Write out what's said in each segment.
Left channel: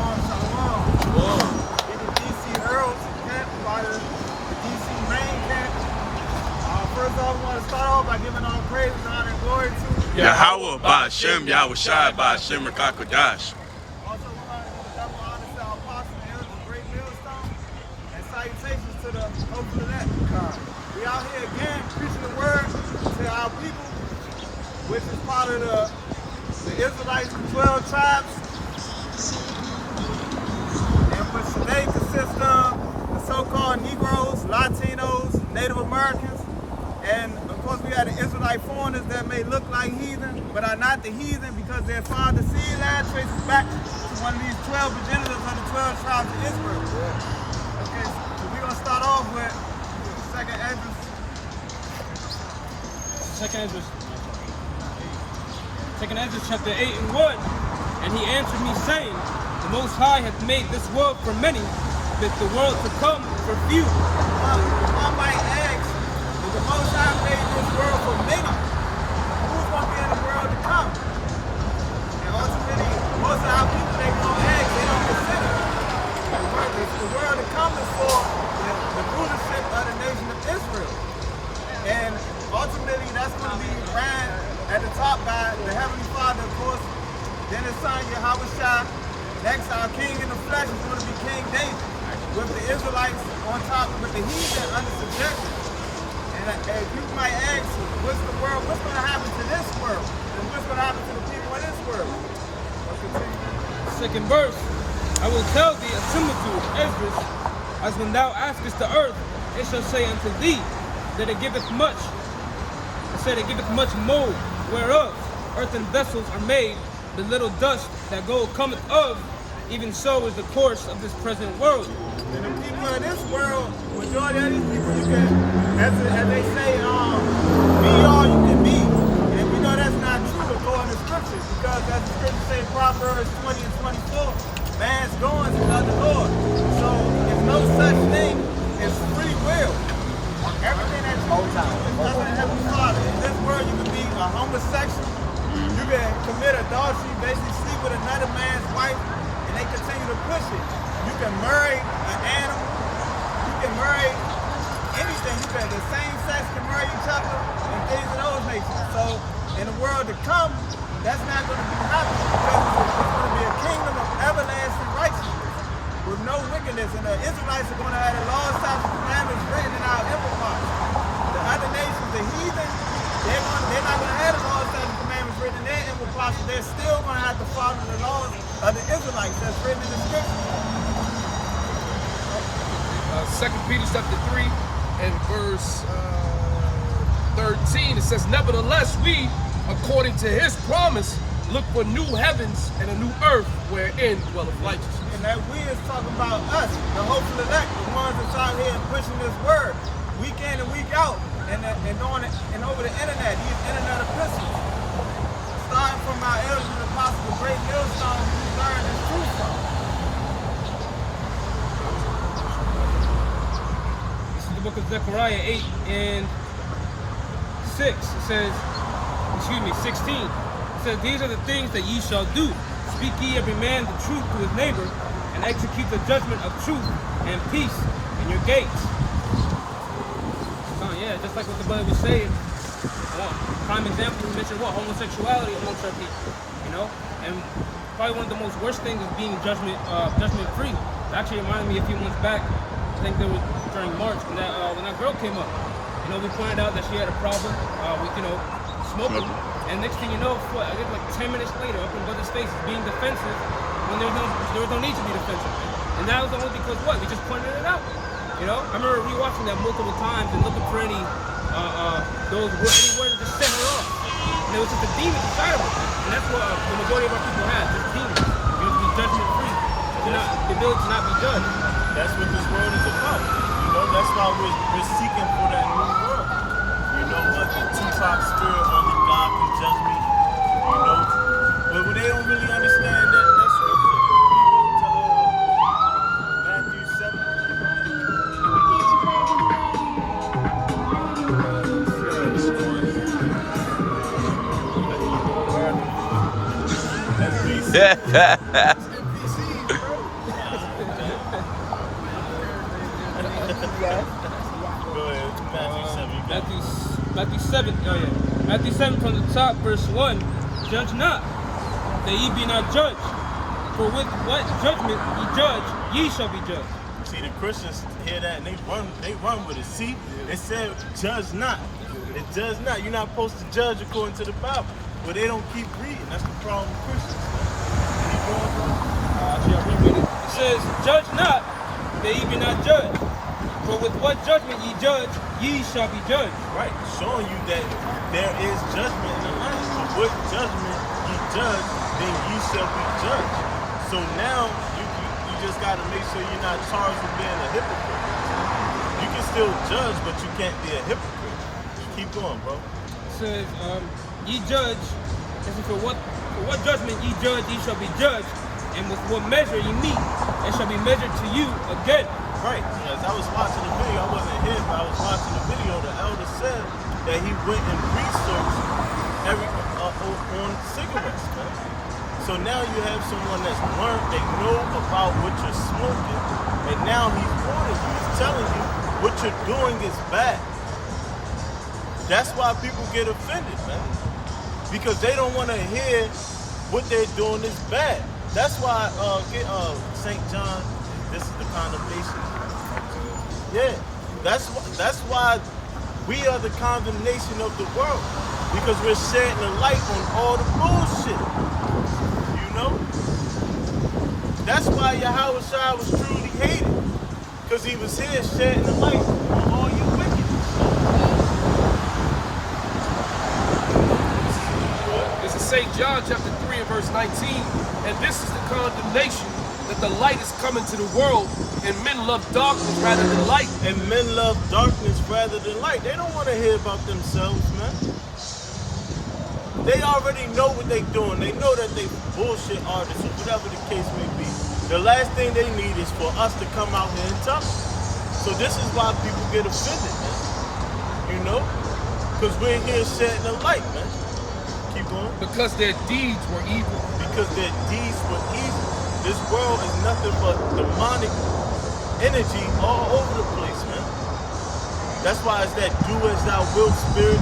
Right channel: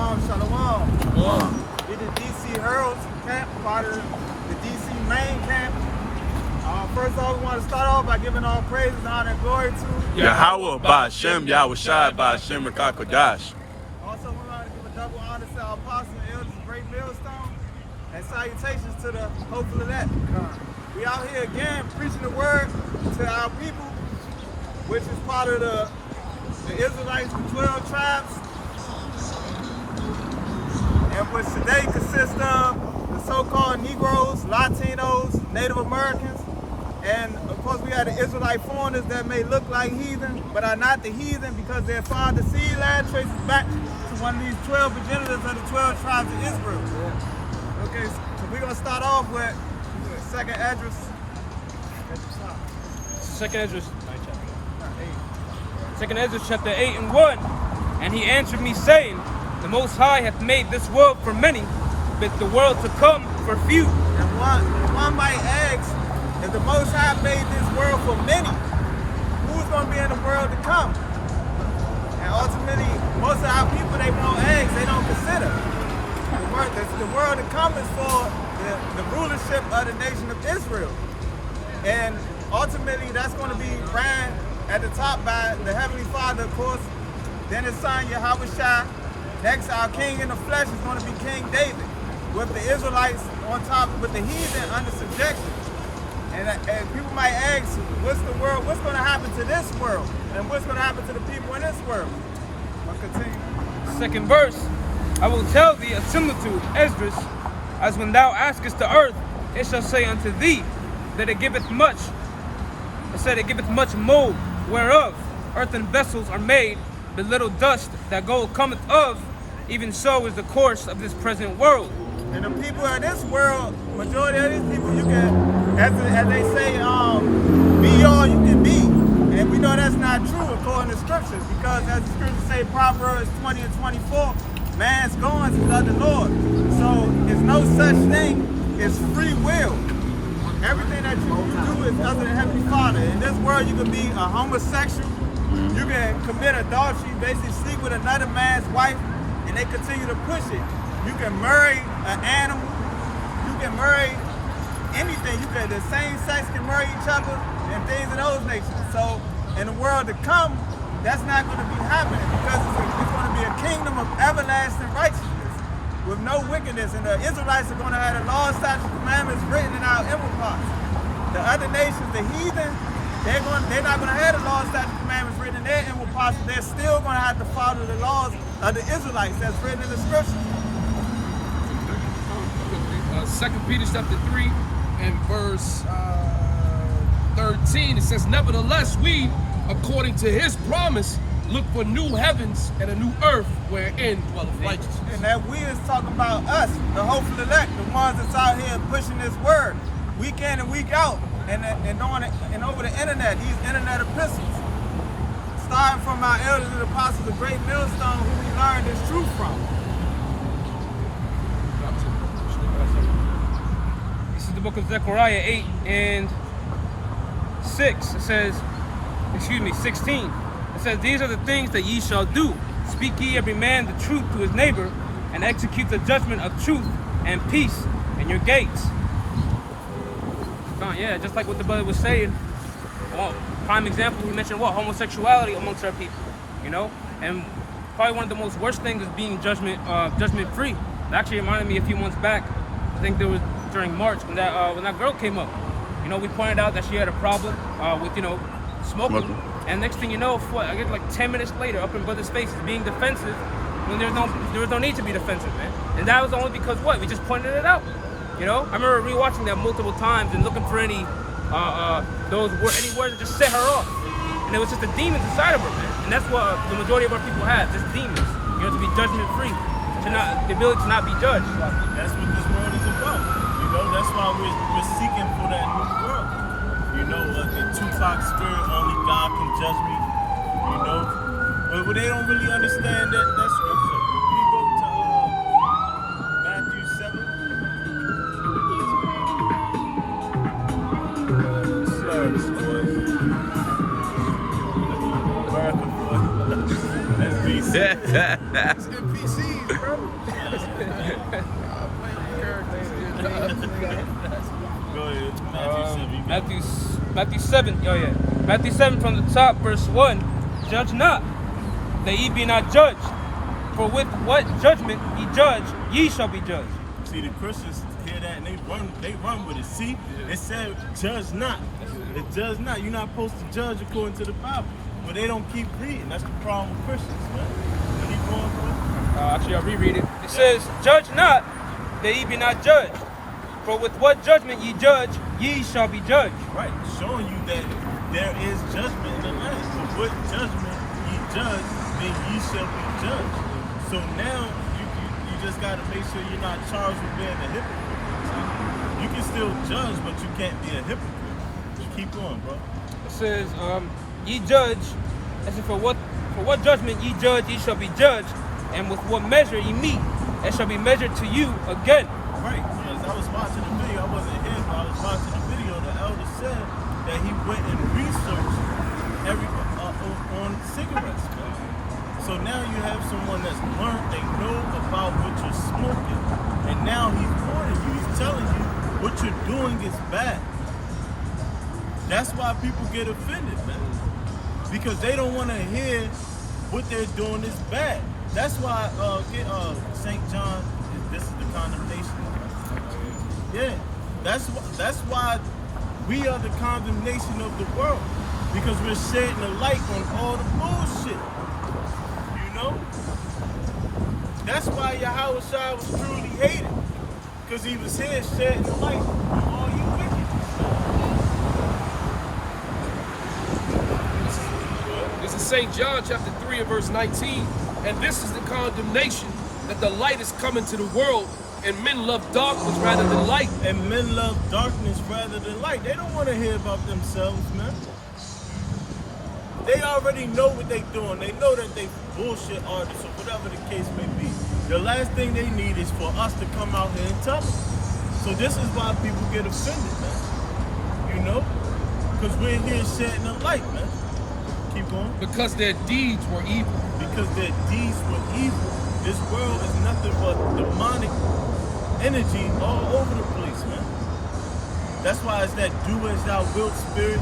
Shalom. We're the DC Heralds Camp, part of the DC main camp. First off, we want to start off by giving all praises, honor, and glory to Yahweh Ba'Shem, Yahweh Shai Ba'Shem, Rakakodash. Also, we want to give a double honor to our apostles and elders of Great Millstone, and salutations to the hopeful of that. We out here again preaching the word to our people, which is part of the Israelites, the 12 tribes, and which today consists of the so-called Negroes, Latinos, Native Americans, and of course we have the Israelite foreigners that may look like heathen, but are not the heathen because their father's seed line traces back to one of these 12 progenitors of the 12 tribes of Israel. Okay, so we're going to start off with second address. Second Ezra, Second Ezra chapter 8 and 1. And he answered me, saying, the Most High hath made this world for many, but the world to come for few. And one might ask, if the Most High made this world for many, who's going to be in the world to come? And ultimately, most of our people, they won't ask, they don't consider. The world to come is for the rulership of the nation of Israel. And ultimately, that's going to be ran at the top by the Heavenly Father, of course, then his son, Yahweh Shai. Next, our king in the flesh is going to be King David, with the Israelites on top, with the heathen under subjection. And people might ask, what's going to happen to this world? And what's going to happen to the people in this world? Well, continue. Second verse, I will tell thee a similitude, Esdras, as when thou askest the earth, it shall say unto thee, that it giveth much. It said it giveth much mold, whereof earthen vessels are made, the little dust that gold cometh of, even so is the course of this present world. And the people of this world, majority of these people, you can, as they say, be all you can be. And we know that's not true according to scriptures, because as the scriptures say, Proverbs 20 and 24, man's goings is of the Lord. So there's no such thing as free will. Everything that you do is under the Heavenly Father. In this world, you can be a homosexual, you can commit adultery, basically sleep with another man's wife, and they continue to push it. You can marry an animal, you can marry anything. The same sex can marry each other and things of those nations. So in the world to come, that's not going to be happening, because it's going to be a kingdom of everlasting righteousness with no wickedness, and the Israelites are going to have the laws, statutes, commandments written in our inward parts. The other nations, the heathen, they're not going to have the laws, statutes, commandments written in their inward parts, but they're still going to have to follow the laws of the Israelites that's written in the scriptures. 2 Peter chapter 3 and verse 13, it says, nevertheless, we, according to his promise, look for new heavens and a new earth wherein dwelleth righteousness. And that we is talking about us, the hopeful elect, the ones that's out here pushing this word week in and week out, and over the internet, these internet epistles, starting from our elders and apostles of Great Millstone, who we learned this truth from. This is the book of Zechariah 8 and 6. It says, 16. It says, these are the things that ye shall do. Speak ye every man the truth to his neighbor, and execute the judgment of truth and peace in your gates. Yeah, just like what the brother was saying. Well, prime example, we mentioned what? Homosexuality amongst our people, you know? And probably one of the most worst things is being judgment free. It actually reminded me a few months back, I think there was during March, when that girl came up. You know, we pointed out that she had a problem with, smoking. And next thing you know, I guess like 10 minutes later, up in brother's face, being defensive when there was no need to be defensive, man. And that was only because what? We just pointed it out. You know, I remember rewatching that multiple times and looking for any words that just set her off. And it was just the demons inside of her, man. And that's what the majority of our people have, just demons. You know, to be judgment free, the ability to not be judged. That's what this world is about. You know, that's why we're seeking for that new world. You know, the Tupac spirit, only God can judge me. You know, but they don't really understand that scripture. You go to Matthew 7. It's NPCs. bro. Go ahead. Matthew 7. You got it. Matthew 7. Oh yeah. Matthew 7 from the top, verse 1. Judge not, that ye be not judged. For with what judgment ye judge, ye shall be judged. See, the Christians hear that and they run with it. See, it said, judge not. It does not. You're not supposed to judge according to the Bible. But they don't keep reading. That's the problem with Christians, man. Keep going, bro. Actually, I'll reread it. It says, judge not, that ye be not judged. For with what judgment ye judge, ye shall be judged. Right, showing you that there is judgment in the land. For what judgment ye judge, then ye shall be judged. So now, you just got to make sure you're not charged with being a hypocrite. You can still judge, but you can't be a hypocrite. Keep going, bro. It says, ye judge, as if for what judgment ye judge, ye shall be judged, and with what measure ye meet, it shall be measured to you again. Right, as I was watching the video, I wasn't here, but I was watching the video, the elder said that he went and researched on cigarettes, right? So now you have someone that's learned, they know about what you're smoking, and now he's warning you, he's telling you what you're doing is bad. That's why people get offended, man. Because they don't want to hear what they're doing is bad. That's why St. John, this is the condemnation. Yeah, that's why we are the condemnation of the world. Because we're shedding the light on all the bullshit. You know? That's why Yahweh Shai was truly hated. Because he was here shedding the light on all you wickedness. This is St. John chapter 3 and verse 19. And this is the condemnation, that the light is coming to the world, and men love darkness rather than light. And men love darkness rather than light. They don't want to hear about themselves, man. They already know what they're doing. They know that they bullshit artists or whatever the case may be. The last thing they need is for us to come out here and tell them. So this is why people get offended, man. You know? Because we're here shedding the light, man. Keep going. Because their deeds were evil. Because their deeds were evil. This world is nothing but demonic energy all over the place, man. That's why it's that do as thou wilt spirit.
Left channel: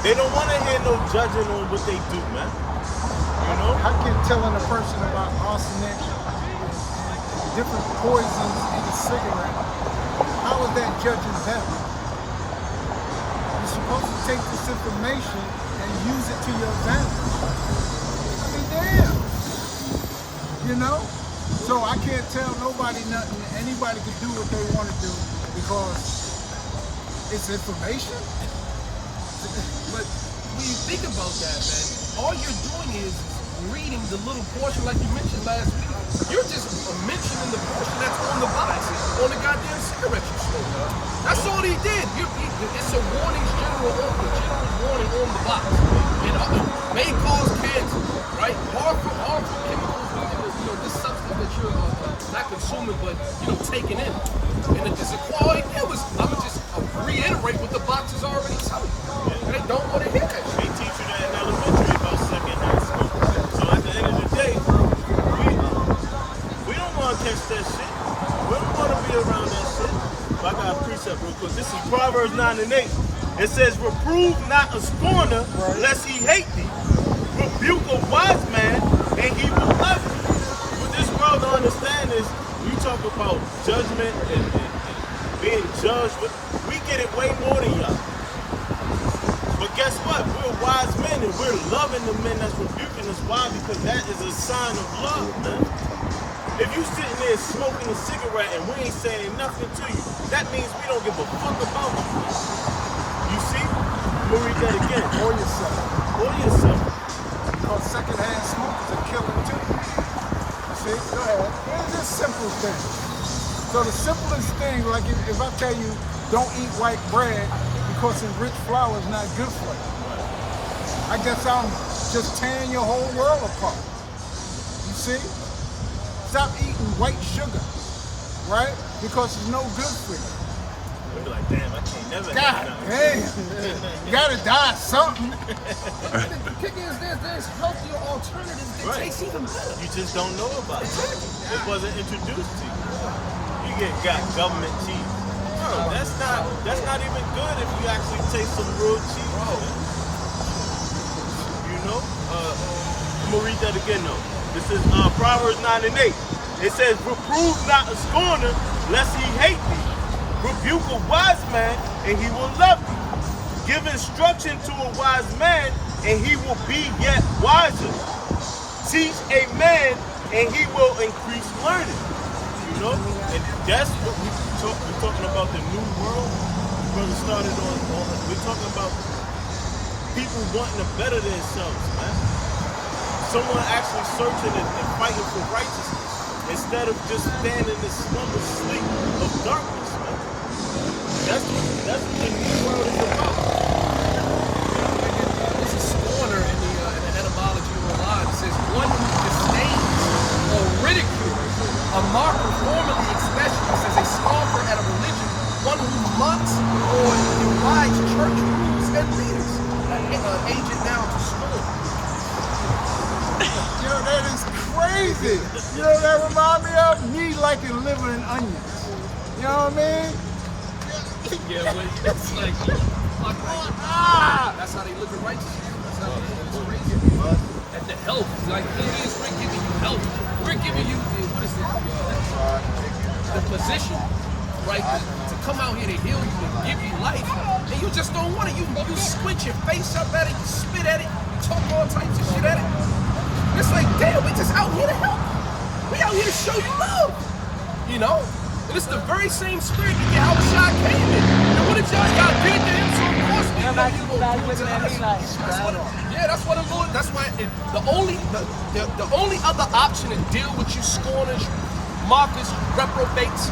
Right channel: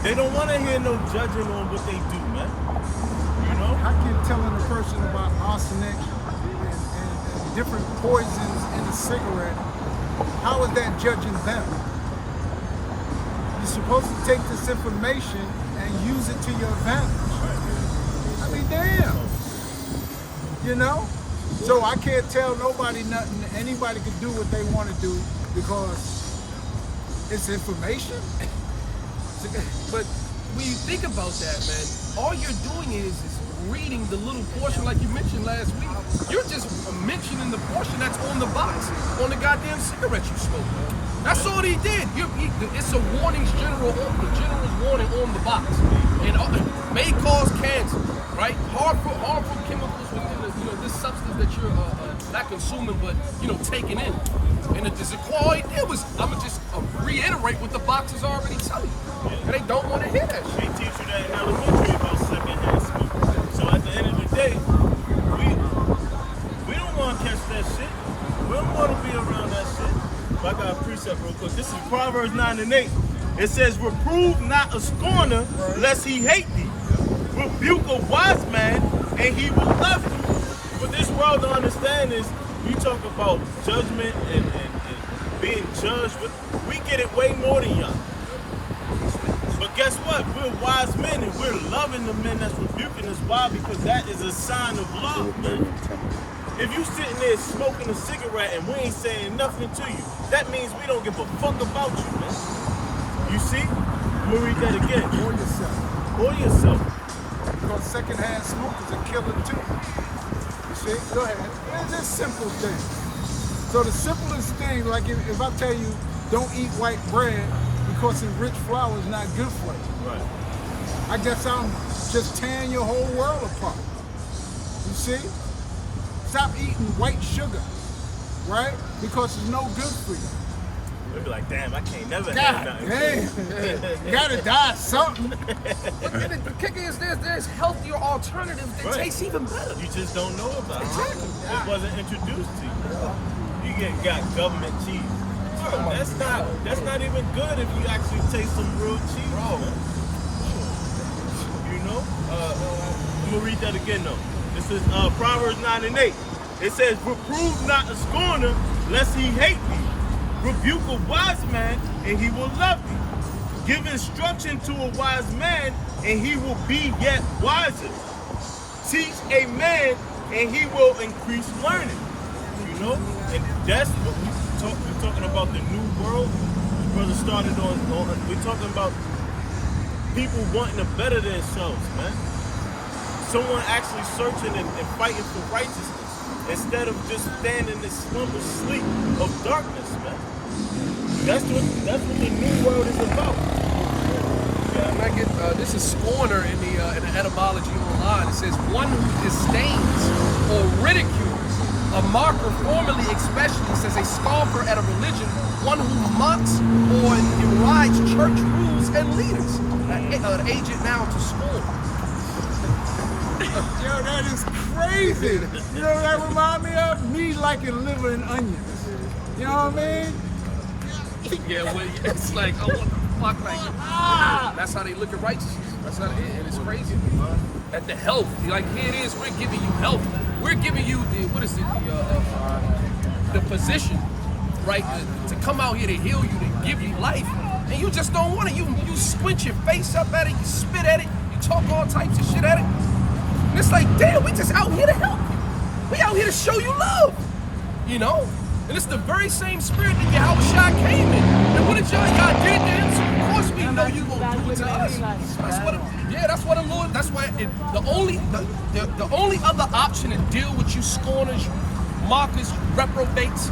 They don't want to hear no judging on what they do, man. You know? How can telling a person about arsenic and different poisons in a cigarette, how is that judging them? You're supposed to take this information and use it to your advantage. I mean, damn. You know? So I can't tell nobody nothing. Anybody can do what they want to do because it's information. But when you think about that, man, all you're doing is reading the little portion like you mentioned last week. You're just mentioning the portion that's on the box, on the goddamn cigarette you smoke. That's all he did. It's a warning, the general's warning on the box. And may cause cancer, right? Harmful chemicals within this substance that you're not consuming, but taking in. And it's a quality. I'ma just reiterate what the box is already telling you. And they don't want to hear that They shit. teach you that in elementary about secondhand smoke. So at the end of the day, we don't want to catch that shit. We don't want to be around that shit. But I got a precept real quick. This is Proverbs 9 and 8. It says, reprove not a scorner, lest he hate thee. Rebuke a wise man, and he will love you. What this world don't understand is, you talk about judgment and being judged. We get it way more than y'all. But guess what? We're wise men and we're loving the men that's rebuking us. Why? Because that is a sign of love, man. If you sitting there smoking a cigarette and we ain't saying nothing to you, that means we don't give a fuck about you, man. You see? I'm gonna read that again. For yourself. For yourself. Because secondhand smoke is a killer too. You see? Go ahead. It's just simple things. So the simplest thing, like if I tell you don't eat white bread because enriched flour is not good for you. Right. I guess I'm just tearing your whole world apart. You see? Stop eating white sugar, right? Because it's no good for you. They'll be like, damn, I can't never God have nothing. damn. You gotta die something. The kicker is there's healthier alternatives that Right. taste even better. You just don't know about Exactly. it. It wasn't introduced to you. You got government cheese. Bro, that's not even good if you actually taste some real cheese. Bro. You know? I'm gonna read that again though. This is Proverbs 9:8. It says, reprove not a scorner, lest he hate thee. Rebuke a wise man, and he will love thee. Give instruction to a wise man, and he will be yet wiser. Teach a man, and he will increase learning. You know? And that's what we're talking about, the new world. Brother started on we're talking about people wanting to better themselves, man. Someone actually searching and fighting for righteousness instead of just standing in this slumber sleep of darkness, man. That's what the new world is about. Yeah, I get, this is scorner in the etymology online. It says one who disdains or ridicules, a mocker formerly especially, says a scoffer at a religion, one who mocks or derides church rules and leaders, an agent now to scorn. Yo, that is crazy. You know what that remind me of? Me liking liver and onions. You know what I mean? Yeah, well, it's like, oh, what the fuck, like, that's how they look at righteousness. That's how they, and it's crazy. At the health, like here it is, we're giving you health. We're giving you the, what is it, the position, right, to come out here to heal you, to give you life, and you just don't want it. You squint your face up at it, you spit at it, you talk all types of shit at it. And it's like, damn, we just out here to help. We out here to show you love, you know? And it's the very same spirit that Yahushua came in. And what did y'all did it to him? So of course we know you gonna do it to us. That's what the Lord. That's why the only other option to deal with you scorners, mockers, reprobates,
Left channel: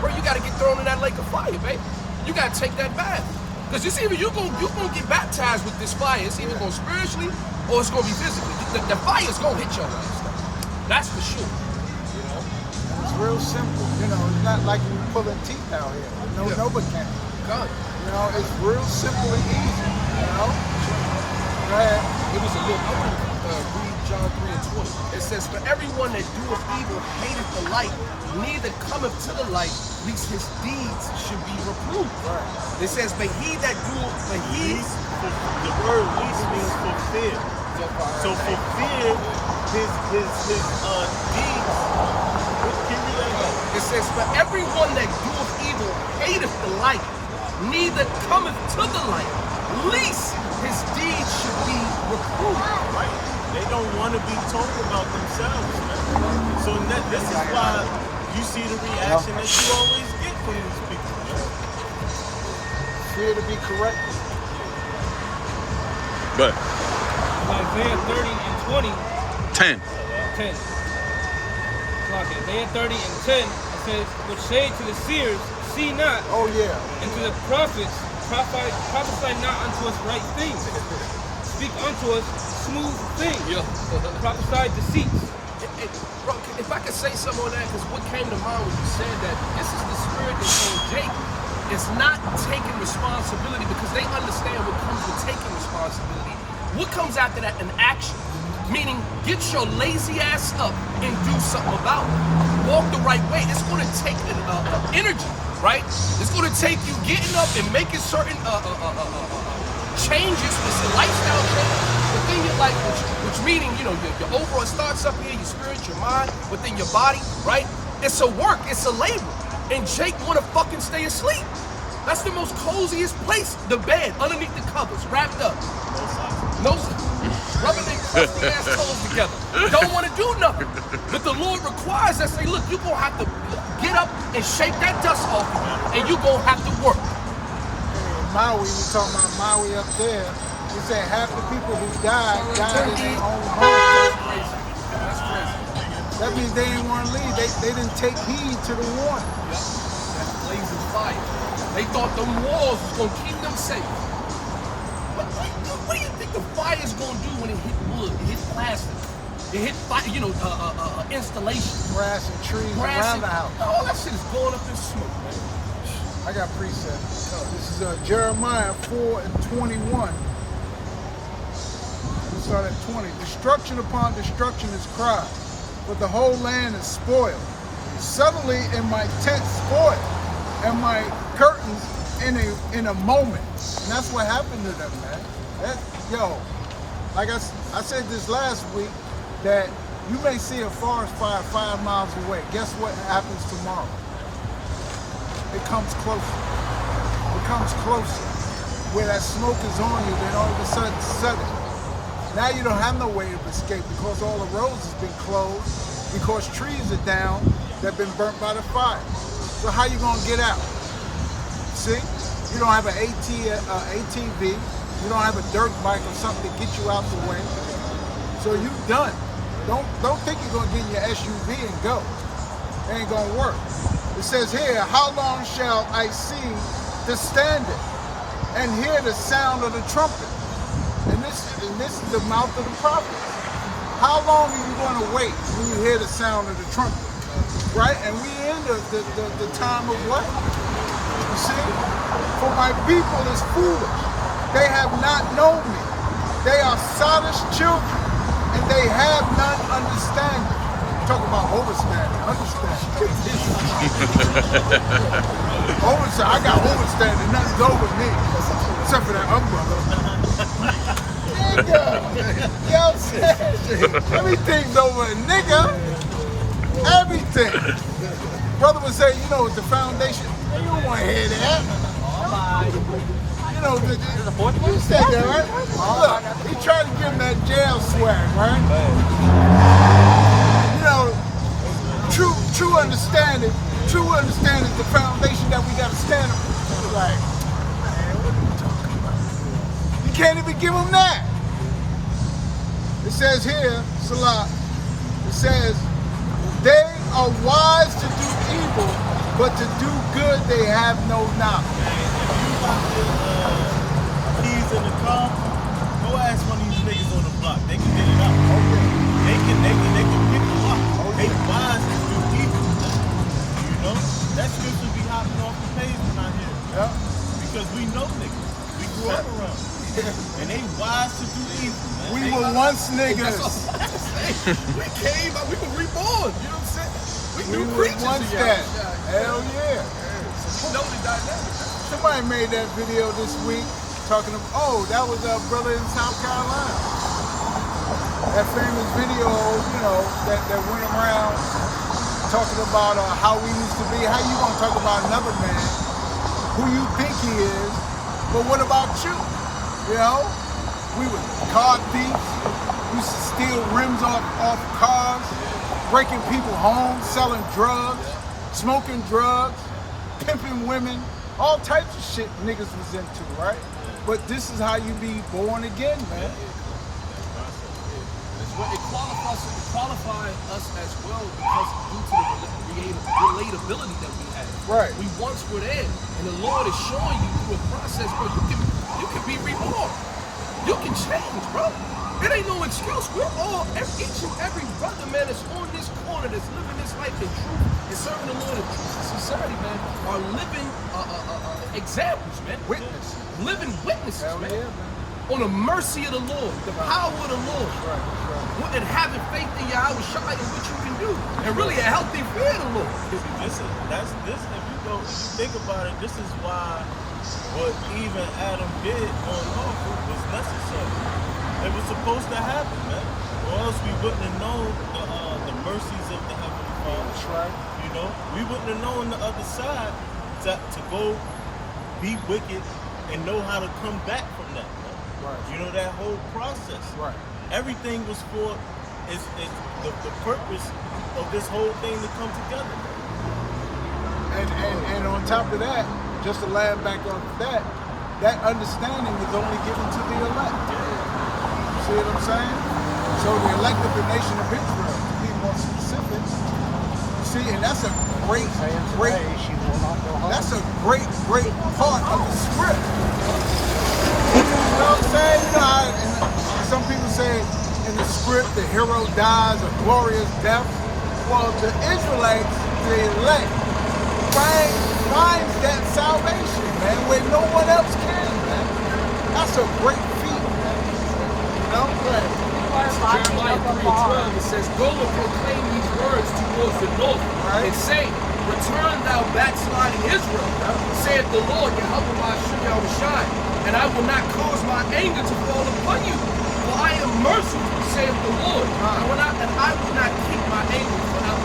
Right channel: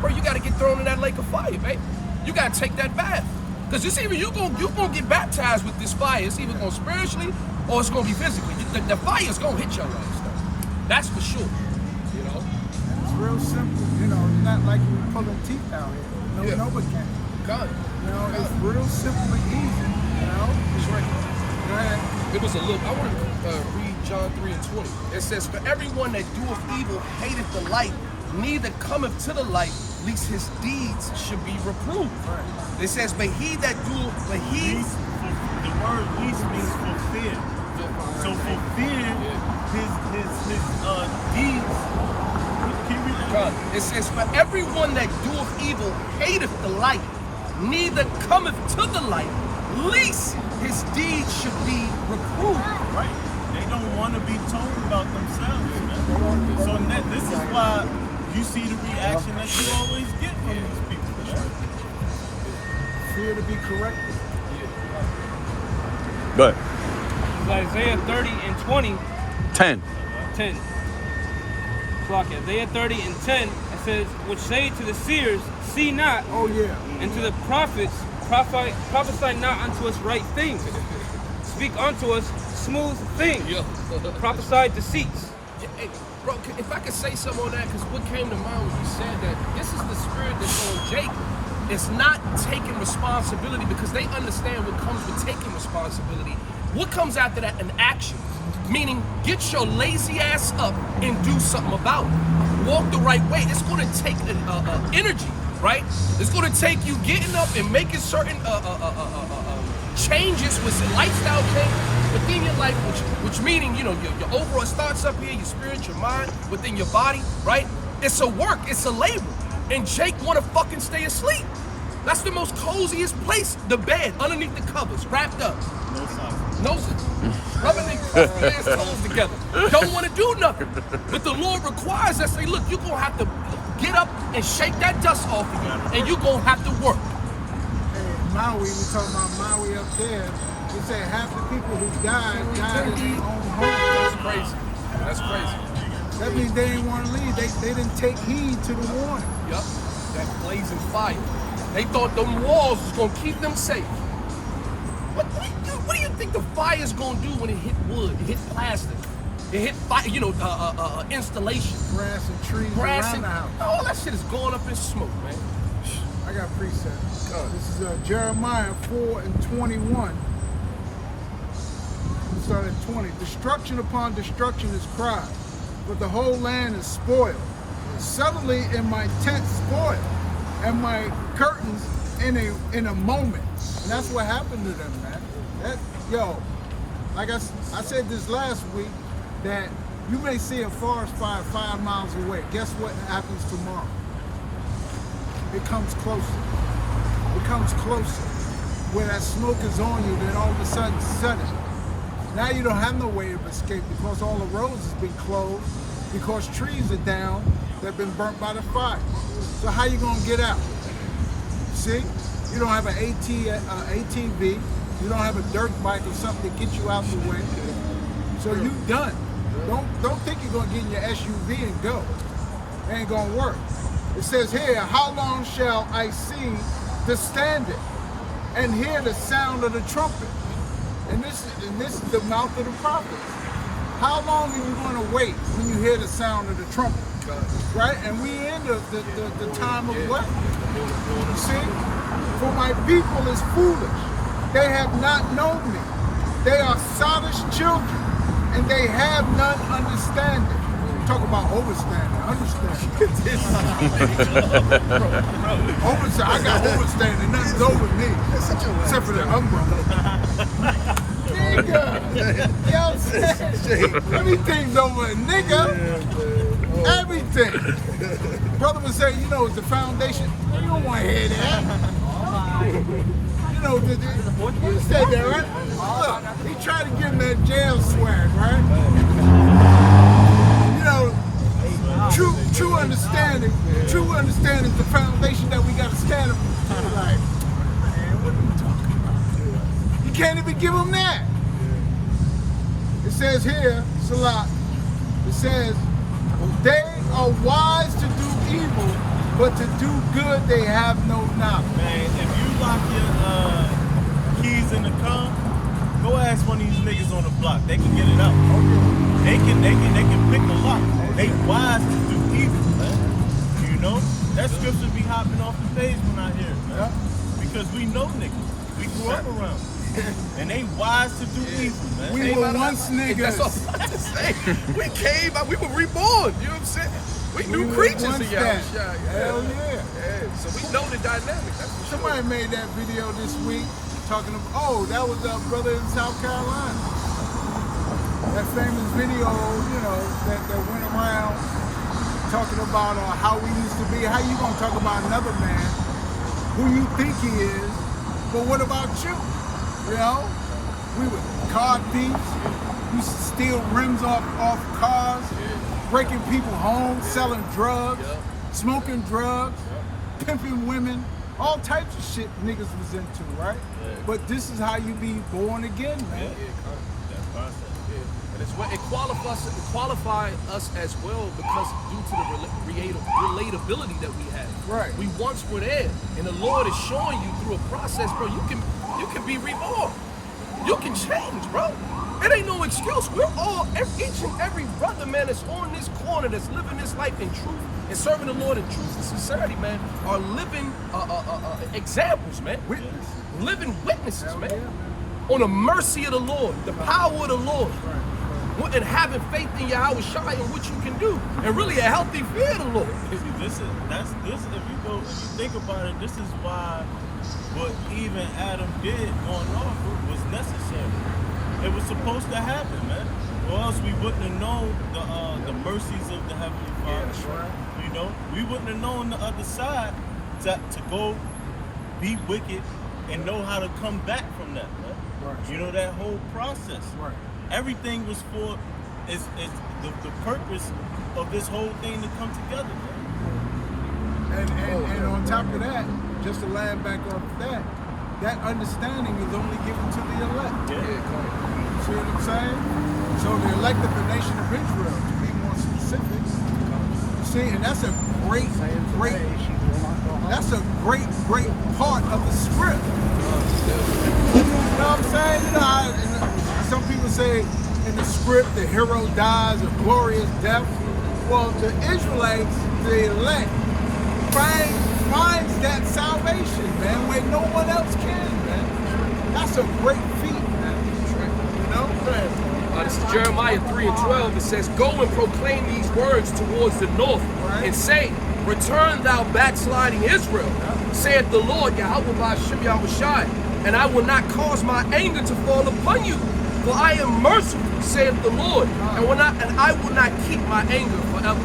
bro, you gotta get thrown in that lake of fire, babe. You gotta take that bath. Because it's either you gonna get baptized with this fire. It's either gonna spiritually or it's gonna be physically. The fire's gonna hit your ass though. That's for sure. You know. It's real simple. You know, it's not like you pulling teeth out here. No, nobody can. God. You know, it's real simple and easy. You know. That's right. Go ahead. It was a little. I want to read John 3:20. It says, "For everyone that doeth evil hateth the light, neither cometh to the light, lest his deeds should be reproved." Right. It says, "But he that doeth, but he." The word least means fulfill. So fulfill his deeds. Can you read that? It says, "For everyone that doeth evil hateth the light, neither cometh to the light, lest his deeds should be reproved." Right. They don't want to be told about themselves. So this is why you see the reaction that you always get from these people. Fear to be corrected. But Isaiah 30:20. 10. 10. Clock it. Isaiah 30:10. It says, which say to the seers, see not, Oh yeah. and to the prophets, prophesy not unto us right things. Speak unto us smooth things. Prophesy deceits. Hey, bro, if I could say something on that, because what came to mind when you said that, this is the spirit that's on Jake. It's not taking responsibility, because they understand what comes with taking responsibility. What comes after that? An action. Meaning, get your lazy ass up and do something about it. Walk the right way. It's going to take energy, right? It's going to take you getting up and making certain changes with a lifestyle change within your life, which meaning, you know, your overall starts up here, your spirit, your mind, within your body, right? It's a work, it's a labor. And Jake want to fucking stay asleep. That's the most coziest place, the bed, underneath the covers, wrapped up. No socks. No, rubbing their crusty ass toes together. Don't want to do nothing. But the Lord requires us, say, look, you're going to have to get up and shake that dust off of you, and you're going to have to work. Maui, we talking about Maui up there. They say half the people who died in their own homes. That's crazy. That's crazy. That means they didn't want to leave. They didn't take heed to the warning. Yep. That blazing fire. They thought them walls was going to keep them safe. What do you think the fire's going to do when it hit wood? It hit plastic. It hit fire, you know, installation. Grass and trees Grass around and the house. all that shit is going up in smoke, man. I got precepts. This is Jeremiah 4:21. We'll start at 20. Destruction upon destruction is cried, but the whole land is spoiled. Suddenly in my tent spoiled, and my curtains in a moment. And that's what happened to them, man. Like I said this last week, that you may see a forest fire 5 miles away. Guess what happens tomorrow? It comes closer. It comes closer. Where that smoke is on you, then all of a sudden, now you don't have no way of escape because all the roads has been closed, because trees are down that have been burnt by the fire. So how you gonna get out? See? You don't have an ATV, you don't have a dirt bike or something to get you out the way. So you done. Don't think you're gonna get in your SUV and go. It ain't gonna work. It says here, how long shall I see the standard and hear the sound of the trumpet? And this is the mouth of the prophets. How long are you going to wait when you hear the sound of the trumpet? Right? And we in the time of what? You see? For my people is foolish. They have not known me. They are sottish children, and they have none understanding. Talk about overstanding, understanding. I got overstanding, nothing's over me. Except for the umbrella. Nigga! You know what I'm saying? Everything's over a nigga. Everything. Brother would say, it's the foundation. You don't want to hear that. You said that, right? Look, he tried to give him that jail swag, right? True understanding is the foundation that we got to stand up. Like, man, what are you talking about? You can't even give them that. It says here, Salah, it says, they are wise to do evil, but to do good they have no knowledge. Man, if you lock your keys in the car, go ask one of these niggas on the block. They can get it out. Okay. They can pick the lock. They wise to do evil, man. That scripture be hopping off the page when I hear it, man. Yeah. Because we know niggas. We grew up around. And they wise to do evil, man. We were once niggas. That's what I'm about to say. We came out, we were reborn. You know what I'm saying? We new creatures of Yahweh. Hell yeah. So we know the dynamic. Somebody made that video this week talking about, that was a brother in South Carolina. That famous video, that went around talking about how we used to be. How you gonna talk about another man who you think he is, but what about you? We were car thieves. We used to steal rims off cars, breaking people's homes, selling drugs, smoking drugs, pimping women, all types of shit niggas was into, right? Yeah. But this is how you be born again, man. That process. And it qualifies us as well because due to the relatability that we have. Right. We once were there, and the Lord is showing you through a process, bro. You can be reborn. You can change, bro. It ain't no excuse. We're all, each and every brother, man, that's on this corner, that's living this life in truth and serving the Lord in truth and sincerity, man, are living examples, man. Living witnesses, man. On the mercy of the Lord, the power of the Lord. And having faith in Yahweh Shai and what you can do. And really a healthy fear of the Lord. If you think about it, this is why what even Adam did going off was necessary. It was supposed to happen, man. Or else we wouldn't have known the mercies of the Heavenly Father. Yeah, right. We wouldn't have known the other side to go be wicked and know how to come back from that, man. Right. That whole process. Right. Everything was for is the purpose of this whole thing to come together, man. And on top of that, just to land back on that understanding is only given to the elect. Yeah. See what I'm saying? So the elect of the nation of Israel, to be more specific. See, and that's a great part of the script. You know what I'm saying? Some people say in the script the hero dies a glorious death. Well, the Israelites, the elect, find finds that salvation, man, where no one else can, man. That's a great feat, man. You know? Go ahead, bro. This is Jeremiah 3:12. It says, "Go and proclaim these words towards the north, and say, Return thou backsliding Israel, saith the Lord, Yahweh Ba'ashem Yahushai, and I will not cause my anger to fall upon you, for I am merciful, saith the Lord, and I will not keep my anger forever."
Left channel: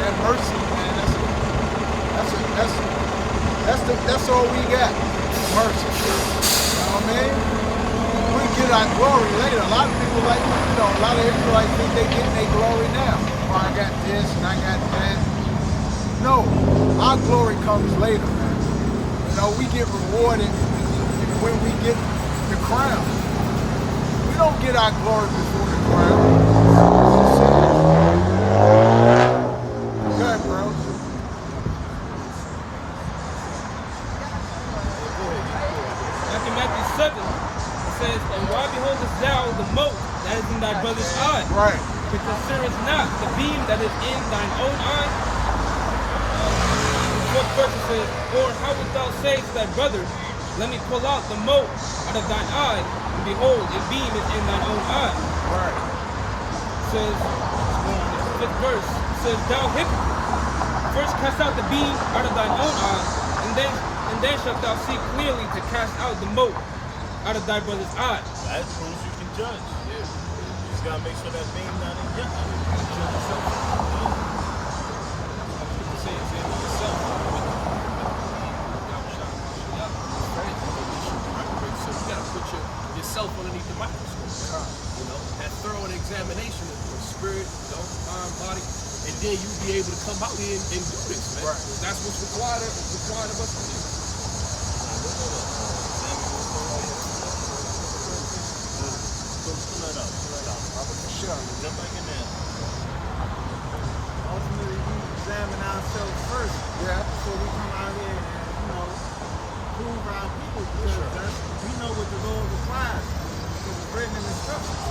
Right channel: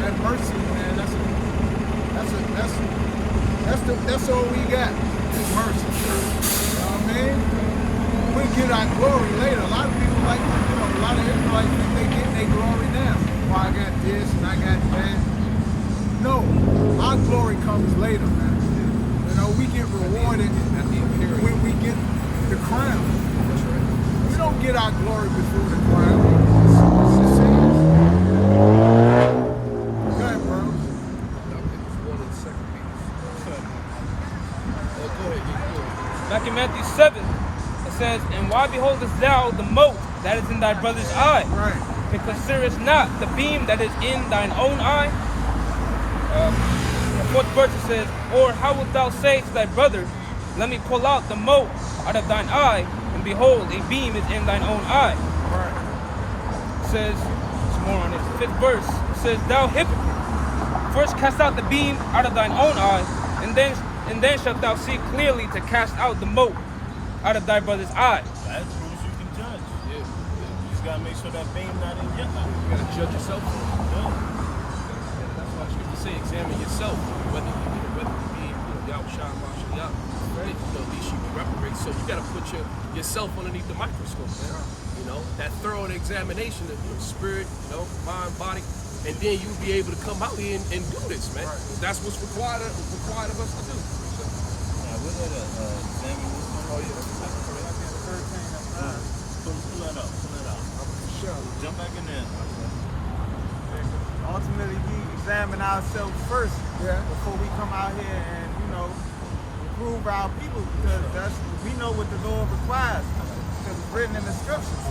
That mercy, man, that's all we got. Mercy. You know what I mean? We get our glory later. A lot of people like, a lot of Israelites think they getting their glory now. Oh, I got this and I got that. No, our glory comes later, man. We get rewarded when we get the crown. We don't get our glory before the crown. Go ahead, bro. Back in Matthew 7, it says, "And why beholdest thou the mote that is in thy brother's eye? Right. But considerest not the beam that is in thine own eye?" The fourth verse it says, "Or how wilt thou say to thy brother, Let me pull out the mote out of thine eye, and behold, a beam is in thine own eye?" Right. It says, there's more on this. Fifth verse, it says, "Thou hypocrite, first cast out the beam out of thine own eye, and then shalt thou see clearly to cast out the mote out of thy brother's eye." As long as you can judge. Yeah. You just gotta make sure that beam not in your eye. You gotta judge yourself. Yeah. That's why scripture say, examine yourself, whether you be, Yahushua, Mashiach, right? At least you be reprobate. So you gotta put yourself underneath the microscope, man. That thorough examination of spirit, mind, body, and then you'll be able to come out here and do this, man. Right. That's what's required of us to do. Nah, we're gonna examine this one. Oh yeah. Pull that out. Jump back in there. Ultimately, we examine ourselves first before we come out here and, prove our people, because we know what the Lord requires, because it's written in the scriptures.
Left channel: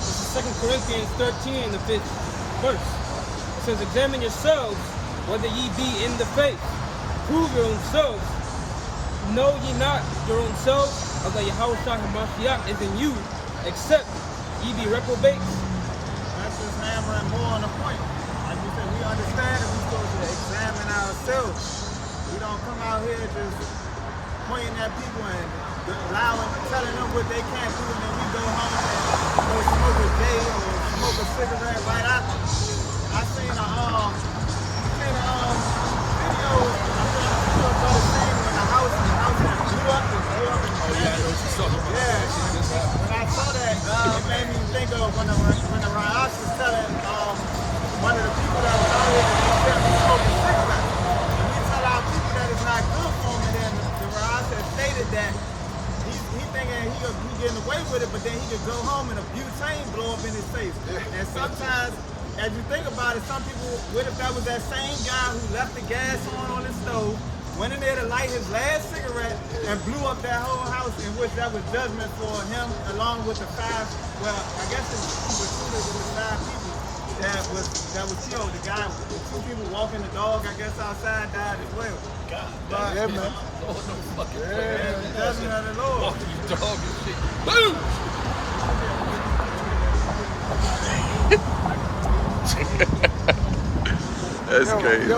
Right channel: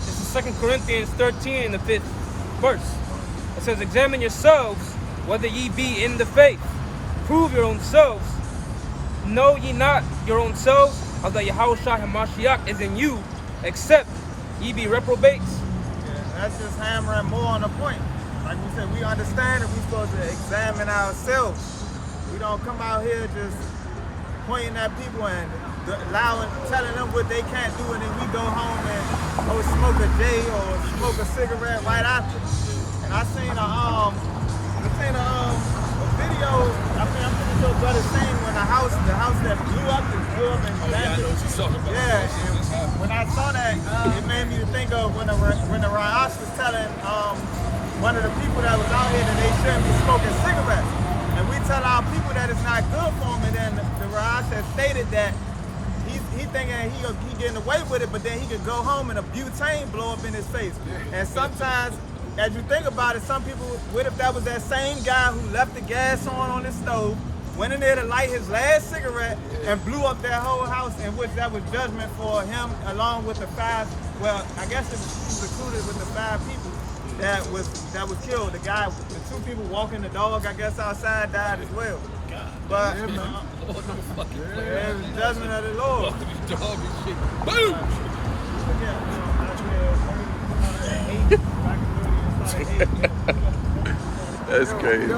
This is 2 Corinthians 13 in the 5th verse. It says, "Examine yourselves whether ye be in the faith. Prove your own selves. Know ye not your own selves, how that Yahushua HaMashiach is in you, except ye be reprobates?" That's just hammering more on the point. Like we said, we understand that we're supposed to examine ourselves. We don't come out here just pointing at people and telling them what they can't do, and then we go home and go smoke a J or smoke a cigarette right after. And I seen a video. I'm pretty sure brother saying when the house that blew up in Memphis. Yeah, and when I saw that, it made me think of when the Ra'ash was telling one of the people that was out here that they shouldn't be smoking cigarettes. And we tell our people that it's not good for them, and then the Ra'ash has stated that he thinking he getting away with it, but then he could go home and a butane blow up in his face. And sometimes, as you think about it, some people, what if that was that same guy who left the gas on his stove, went in there to light his last cigarette, and blew up that whole house, in which that was judgment for him, along with the 5, well, I guess he was included with the 5 people that was killed. The 2 people walking the dog, I guess, outside died as well. But Lord, don't fucking play. it was judgment of the Lord. Walking these dog and shit. Boom! That's crazy. The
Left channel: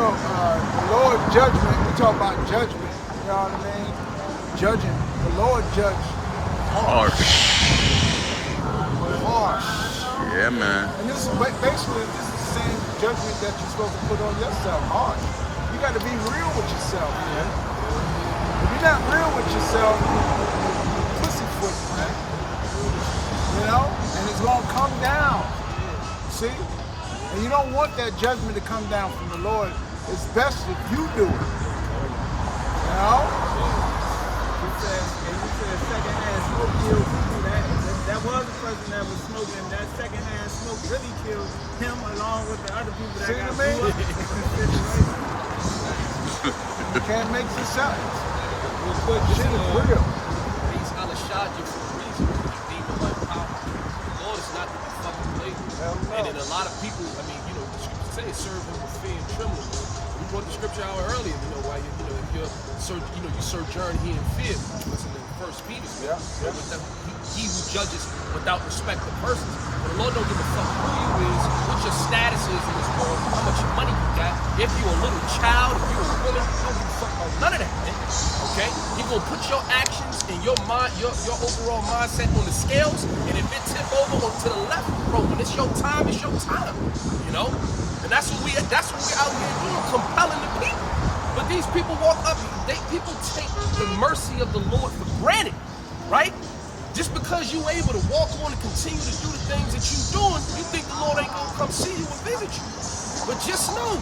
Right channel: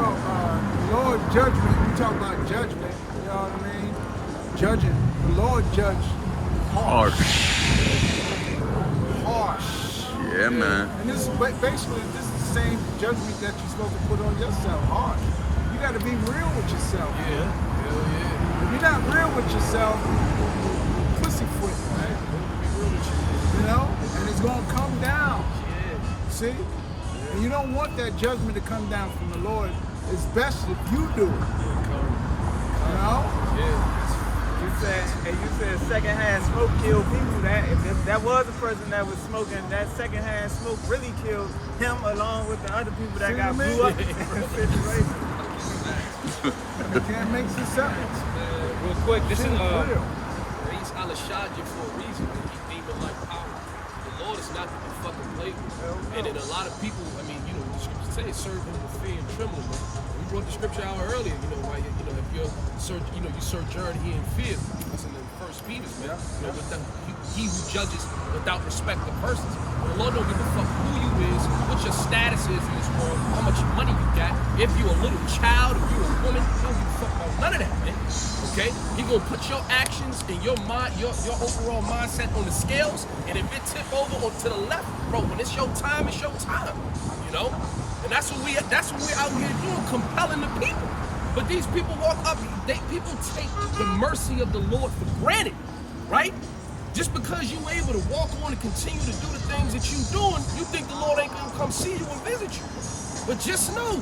Lord judgment, we talk about judgment, you know what I mean? Judging. The Lord judged harsh. Yeah, man. And this is basically the same judgment that you're supposed to put on yourself, harsh. You got to be real with yourself. Yeah. If you're not real with yourself, you're pussyfoot, man. And it's going to come down. See? And you don't want that judgment to come down from the Lord. It's best if you do it. You said secondhand smoke killed people. That was the person that was smoking. That secondhand smoke really killed him, along with the other people that got blew up in the situation. You can't make this up. Real quick, this is He's Alashadja for a reason. Demon like power. The Lord is not to be fucking played with. And then a lot of people, I mean, you know, the scripture says serve him with fear and trembling, man. And we brought the scripture out earlier, you know, why you know, if you're you sojourn here in fear. That's in the First Peter, man. You know, he who judges without respect of persons. But the Lord don't give a fuck who you is, what your status is in this world, how much money you got, if you're a little child, if you're a woman, he don't give a fuck about none of that, man. Okay? He gonna put your actions and your mind, your overall mindset on the scales, and if it tip over to the left, bro, when it's your time, it's your time. You know? And that's what we're out here doing, compelling the people. But these people walk up, people take the mercy of the Lord for granted, right? Just because you able to walk on and continue to do the things that you doing, you think the Lord ain't gonna come see you and visit you. But just know,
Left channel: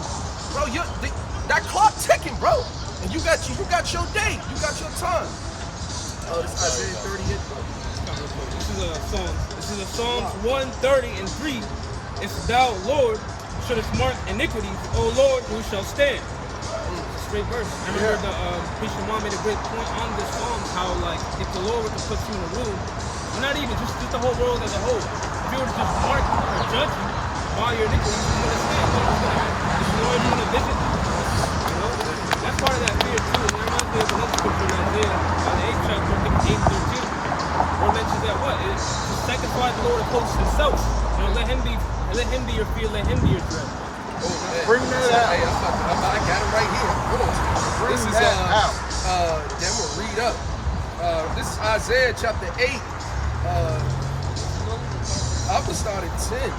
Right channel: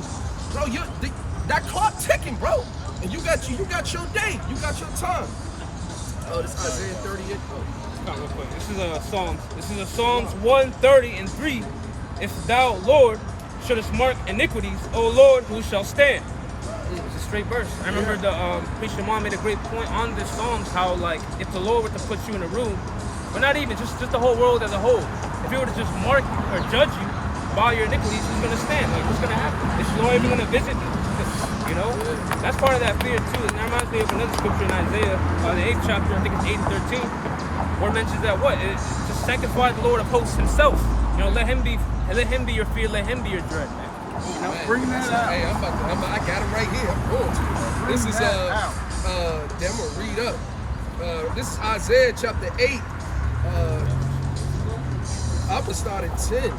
bro, that clock ticking, bro. And you got your day, you got your time. Oh, this Isaiah 38. This is a Psalms 130:3. If thou, Lord, shouldest mark iniquities, O Lord, who shall stand? It's a straight verse. I remember the preacher mom made a great point on this Psalms, how like if the Lord were to put you in a room, or not even just the whole world as a whole, if he were to just mark or judge you by your iniquities, who's gonna stand? Like what's gonna happen? Is the Lord even gonna visit you? You know, that's part of that fear too. And that reminds me of another scripture in Isaiah, the 8th chapter, I think it's 8 and 13, where it mentions that what? It's to sanctify the Lord of hosts himself. You know, let him be your fear, let him be your dread. Bring that out. Hey, I got it right here. Boom. This is I'm gonna read up. This is Isaiah chapter 8. I'm gonna start at 10.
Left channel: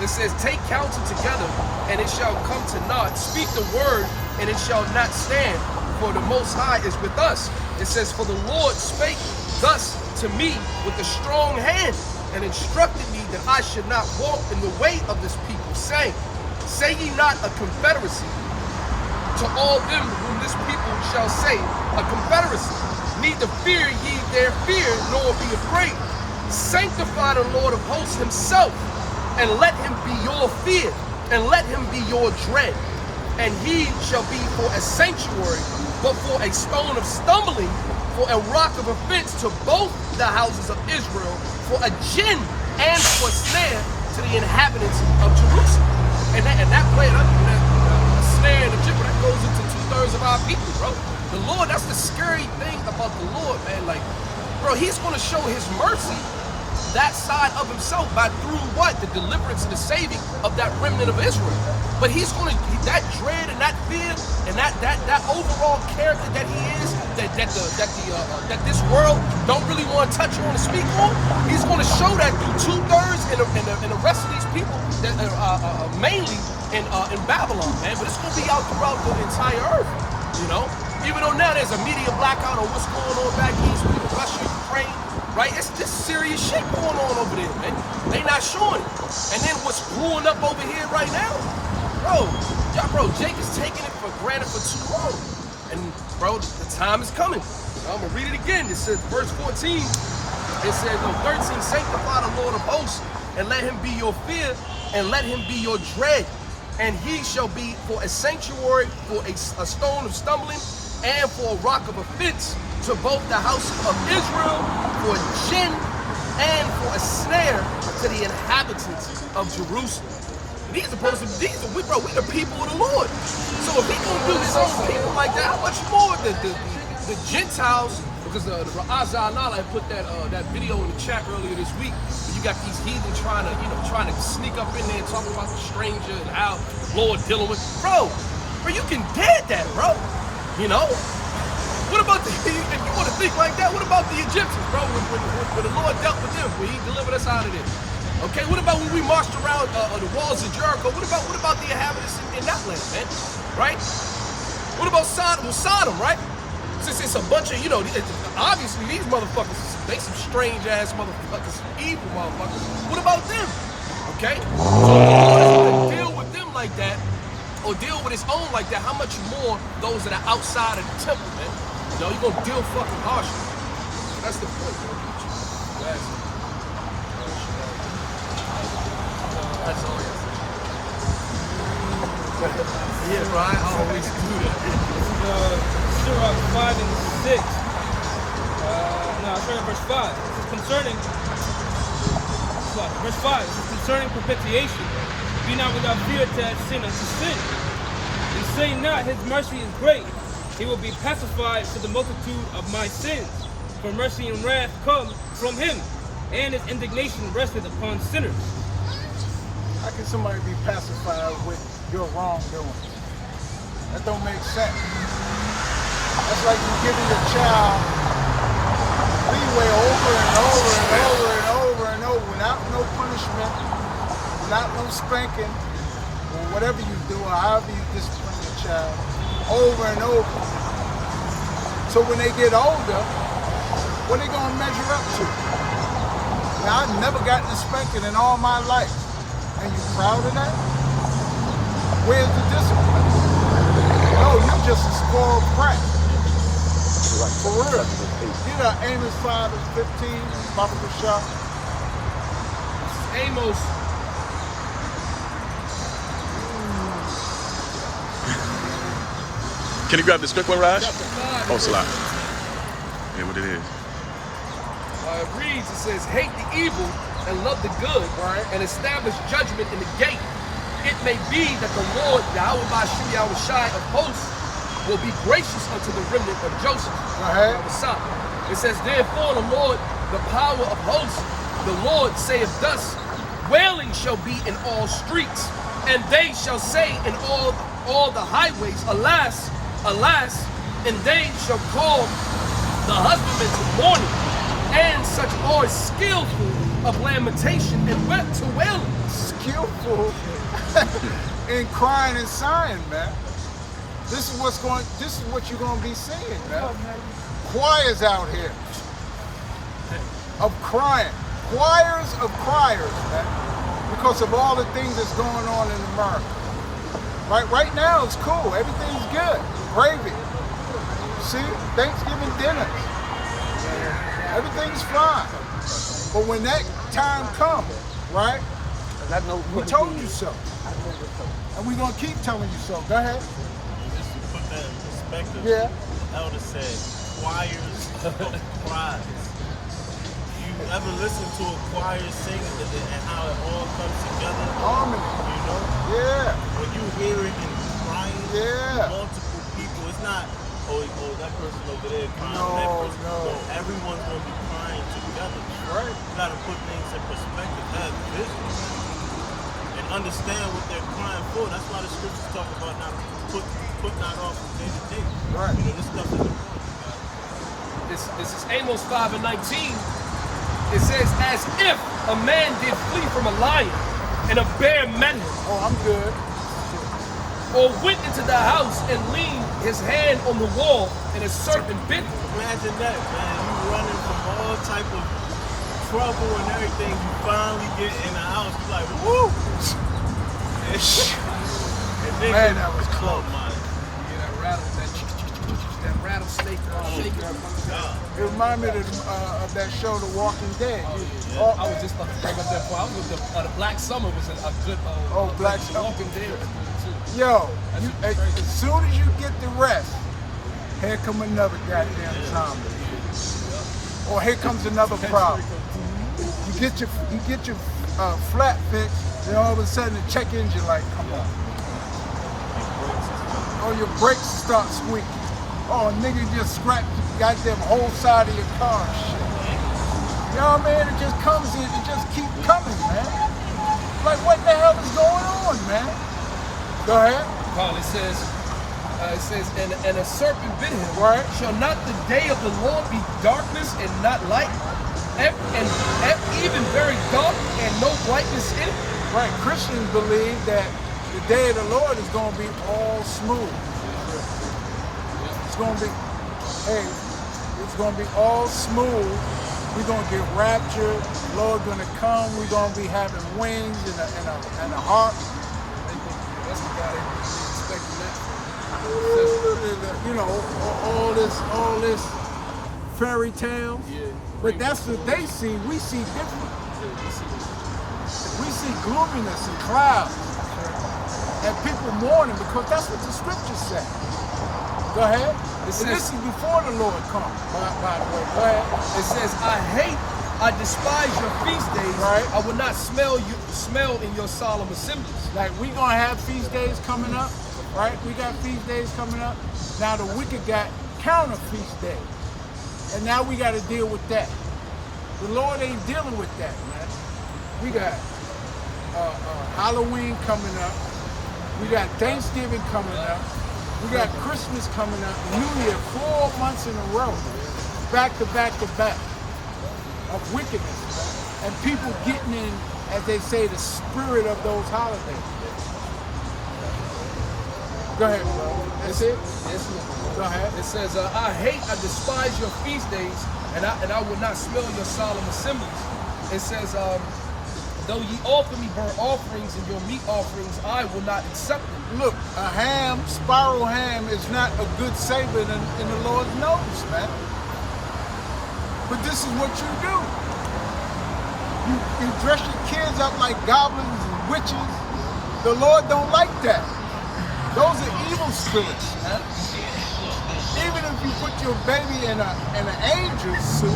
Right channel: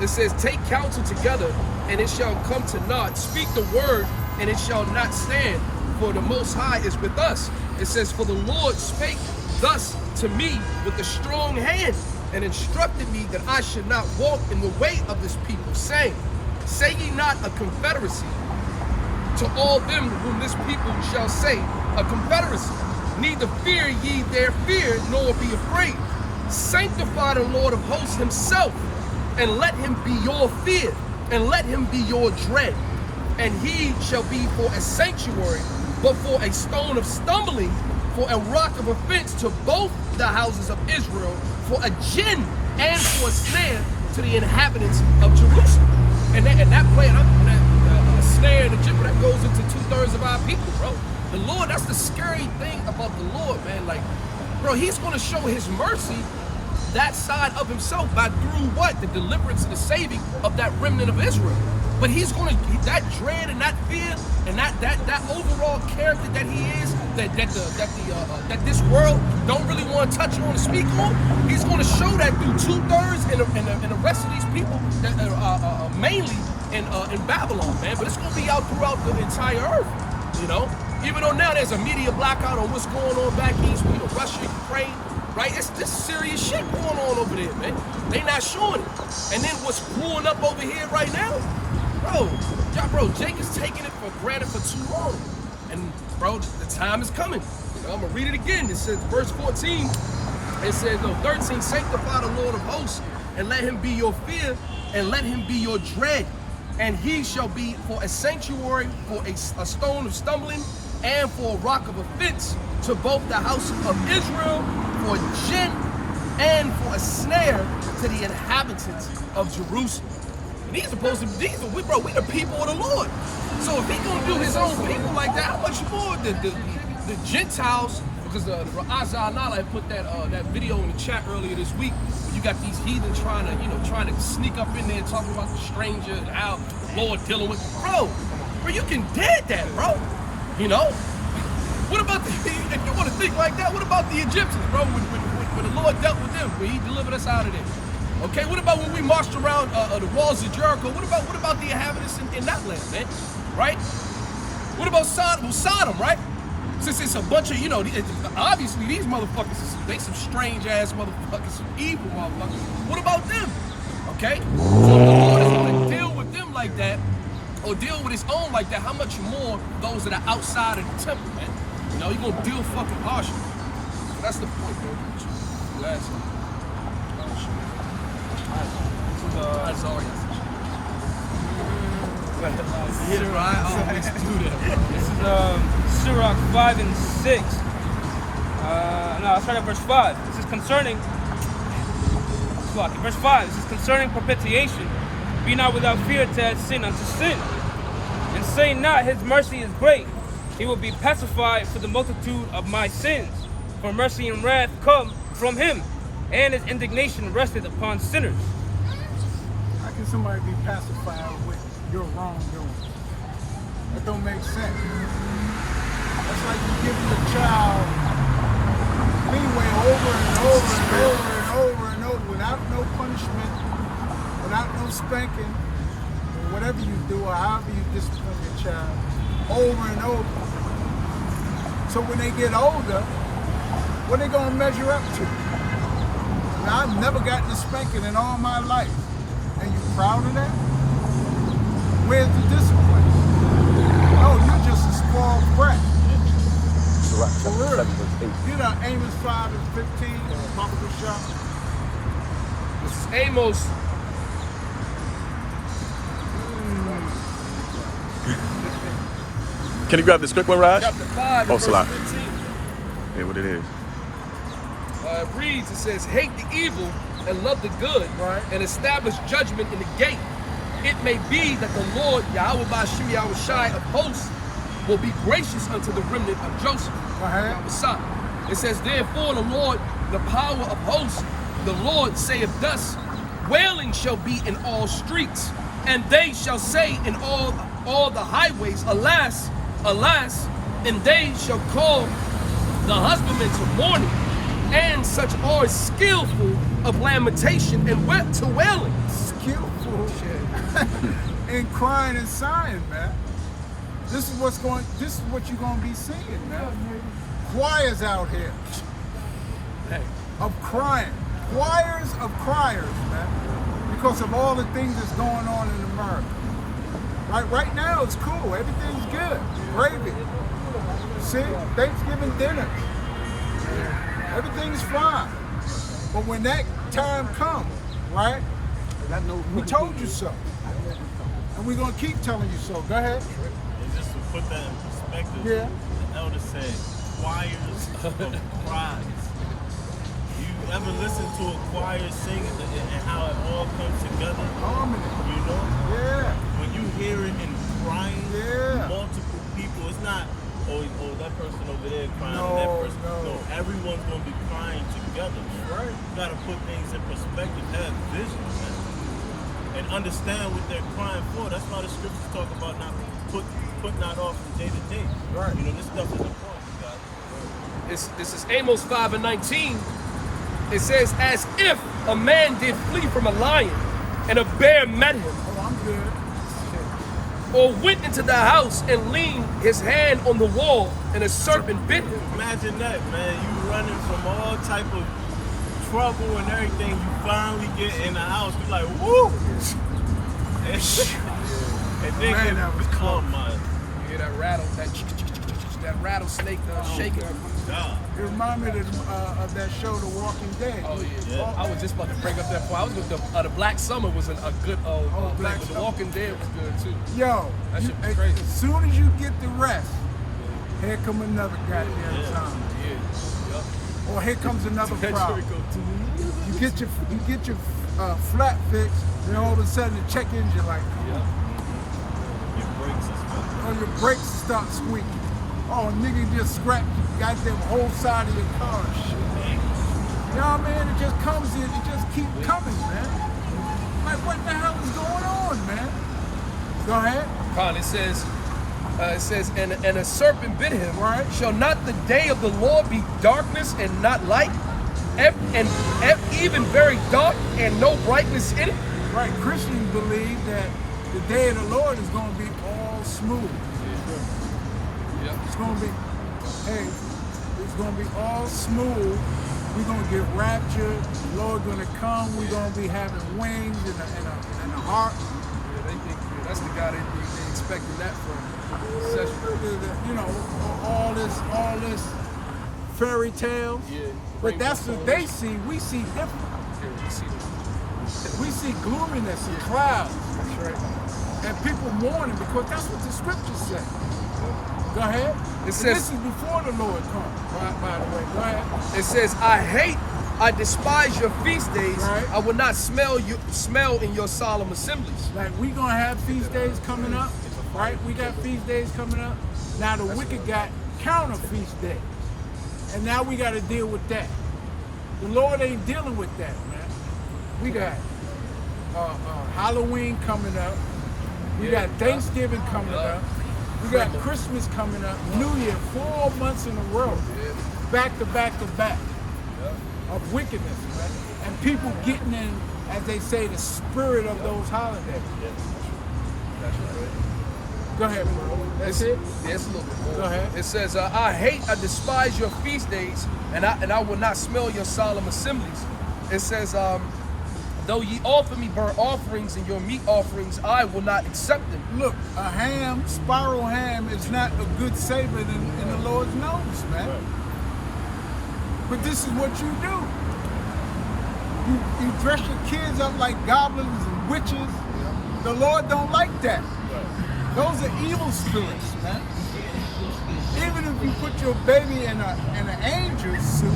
It says, take counsel together, and it shall come to naught. Speak the word, and it shall not stand, for the Most High is with us. It says, for the Lord spake thus to me with a strong hand, and instructed me that I should not walk in the way of this people, saying, say ye not a confederacy to all them whom this people shall say a confederacy. Neither fear ye their fear, nor be afraid. Sanctify the Lord of hosts himself, and let him be your fear, and let him be your dread. And he shall be for a sanctuary, but for a stone of stumbling, for a rock of offense to both the houses of Israel, for a gin and for a snare to the inhabitants of Jerusalem. And that plan, that snare and the jibber, that goes into 2/3 of our people, bro. The Lord, that's the scary thing about the Lord, man. Like, bro, he's gonna show his mercy, that side of himself, by through what? The deliverance and the saving of that remnant of Israel. But he's gonna, that dread and that fear and that overall character that he is, that this world don't really want to touch on and speak on, he's gonna show that through 2/3 in the rest of these people that are mainly in Babylon, man. But it's gonna be out throughout the entire earth, you know. Even though now there's a media blackout on what's going on back east, you know, Russia, Ukraine. Right? It's this serious shit going on over there, man. They not showing it. And then what's brewing up over here right now? Bro, Jake is taking it for granted for too long. And bro, the time is coming. You know, I'm gonna read it again. It says, verse 14, it says, no, 13, sanctify the Lord of hosts, and let him be your fear, and let him be your dread. And he shall be for a sanctuary, for a stone of stumbling, and for a rock of offense to both the house of Israel, for a gin and for a snare to the inhabitants of Jerusalem. And we the people of the Lord. So if he gonna do his own people like that, how much more the Gentiles? Because the Azza Nala had put that video in the chat earlier this week. You got these heathen trying to sneak up in there talking about the stranger and how the Lord dealing with. Bro, you can dead that, bro. You know? What about if you want to think like that, what about the Egyptians, bro? When the Lord dealt with them, when he delivered us out of there? Okay, what about when we marched around the walls of Jericho? What about the inhabitants in that land, man? Right? What about Sodom? Well, Sodom, right? Since it's a bunch of, obviously these motherfuckers, they some strange ass motherfuckers, some evil motherfuckers. What about them? Okay? So if the Lord is going to deal with them like that, or deal with his own like that, how much more those that are outside of the temple, man? You know, you're going to deal fucking harshly. So that's the point, man. You ask him. That's all you yeah, Brian, I always do that, bro. This is Sirach 5 and 6. I'll start at verse 5. This is concerning Slovakia. Verse 5, it says, concerning propitiation, be not without fear to add sin unto sin. And say not, his mercy is great. He will be pacified for the multitude of my sins. For mercy and wrath come from him, and his indignation rested upon sinners. How can somebody be pacified with your wrongdoing? That don't make sense. That's like you giving your child leeway over and over and over and over and over without no punishment, without no spanking, or whatever you do, or however you discipline your child, over and over. So when they get older, what are they gonna measure up to? Now, I've never gotten a spanking in all my life. And you proud of that? Where's the discipline? No, you're just a spoiled brat. For real. Get up, Amos 5:15, Baba Shah. This is Amos. Can you grab the script one, Raj? Chapter 5 and Oh, verse Salah. 15. Yeah, what it is. It reads, it says, hate the evil and love the good, and establish judgment in the gate. It may be that the Lord, Yahweh Bashim Yahweh Shai of hosts, will be gracious unto the remnant of Joseph. Yahweh Shai. It says, therefore the Lord, the power of hosts, the Lord saith thus, wailing shall be in all streets, and they shall say in all the highways, alas, alas, and they shall call the husbandmen to mourning, and such are skillful of lamentation and to wailing. Skillful in crying and sighing, man. This is what you're gonna be seeing, man. Choirs out here of crying. Choirs of criers, man. Because of all the things that's going on in America. Right now it's cool. Everything's good. Gravy. See? Thanksgiving dinners. Everything's fine. But when that time comes, right? We told you so. And we're gonna keep telling you so. Go ahead. And just to put that in perspective, Yeah. the elder said, choirs of cries. You ever listen to a choir sing and how it all comes together? Harmony. You know? Yeah. When you hear it in crying, Yeah. multiple people, it's not, oh, that person over there crying, and that person. No. Everyone's going to be crying together. Right. You got to put things in perspective, have vision, and understand what they're crying for. That's why the scriptures talk about not putting out off from day to day. Right. You know, this stuff is important, guys. This is Amos 5 and 19. It says, as if a man did flee from a lion and a bear met him, Oh, I'm good. or went into the house and leaned his hand on the wall and a serpent bit him. Imagine that, man. You running from all type of trouble and everything. You finally get in the house. You like, woo! And then Man, that was oh close. my You hear that rattle, that rattlesnake shaking. God. It reminded me of that show, The Walking Dead. Oh yeah. Yeah. I was just about to bring up that point. I was with the Black Summer was a good Black The Summer. Walking Dead was good too. Yo, That shit was as crazy. soon as you get the rest, here come another goddamn Yeah. zombie. Yeah. Or here comes another problem. You get your flat fixed, then all of a sudden the check engine like, come on. Your brakes and stuff. Or your brakes start squeaking. Oh, nigga just scratched the goddamn whole side of your car and shit. You know what I mean? It just comes in, it just keep coming, man. Like, what the hell is going on, man? Go ahead. Con, it says, and a serpent bit him. Right. Shall not the day of the Lord be darkness and not light? And even very dark and no brightness in it? Right, Christians believe that the day of the Lord is going to be all smooth. It's going to be, it's going to be all smooth. We're going to get raptured. The Lord's going to come. We're going to be having wings and a heart. Yeah, they think that's the guy they expecting that from. You know, all this fairy tales. Yeah. But that's what they see. We see different. Yeah, you see this. We see gloominess and clouds. And people mourning because that's what the scriptures say. Go ahead. It And says- this is before the Lord comes, by the way. Go ahead. It says, I hate I despise your feast days. Right. I will not smell in your solemn assemblies. Like we gonna have feast days coming up, right? We got feast days coming up. Now the wicked got counter feast days, and now we got to deal with that. The Lord ain't dealing with that, man. We got Halloween coming up. We got Thanksgiving coming up. We got Christmas coming up. New Year, 4 months in a row, back to back to back of wickedness, man. And people getting in, as they say, the spirit of those holidays. Go ahead, bro. That's it? Yes, Go ahead. It says, I despise your feast days, and I will not smell your solemn assemblies. It says, though ye offer me burnt offerings and your meat offerings, I will not accept them. Look, a ham, spiral ham, is not a good savor in the Lord's nose, man. But this is what you do. You dress your kids up like goblins and witches. The Lord don't like that. Those are evil spirits, man. Even if you put your baby in an angel suit,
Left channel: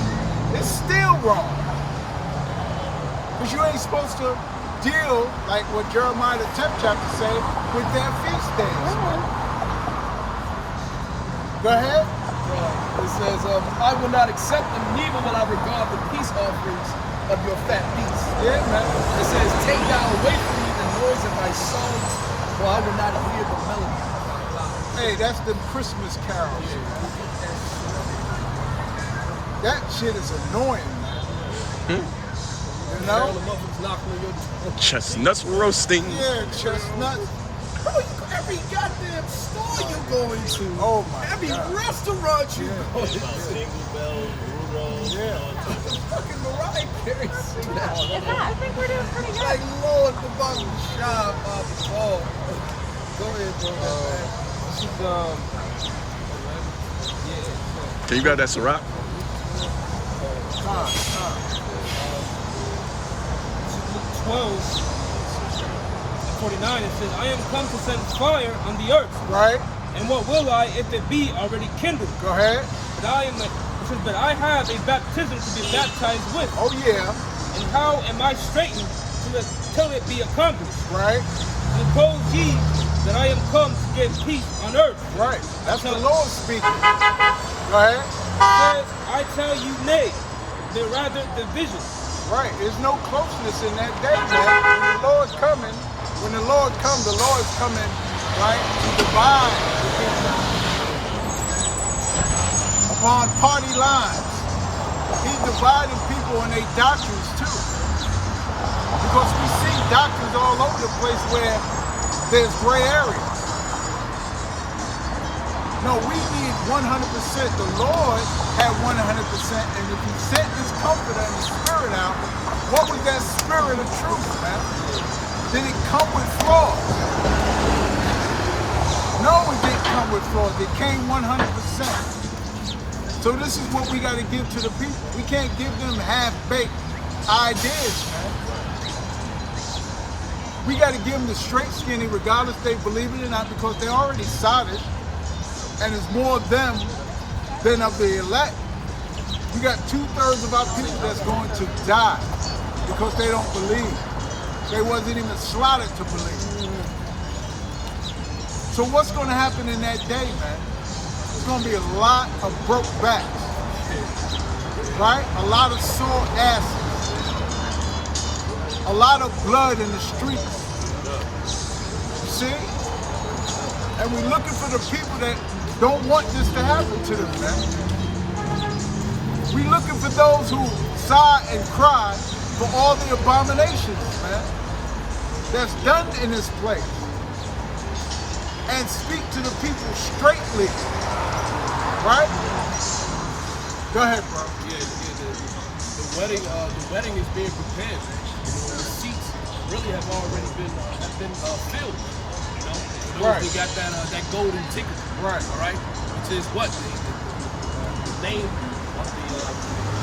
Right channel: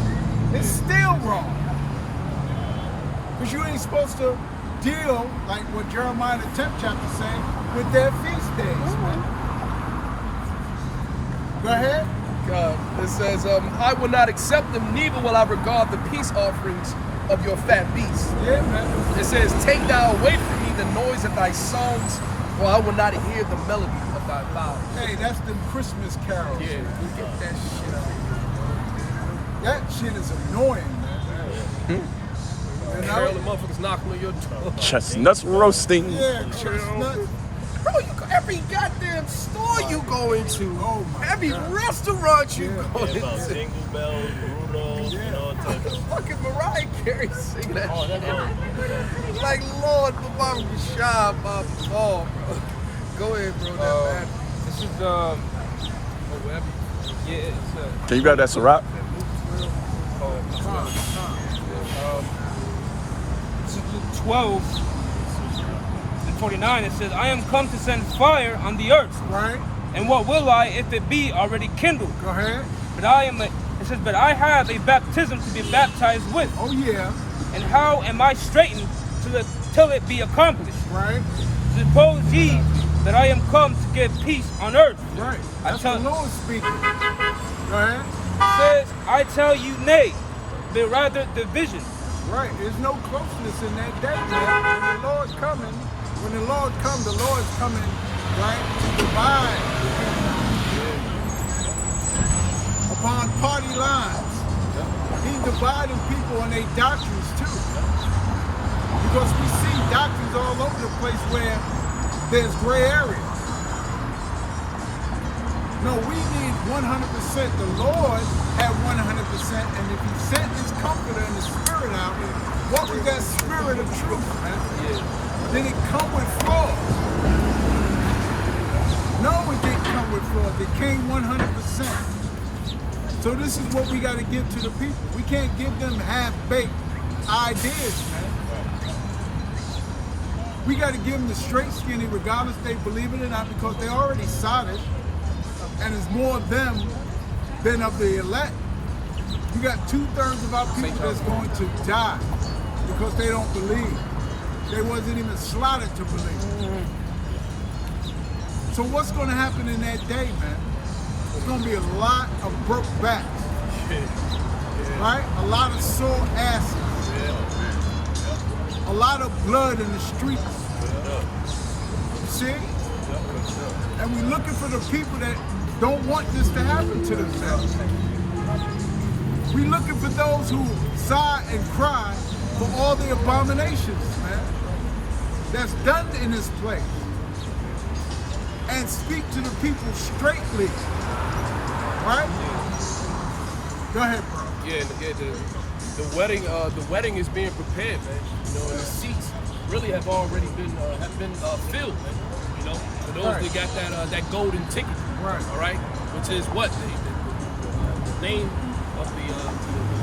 it's still wrong. Because you ain't supposed to deal, like what Jeremiah the 10th chapter say, with their feast days, man. Go ahead. It says, I will not accept them, neither will I regard the peace offerings of your fat beasts. Yeah, man. It says, take thou away from me the noise of thy songs, for I will not hear the melody of thy lyre. Hey, that's them Christmas carols. Yeah, You get that shit. That shit is annoying, man. You Carol know? the motherfuckers knocking on your door. Chestnuts roasting. Yeah, chestnuts. Bro, every goddamn store you go into, Oh my every God. restaurant you go Yeah, about into, Jingle Bells, Rudolph, Yeah. and all types of fucking Mariah Carey sing that shit. Like, Lord, the bottom of the shop, Bob the ball. Go ahead, bro, that man. This is Can you grab that Ciroc? This is Luke 12 and 49. It says, I am come to send fire on the earth. Right? And what will I if it be already kindled? Go ahead. But it says, but I have a baptism to be baptized with. Oh, yeah. And how am I straitened till it be accomplished? Right? Suppose ye that I am come to give peace on earth. Right. That's the Lord speaking. Go ahead. Says, I tell you nay, but rather division. Right. There's no closeness in that day, man. When the Lord comes, the Lord is coming, right, to divide the people upon party lines. He's dividing people on their doctrines too. Because we see doctrines all over the place where there's gray areas. No, we need 100%. The Lord had 100%, and if he sent his comforter and the spirit out, what was that spirit of truth, man? Did it come with flaws? No, it didn't come with flaws. It came 100%. So this is what we got to give to the people. We can't give them half-baked ideas, man. We got to give them the straight skinny, regardless they believe it or not, because they're already solid, and it's more of them than of the elect. We got 2/3 of our people that's going to die because they don't believe. They wasn't even slaughtered to believe. So what's going to happen in that day, man? There's going to be a lot of broke backs, right? A lot of sore asses. A lot of blood in the streets. You see? And we're looking for the people that don't want this to happen to them. We're looking for those who sigh and cry for all the abominations, man, that's done in this place. And speak to the people straightly. Right? Go ahead, bro. Yeah, the wedding is being prepared, man. You know, and the seats really have already been filled, man. You know, for those that got that golden ticket, Right. all right, which is what the name of the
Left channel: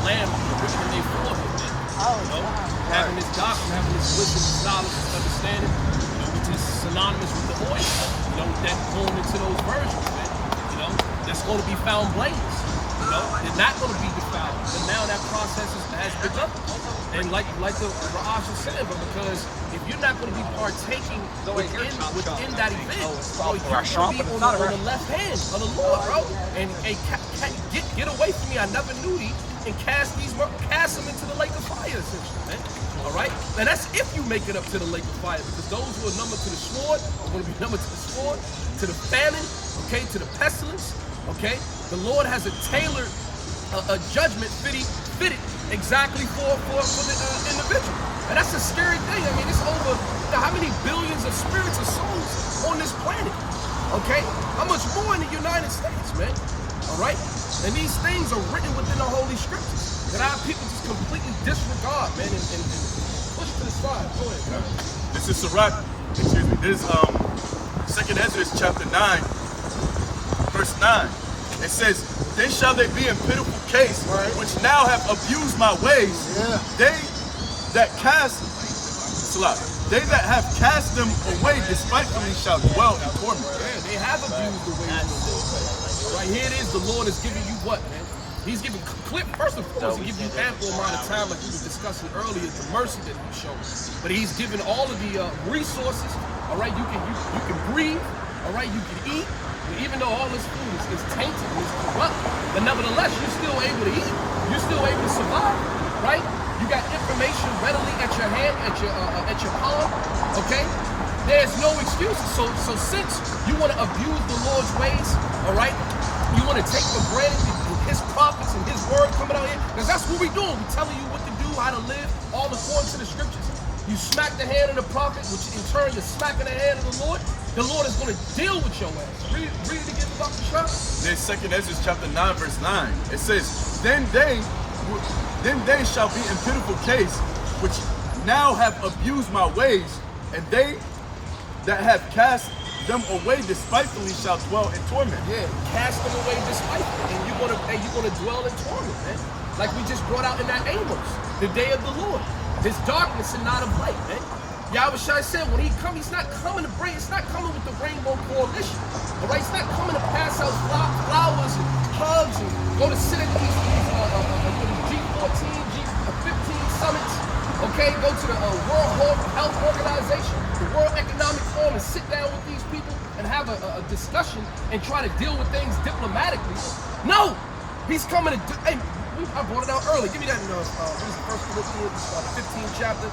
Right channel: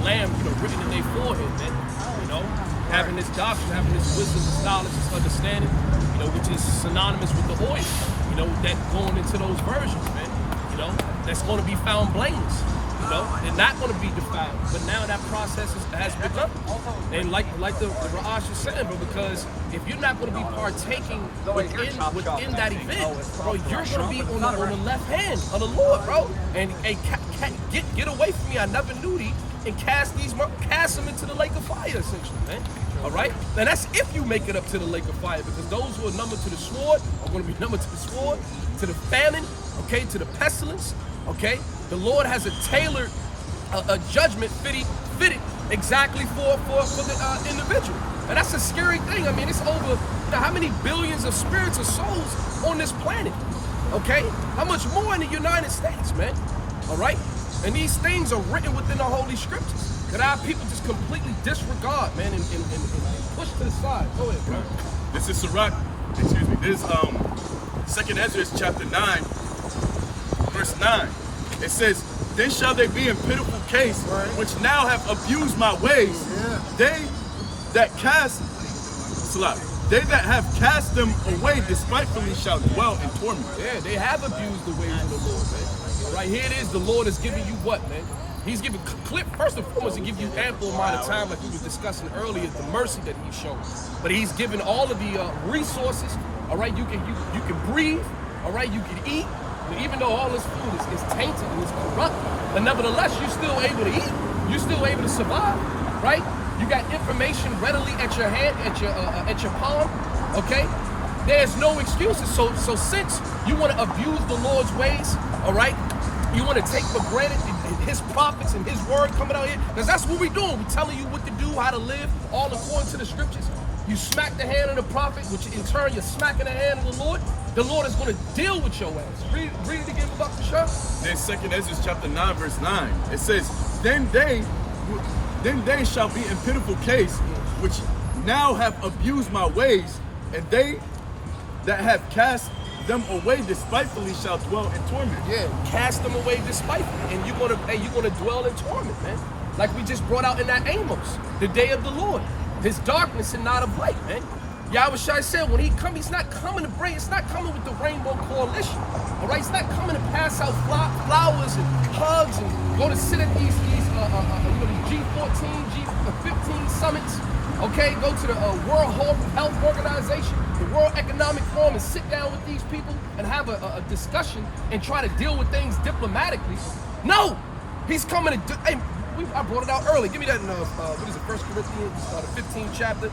lamb, you know, written in their forehead, man. You know, having this doctrine, having this wisdom, this knowledge, this understanding, you know, which is synonymous with the oil. You know, that going into those versions, man. You know, that's going to be found blameless. You know, they're not going to be defiled. But now that process has begun. And like the Ra'ash is saying, but because if you're not going to be partaking within that event, bro, you're going to be on the left hand of the Lord, bro. And get away from me, I never knew thee, and cast them into the lake of fire, essentially, man. All right? And that's if you make it up to the lake of fire, because those who are numbered to the sword are going to be numbered to the sword, to the famine, okay, to the pestilence, okay? The Lord has a tailored a judgment fitted exactly for the individual. And that's a scary thing. I mean, it's over, how many billions of spirits or souls on this planet, okay? How much more in the United States, man? All right? And these things are written within the Holy Scriptures that our people just completely disregard, man, and push to the side. Go ahead, bro. This is Sirach, excuse me, this is 2nd Ezra chapter 9, verse 9. It says, then shall they be in pitiful case, which now have abused my ways. They that have cast them away despitefully shall dwell in torment. Yeah, they have abused the ways of the Lord, man. All right, here it is. The Lord is giving you what, man? He's giving, first and foremost, he gives you ample amount of time, like we were discussing earlier, the mercy that he shows. But he's given all of the resources. All right, you can breathe. All right, you can eat. And even though all this food is tainted and is corrupt, but nevertheless, you're still able to eat. You're still able to survive, right? You got information readily at your hand, at your palm. Okay, there's no excuses. So since you want to abuse the Lord's ways, all right, you want to take for granted his prophets and his word coming out here, because that's what we're doing. We're telling you what to do, how to live, all according to the scriptures. You smack the hand of the prophet, which in turn you're smacking the hand of the Lord. The Lord is going to deal with your ass. Read it again about the shot. Then 2nd Ezra chapter 9, verse 9. It says, then they shall be in pitiful case, which now have abused my ways, and they that have cast them away despitefully shall dwell in torment. Yeah, cast them away despitefully, and you're gonna dwell in torment, man. Like we just brought out in that Amos, the day of the Lord. There's darkness and not of light, man. Yahushua said when he come, he's not coming to bring, it's not coming with the Rainbow Coalition. All right, it's not coming to pass out flowers and hugs and go to sit at these G14, G15 summits. Okay, go to the World Health Organization, the World Economic Forum, and sit down with these people and have a discussion and try to deal with things diplomatically. No, he's coming to. I brought it out early. Give me that. What is it? 1 Corinthians, the 15th chapter.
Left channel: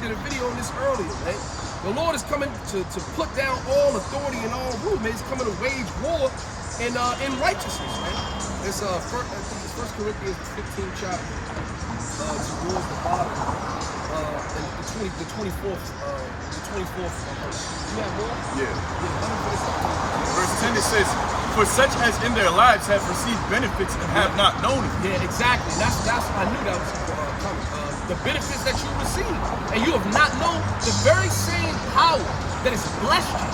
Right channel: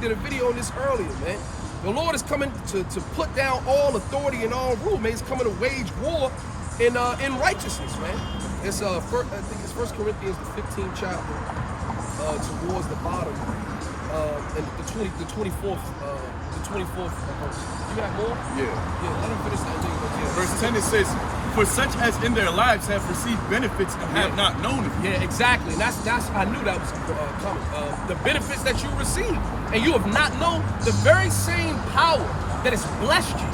Did a video on this earlier, man. The Lord is coming to put down all authority and all rule, man. He's coming to wage war in righteousness, man. It's I think it's 1 Corinthians, the 15th chapter, towards the bottom, and the 24th verse. You have more? Yeah. Yeah. Let him finish that thing. Verse 10 it says, for such as in their lives have received benefits and have not known it. Yeah, exactly. And that's I knew that was coming. The benefits that you receive, and you have not known the very same power that has blessed you,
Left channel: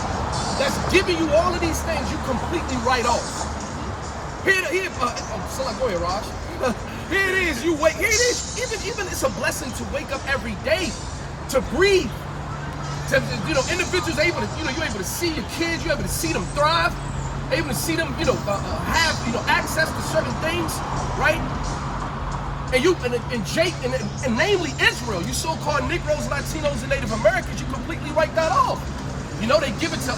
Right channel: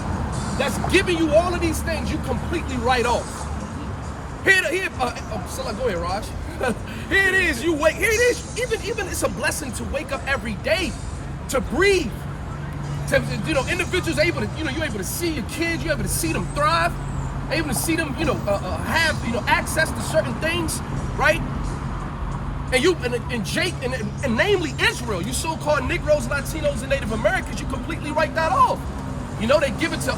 that's giving you all of these things, you completely write off. Here, Salah, go ahead, Raj. Here it is. You wake. Here it is. Even it's a blessing to wake up every day, to breathe. Individuals able to, you're able to see your kids, you're able to see them thrive. Able to see them, have access to certain things, right? And Jake, and namely Israel, you so-called Negroes, Latinos, and Native Americans, you completely write that off. They give it to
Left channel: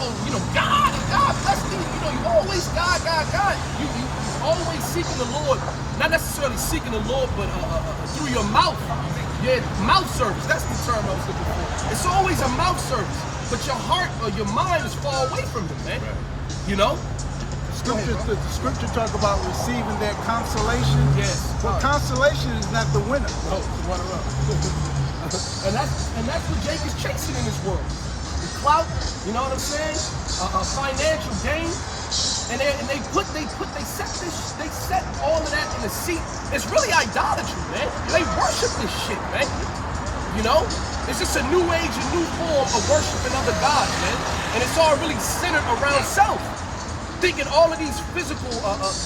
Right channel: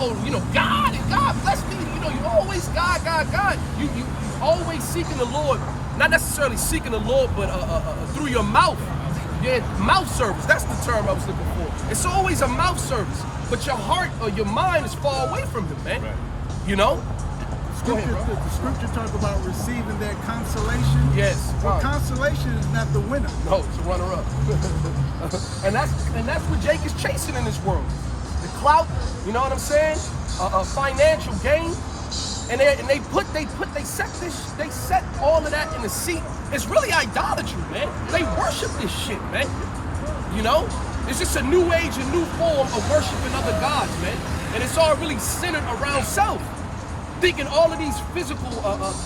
God, and God bless me. You always God. You always seeking the Lord, not necessarily seeking the Lord, but through your mouth. Yeah, mouth service. That's the term I was looking for. It's always a mouth service, but your heart or your mind is far away from Him, man. Right. Go ahead, bro. The scripture talk about receiving that consolation. Yes. But consolation is not the winner. No, it's the runner-up. and that's what Jake is chasing in this world. The clout, you know what I'm saying? A financial gain. And they set all of that in the seat. It's really idolatry, man. They worship this shit, man. It's just a new age, a new form of worshiping other gods, man. And it's all really centered around self. Thinking all of these physical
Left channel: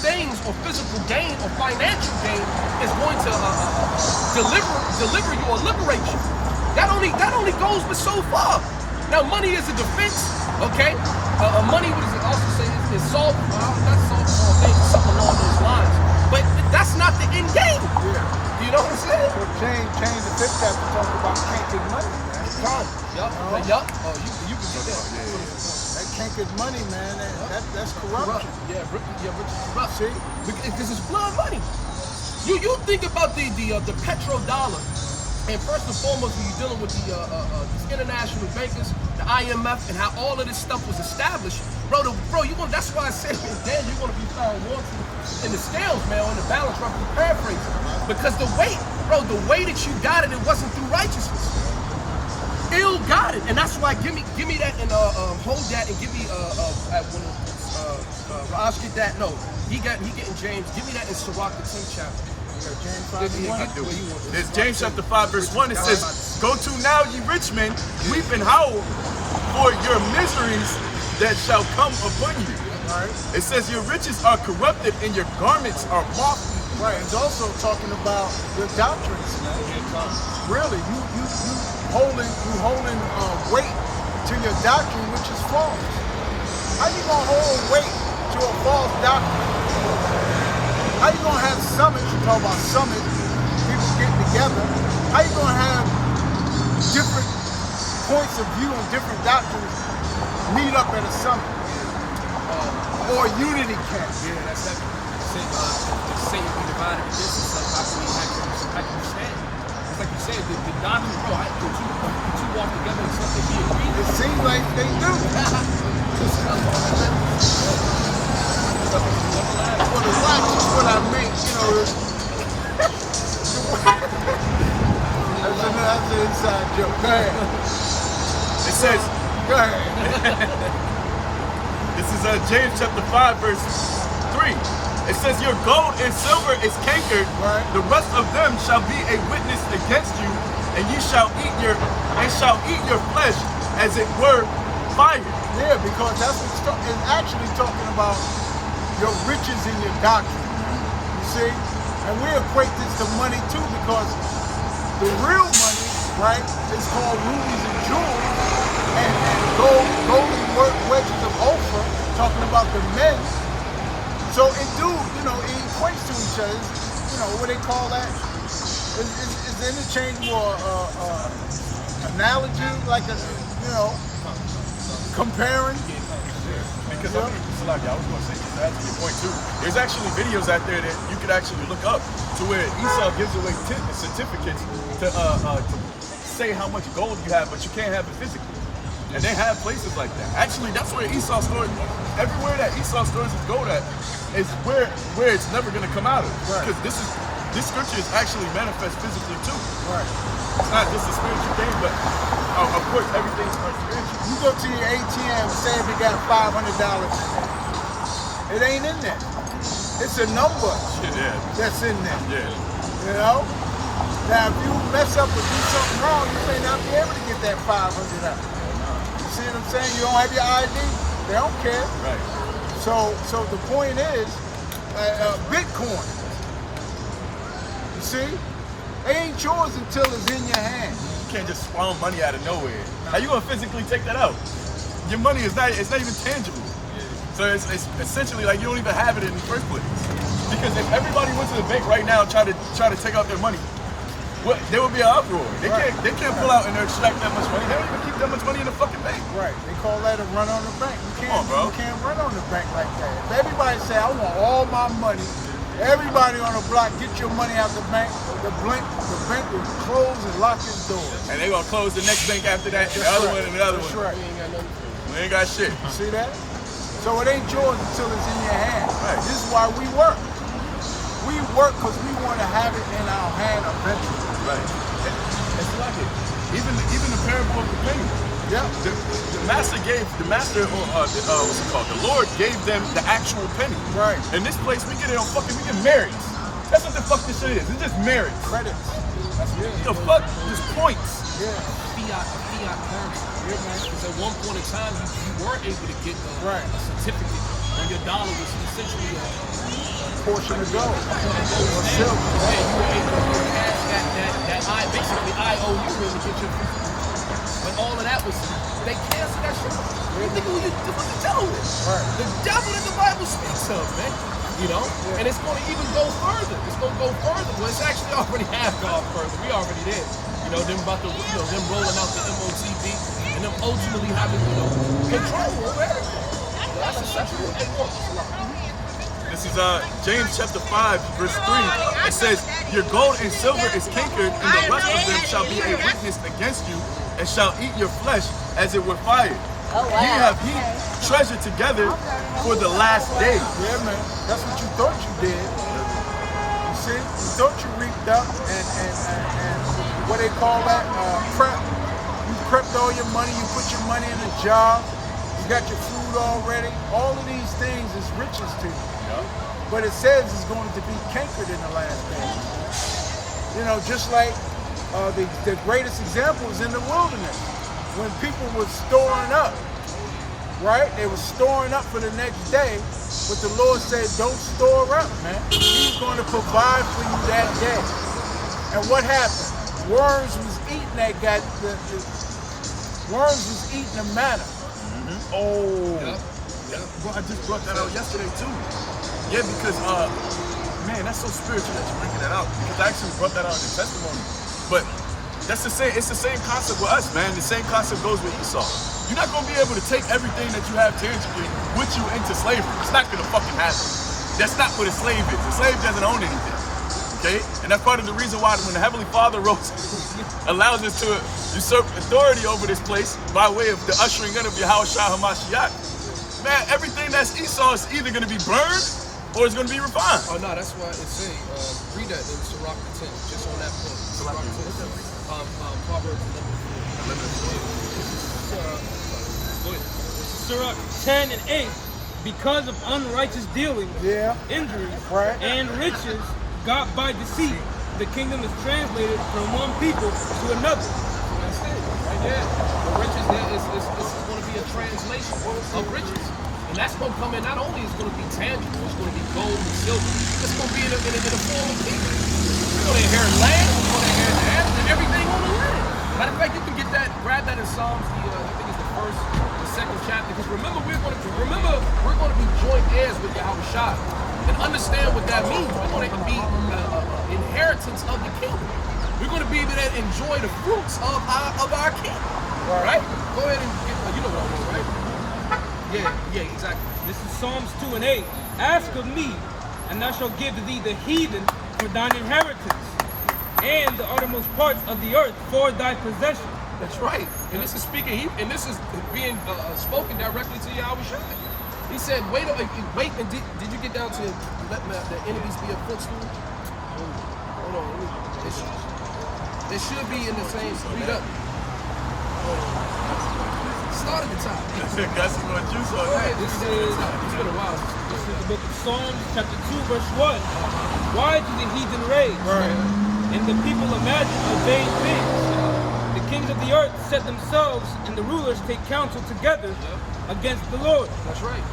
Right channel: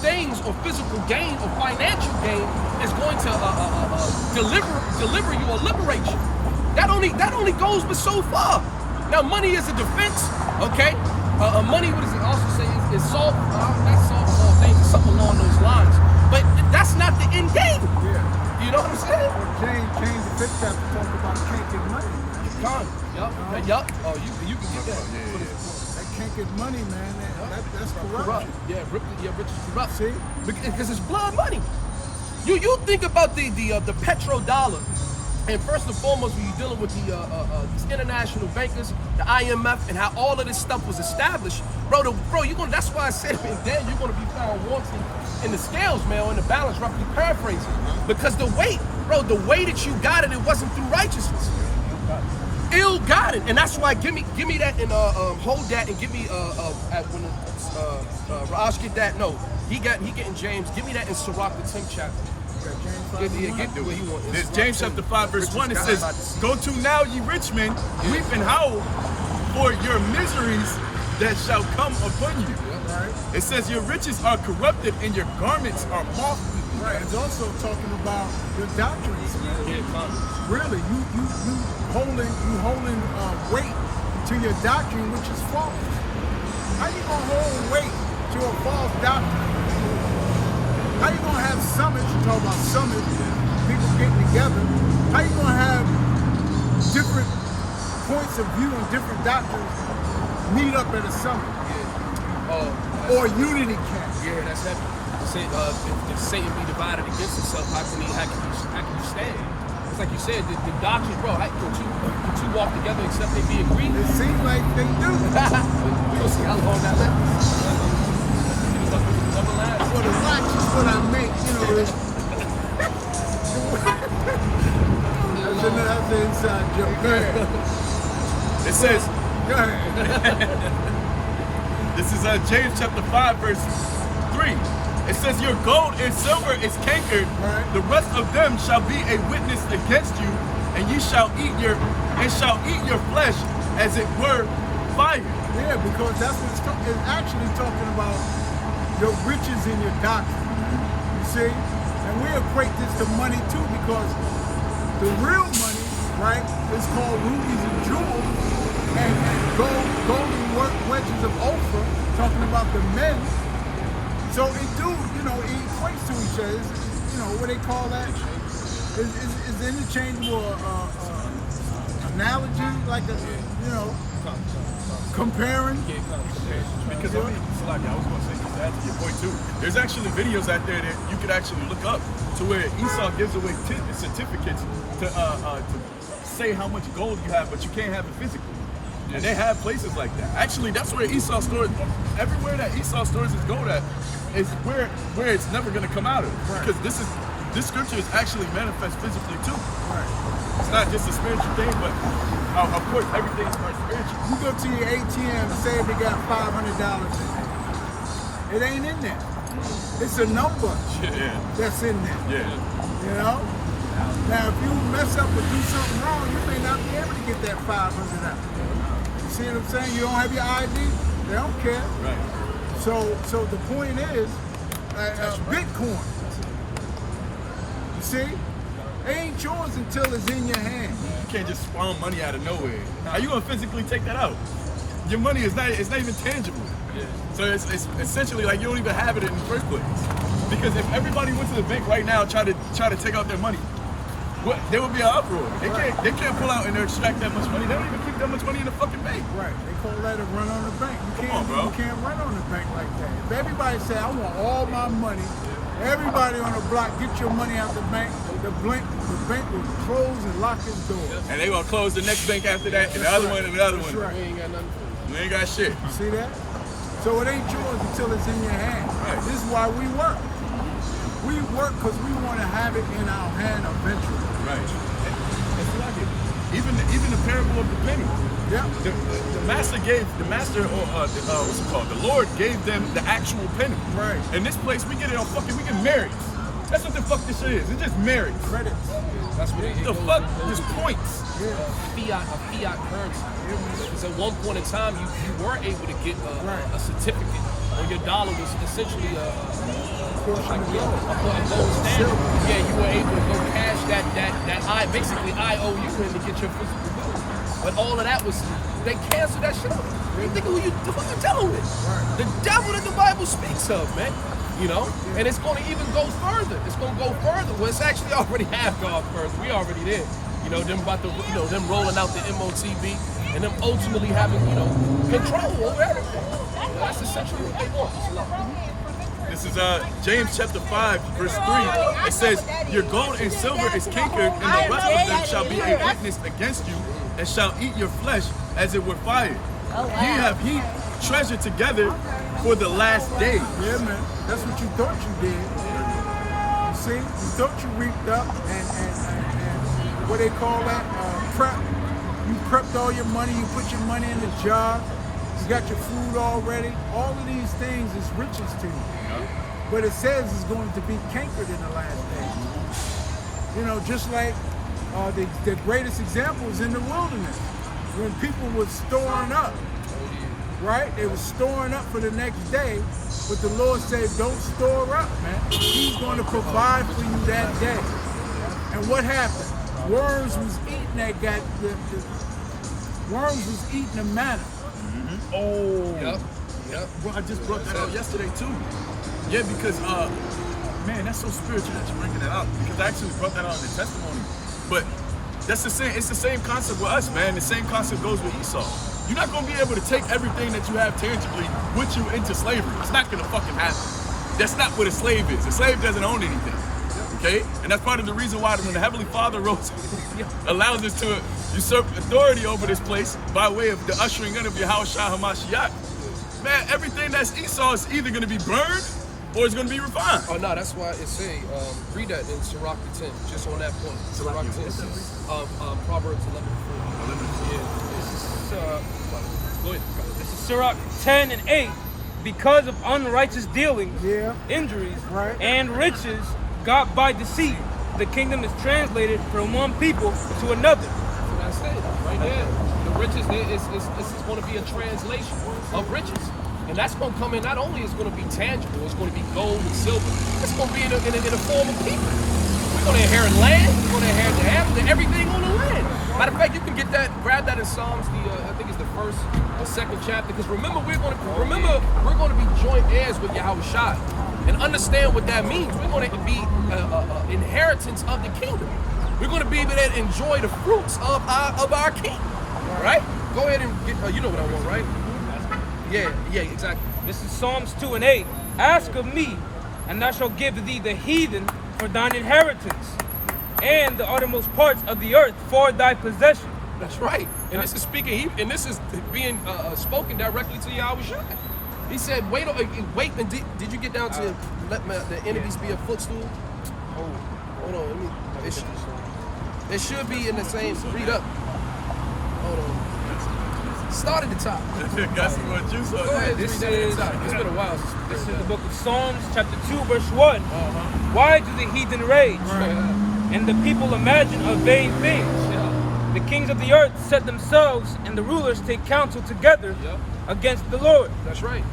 things or physical gain or financial gain is going to deliver you or liberate you. That only goes but so far. Now, money is a defense, okay? Money, what does it also say? Is solve, not solve all things, something along those lines. But that's not the end game. Yeah. You know what I'm saying? James the fifth chapter talk about cankered money, man. Yup. Oh, you can get that. That cankered money, man. That's corrupt. Corrupt. Yeah, rich is corrupt. See? Because it's blood money. You think about the petrodollar, and first and foremost, when you're dealing with these international bankers, the IMF, and how all of this stuff was established, bro. That's why I said, then you're gonna be found wanting in the scales, man, or in the balance, roughly paraphrasing, because the way that you got it, it wasn't through righteousness. Ill got it, and that's why give me that and hold that and give me when Raj get that. No, he getting James. Give me that in Sirach the 10th chapter. There's James chapter 5 verse 1. It says, "Go to now, ye rich men, weep and howl for your miseries that shall come upon you." It says, "Your riches are corrupted and your garments are moth-eaten." Right. It's also talking about the doctrines, man. Really, you holding weight to your doctrine, which is false. How you gonna hold weight to a false doctrine? How you gonna have summits? You talk about summits, people getting together. How you gonna have different points of view and different doctrines meet up at a summit? Or a unity camp? Yeah, that's heavy. Say, if Satan be divided against himself, how can you stand? It's like you said, the doctrine, bro. Could you walk together except they be agreed? It seems like they do. We'll see how long that lasts. Never lasts. Well, the watch is what I meant, you know. That's an inside joke. Go ahead. It says, Go ahead. this is James chapter 5 verse 3. It says, "Your gold and silver is cankered, Right. the rest of them shall be a witness against you, and ye shall eat your flesh as it were fire." Yeah, because that's what it's actually talking about your riches and your doctrine. You see? And we equate this to money too, because the real money, right, is called rubies and jewels and golden wedges of Ophir, talking about the men. So it it equates to each other. What they call that? Is interchangeable analogy, like comparing? Because Salaki, I was going to say, just to add to your point too, there's actually videos out there that you could actually look up to where Esau gives away certificates to say how much gold you have, but you can't have it physically. And they have places like that. Actually, that's where Esau stores. Everywhere that Esau stores his gold at is where it's never going to come out of. Right. Because this scripture is actually manifest physically too. Right. It's not just a spiritual thing, but of course everything starts spiritual. You go to your ATM, say if you got $500 in there. It ain't in there. It's a number that's in there. Yeah. You know? Now, if you mess up or do something wrong, you may not be able to get that $500 out. You see what I'm saying? You don't have your ID, they don't care. Right. So the point is, Bitcoin. You see? It ain't yours until it's in your hand. You can't just spawn money out of nowhere. How you gonna physically take that out? Your money is not even tangible. Yeah. So it's essentially like you don't even have it in the first place. Because if everybody went to the bank right now and try to take out their money, there would be an uproar. They can't pull out and extract that much money. They don't even keep that much money in the fucking bank. Right. They call that a run on the bank. Come on, bro. You can't run on the bank like that. If everybody say, I want all my money, everybody on the block, get your money out the bank, the bank will close and lock its doors. And they gonna close the next bank after that, and the other one, and the other one. Right. We ain't got nothing for you. We ain't got shit. See that? So it ain't yours until it's in your hand. Right. This is why we work. We work because we want to have it in our hand eventually. Right. It's like it. Even the parable of the penny. Yeah. The master what's it called? The Lord gave them the actual penny. Right. In this place, we get merits. That's what the fuck this shit is. It's just merits. Credits. That's what it The goes- fuck? it goes Just to points. fiat currency. Because at one point in time, you were able to get a certificate on your dollar, was essentially a Portion of gold. a gold standard. Yeah, you were able to go cash that basically IOU in to get your physical gold. But all of that was, they canceled that shit off. You think who you dealing with? The devil that the Bible speaks of, man. You know, and it's going to even go further. It's going to go further. Well, it's actually already have gone further. We already there. You know, them about to, you know, them rolling out the MOTB and them ultimately having, you know, control over everything. You know, that's essentially what they want. It's a lot. This is James chapter 5, verse 3. It says, your gold and silver is cankered, and the rest of them shall be a witness against you, and shall eat your flesh as it were fire. Ye have heaped treasure together for the last days. Yeah, man. That's what you thought you did. You see? You thought you reaped up and what they call that? Prep. You prepped all your money. You put your money in a jar. You got your food already. All of these things is riches to you. Yep. But it says it's going to be cankered in the last days. You know, just like the greatest example is in the wilderness. When people were storing up, right? They were storing up for the next day, but the Lord said, don't store up, man. He's going to provide for you that day. And what happened? Worms was eating worms was eating the manna. Oh. Yep. Bro, I just brought that out yesterday too. Yeah, because man, that's so spiritual that you're bringing that out. Because I actually brought that out in the testimony. But that's the same. It's the same concept with us, man. The same concept goes with Esau. You're not gonna be able to take everything that you have tangibly with you into slavery. It's not gonna fucking happen. That's not what a slave is. A slave doesn't own anything. Okay? And that's part of the reason why when the Heavenly Father allows us to usurp authority over this place by way of the ushering in of Yahushua HaMashiach. Man, everything that's Esau is either gonna be burned or it's gonna be refined. Oh no, that's why it's saying, read that in Sirach 10, just on that point. Sirach 10, Proverbs 11:4. 11:4. Yeah. Go ahead. This is Sirach 10 and 8. Because of unrighteous dealings, injuries, and riches got by deceit, the kingdom is translated from one people to another. So that's it, right there. The riches there is going to be a translation of riches. And that's going to come in, not only is going to be tangible, it's going to be gold and silver. It's going to be in a form of people. We're going to inherit land, we're going to inherit the animals and everything on the land. Matter of fact, you can get that, grab that in Psalms, I think it's the first or second chapter, because remember we're going to be joint heirs with Yahushua. And understand what that means. We're going to be inheritance of the kingdom. We're going to be able to enjoy the fruits of our kingdom. Right? Go ahead and get, you know what I want, right? Yeah, exactly. This is Psalms 2 and 8. Ask of me, and I shall give thee the heathen for thine inheritance, and the uttermost parts of the earth for thy possession. That's right. And this is speaking, and this is being spoken directly to Yahushua. He said, wait, and did you get down to let the enemies be a footstool? Oh, hold on, it should be in the same, read up. Hold on. Start at the top. Got some more juice on Go ahead, that. read that at the top. It's been a while. This is the book of Psalms, chapter 2, verse 1. Why do the heathen rage? And the people imagine a vain thing. The kings of the earth set themselves, and the rulers take counsel together against the Lord. That's right.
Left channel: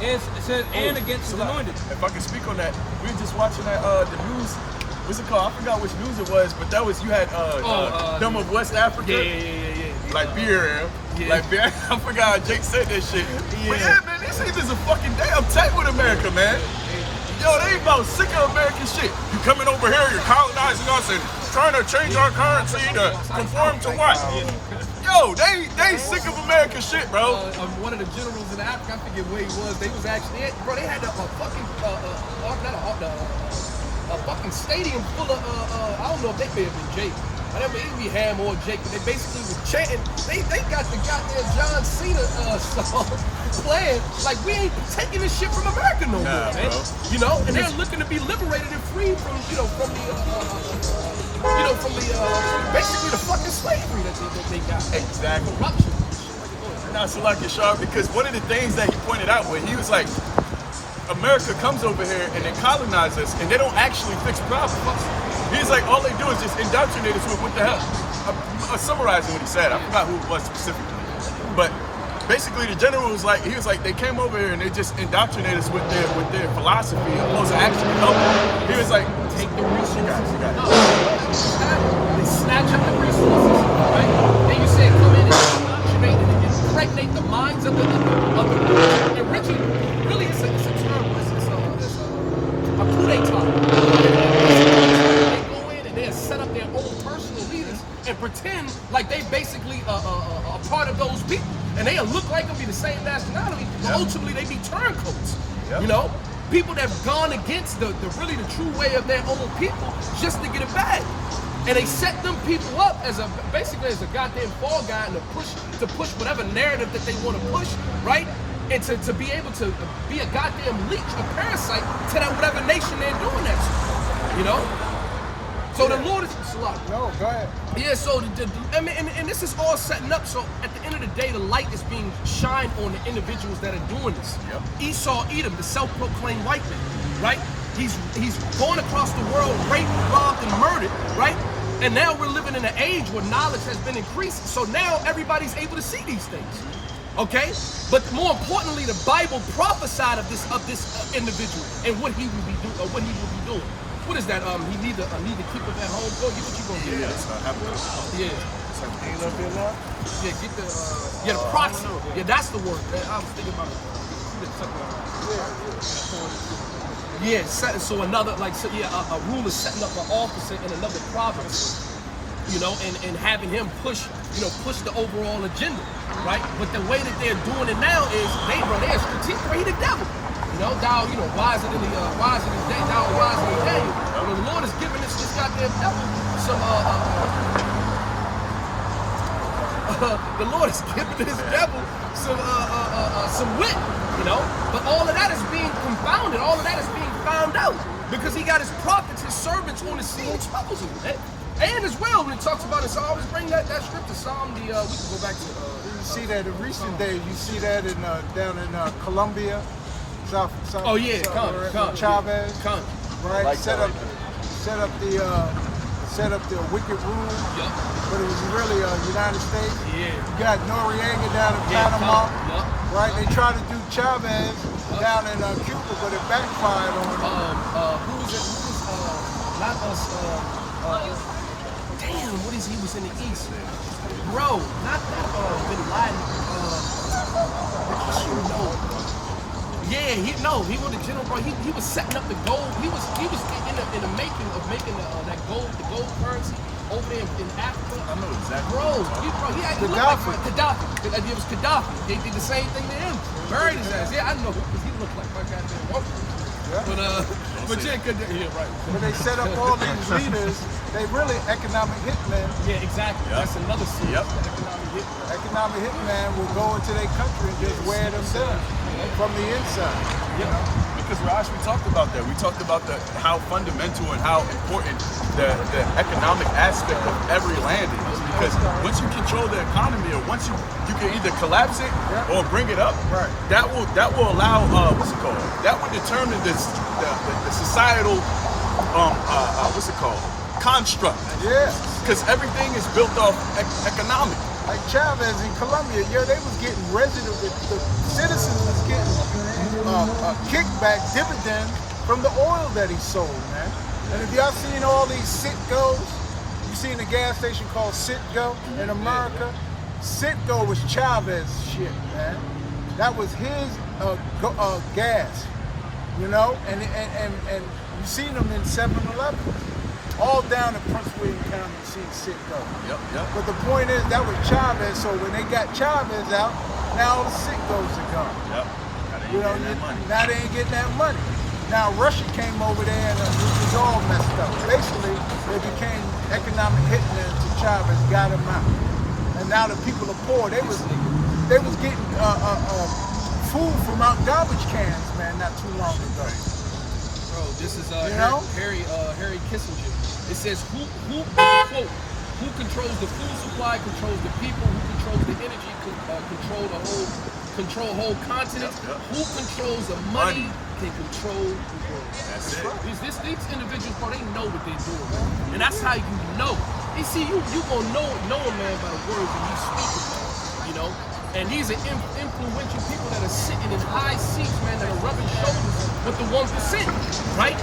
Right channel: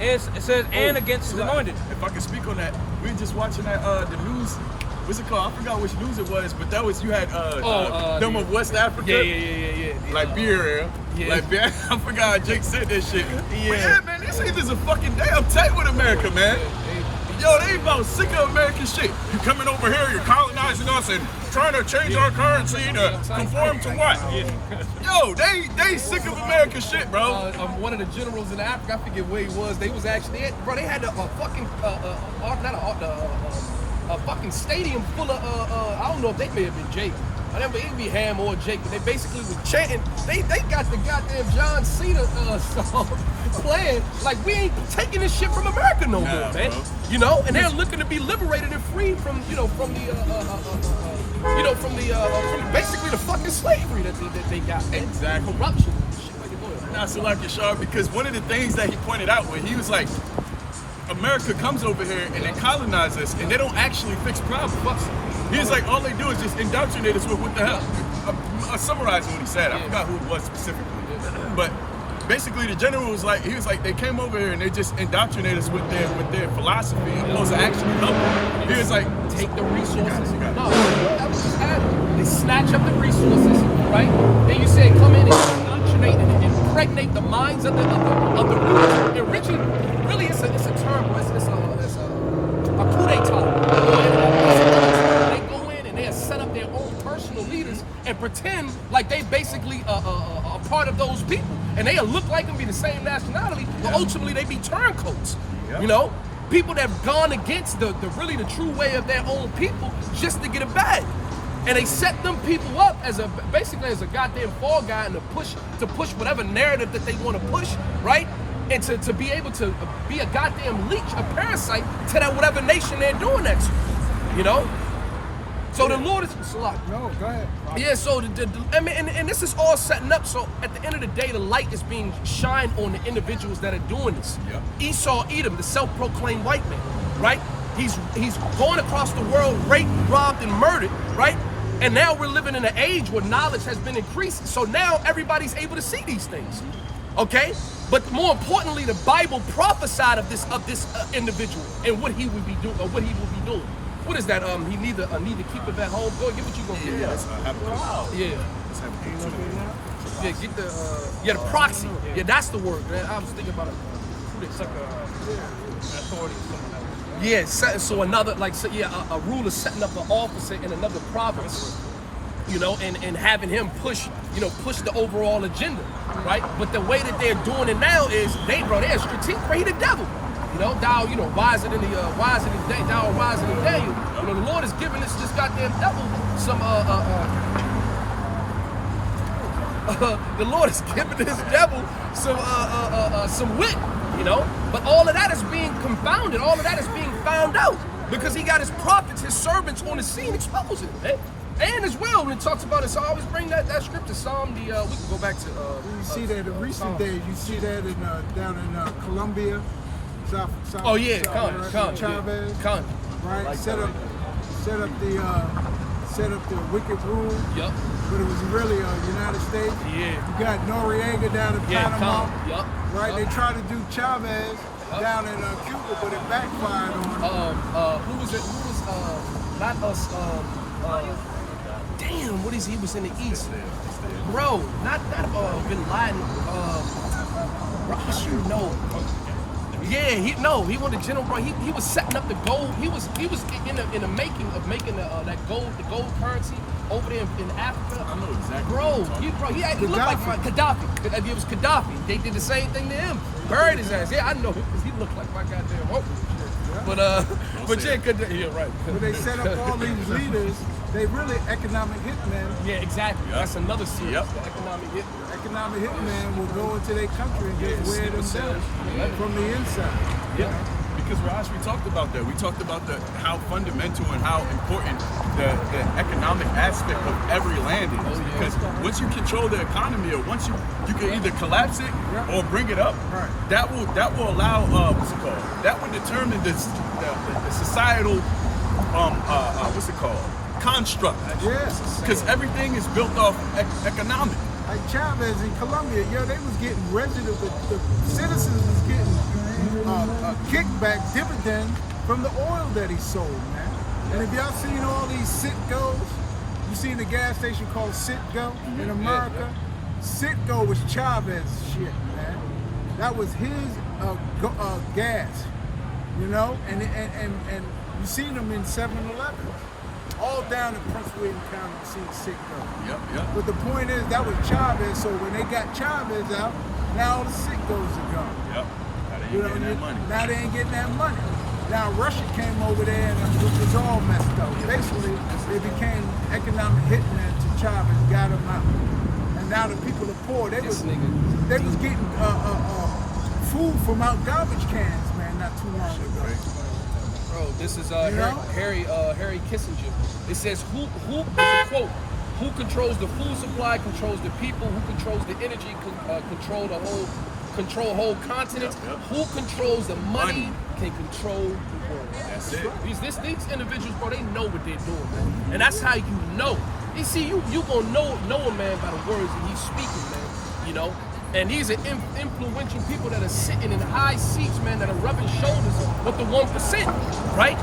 It says, and against his anointed. If I can speak on that, we were just watching that the news. What's it called? I forgot which news it was, but that was you had them of West Africa. Yeah. Liberia. Liberia. I forgot how Jake said that shit. But yeah, man, these heathens are fucking damn tight with America, man. Yo, they about sick of American shit. You coming over here, you're colonizing us and trying to change our currency to conform to what? Yo, they sick of American shit, bro. One of the generals in Africa, I forget where he was. They was actually, they had a fucking a fucking stadium full of I don't know if they may have been Jake. I never it be Ham or Jake, but they basically was chanting. They got the goddamn John Cena song playing. Like we ain't taking this shit from America no more, man. Bro. You know, and they're looking to be liberated and free from from basically the fucking slavery that they got. Man. Exactly. Corruption. Shit like it. Go ahead, bro. Not so like it, Sharp, because one of the things that he pointed out when he was like, America comes over here and they colonize us and they don't actually fix problems. He's like, all they do is just indoctrinate us with what the hell. I'm summarizing what he said. I forgot who it was specifically. But basically the general was like, he was like, they came over here and they just indoctrinate us with their philosophy opposed to actually helping. He was like, take the resources. You got it. No, I'm just adding. They snatch up the resources, right? Then you say, come in and indoctrinate and pray impregnate the minds of the rulers. And Richard, really, it's a term, bro. It's a coup d'etat. Or it's another term. They go in and they set up their own personal leaders and pretend like they basically a part of those people. And they look like them, be the same nationality, but ultimately they be turncoats. You know? People that have gone against the true way of their own people just to get a bag. And they set them people up as basically as a goddamn fall guy and to push whatever narrative that they want to push, right? And to be able to be a goddamn leech, a parasite to that whatever nation they're doing that to, you know? So the Lord is Salah. No, go ahead. Yeah, so I mean, and this is all setting up. So at the end of the day, the light is being shined on the individuals that are doing this. Yep. Esau Edom, the self-proclaimed white man, right? He's going across the world, raped, robbed, and murdered, right? And now we're living in an age where knowledge has been increased. So now everybody's able to see these things. Okay? But more importantly, the Bible prophesied of this individual and what he would be doing, or what he will be doing. What is that? He need to keep it at home. Go get what you gonna get. Yeah, that's Yeah. Yeah, get the the proxy. Yeah, that's the word. I was thinking about authority. Yeah, so another a ruler setting up an officer in another province, you know, and having him push the overall agenda, right? But the way that they're doing it now is they're strategic. He the devil. You know, thou, wiser than Daniel. You know, the Lord is giving this goddamn devil some the Lord is giving this devil some wit, you know. But all of that is being confounded. All of that is being found out because he got his prophets, his servants on the scene exposing it, man. And as well, when it talks about it, so I always bring that scripture, Psalm. We can go back to. You see that in recent days. You see that in down in Colombia. South, oh yeah, Chavez, right? Like set up the wicked rule. Yup. But it was really United States. Yeah. You got Noriega down in Panama. Yup. Right. Yep. They tried to do Chavez down in Cuba, but it backfired on them. Who was it? Who was not us? Damn, what is he? Was in the East, bro. Not Bin Laden. Ross, you know. Yeah, he was the general, bro. He was setting up the gold. He was in the making of making the gold currency over there in Africa. I know exactly. Bro, he looked like Gaddafi. It was Gaddafi. They did the same thing to him. Buried his ass. Yeah, I know because he looked like my goddamn uncle. But yeah, right. When they set up all these leaders, they really economic hitmen. Yeah, exactly. Yep. That's another series. Yep. The economic hitman. Economic hitman will go into their country and just wear them down from the inside. Yep. Because we actually talked about that. We talked about how fundamental and how important the economic aspect of every land is. Because once you control the economy, or once you can either collapse it or bring it up, right. that will allow what's it called? That would determine the societal construct. Yeah. Because everything is built off economic. Like Chavez in Colombia, they was getting residue. The citizens was getting kickback dividends from the oil that he sold, man. And if y'all seen all these Citgos, you seen the gas station called Citgo in America? Citgo was Chavez shit, man. That was his gas, you know? And you seen them in 7-Eleven. All down in Prince William County, you seen Citgo. Yep. But the point is, that was Chavez, so when they got Chavez out, now the Citgos are gone. Yep. Now they ain't getting that money. Now they ain't getting that money. Now Russia came over there and it was all messed up. Basically, they became economic hitmen to Chavez, got him out. And now the people are poor. They was getting food from out garbage cans, man, not too long ago. Bro, this is Harry Kissinger. It says who it's a quote. Who controls the food supply, controls the people, who controls the energy, control whole continents. Yep. Who controls the money can control the world. That's it. These individuals, bro, they know what they're doing, man. And that's how you know. You see, you gonna know a man by the words that he's speaking, man. you know. And these are influential people that are sitting in high seats, man, that are rubbing shoulders with the 1%, right?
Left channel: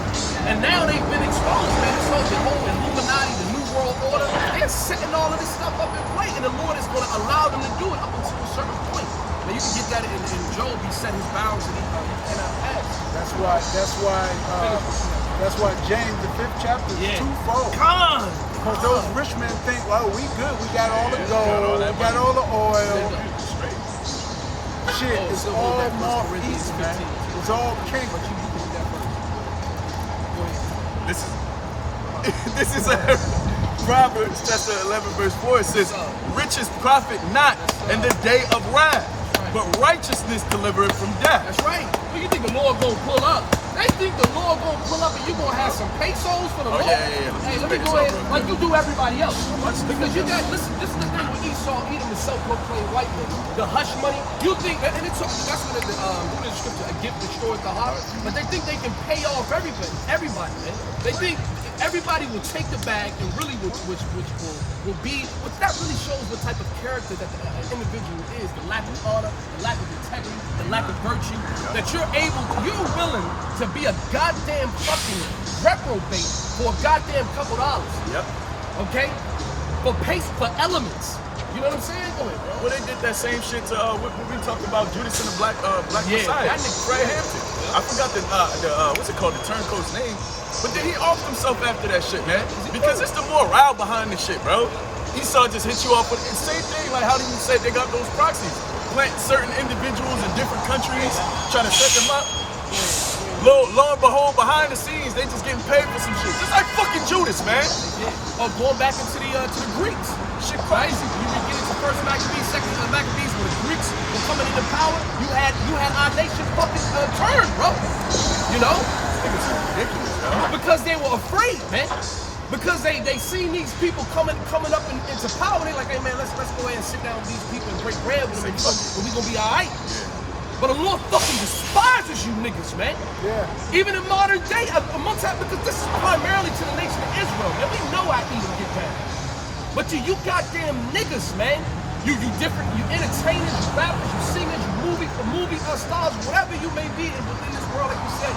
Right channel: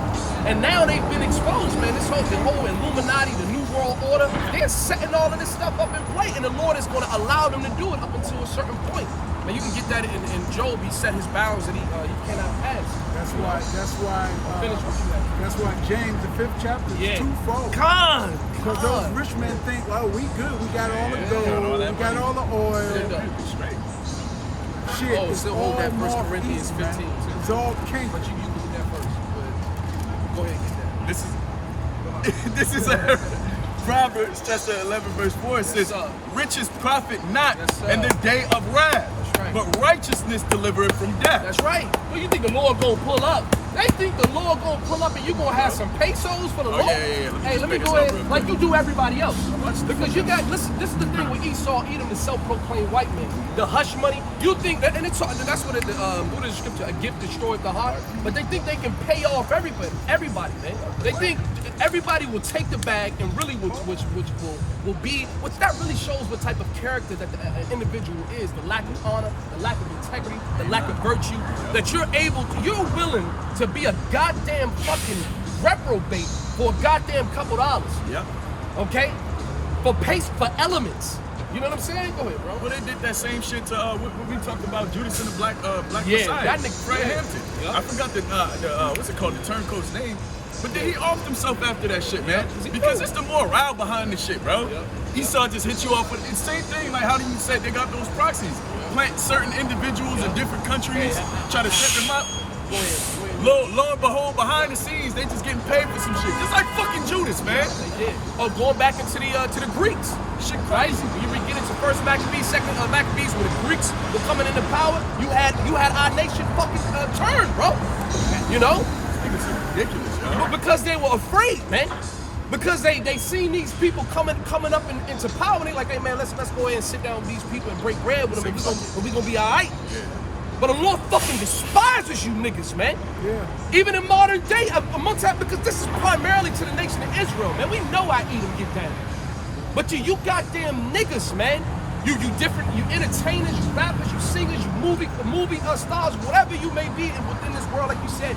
And now they've been exposed, man. The whole Illuminati, the New World Order, they're setting all of this stuff up in play, and the Lord is going to allow them to do it up until a certain point. Now you can get that in Job. He set his bounds that he cannot pass. That's why James, the 5th chapter, is twofold. Because those rich men think, well, we good. We got all the gold. We got all the oil. Shit, Oh, it's still all hold that 1 North Corinthians East, 15 man. too. It's all king. But you can get that first. But go ahead and get that. This is Proverbs chapter 11 verse 4. It says, sir. riches profit not Yes, sir. in the day of wrath, That's right. but righteousness delivereth from death. That's right. Well, you think the Lord gonna pull up? They think the Lord gonna pull up and you gonna have some pesos for the Lord? yeah. Hey, let me make go this up ahead, real like quick. you do everybody else. watch this Because you one. got, listen, this is the thing with Esau, Edom, the self-proclaimed white man. The hush money, you think that, and it's that's what what is the scripture? A gift destroys the heart. But they think they can pay off everybody, man. They think everybody will take the bag and really which will be, which that really shows what type of character that the individual is, the lack of honor, the lack of integrity, the lack of virtue, that you're willing to be a goddamn fucking reprobate for a goddamn couple dollars. Yep. Okay? For elements. You know what I'm saying? Go ahead, bro. Well, they did that same shit to when we talked about Judas and the Black Yeah, Messiah. that nigga- Fred yeah. Hampton. Yep. I forgot the what's it called, the turncoat's name. But then he offed himself after that shit, man. he Because do. it's the morale behind the shit, bro. Yep. Esau just hit you off with the same thing. Like, how do you say they got those proxies? Plant certain individuals in different countries, trying to set them up. Go ahead. Lo and behold, behind the scenes, they just getting paid for some shit. Just like fucking Judas, man. They did. Oh, going back into the Greeks. Shit crazy. When you get into first Maccabees, second Maccabees, when the Greeks were coming into power, you had our nation fucking turned, bro. You know? It's ridiculous, yo. Because they were afraid, man. Because they seen these people coming up into power, and they like, hey man, let's go ahead and sit down with these people and break bread with them, and we gonna be all right. Yeah. But the Lord fucking despises you niggas, man. Yeah. Even in modern day, amongst that, because this is primarily to the nation of Israel, man. We know how Edom get down. But you goddamn niggas, man. You different, you entertainers, you rappers, you singers, you movie stars, whatever you may be within this world, like you said,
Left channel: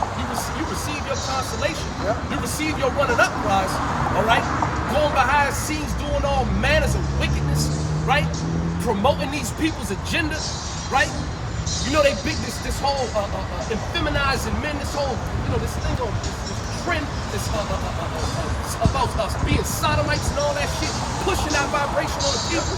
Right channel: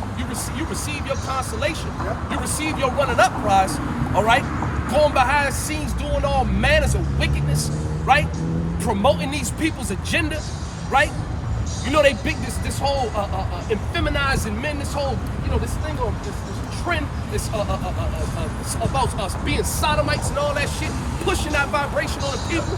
you receive your consolation. Yeah. You receive your running up prize, all right? Going behind the scenes, doing all manners of wickedness, right? Promoting these people's agenda, right? You know, they big this whole effeminizing men, this whole, you know, this thing on this trend, this about us being sodomites and all that shit, pushing that vibration on the people.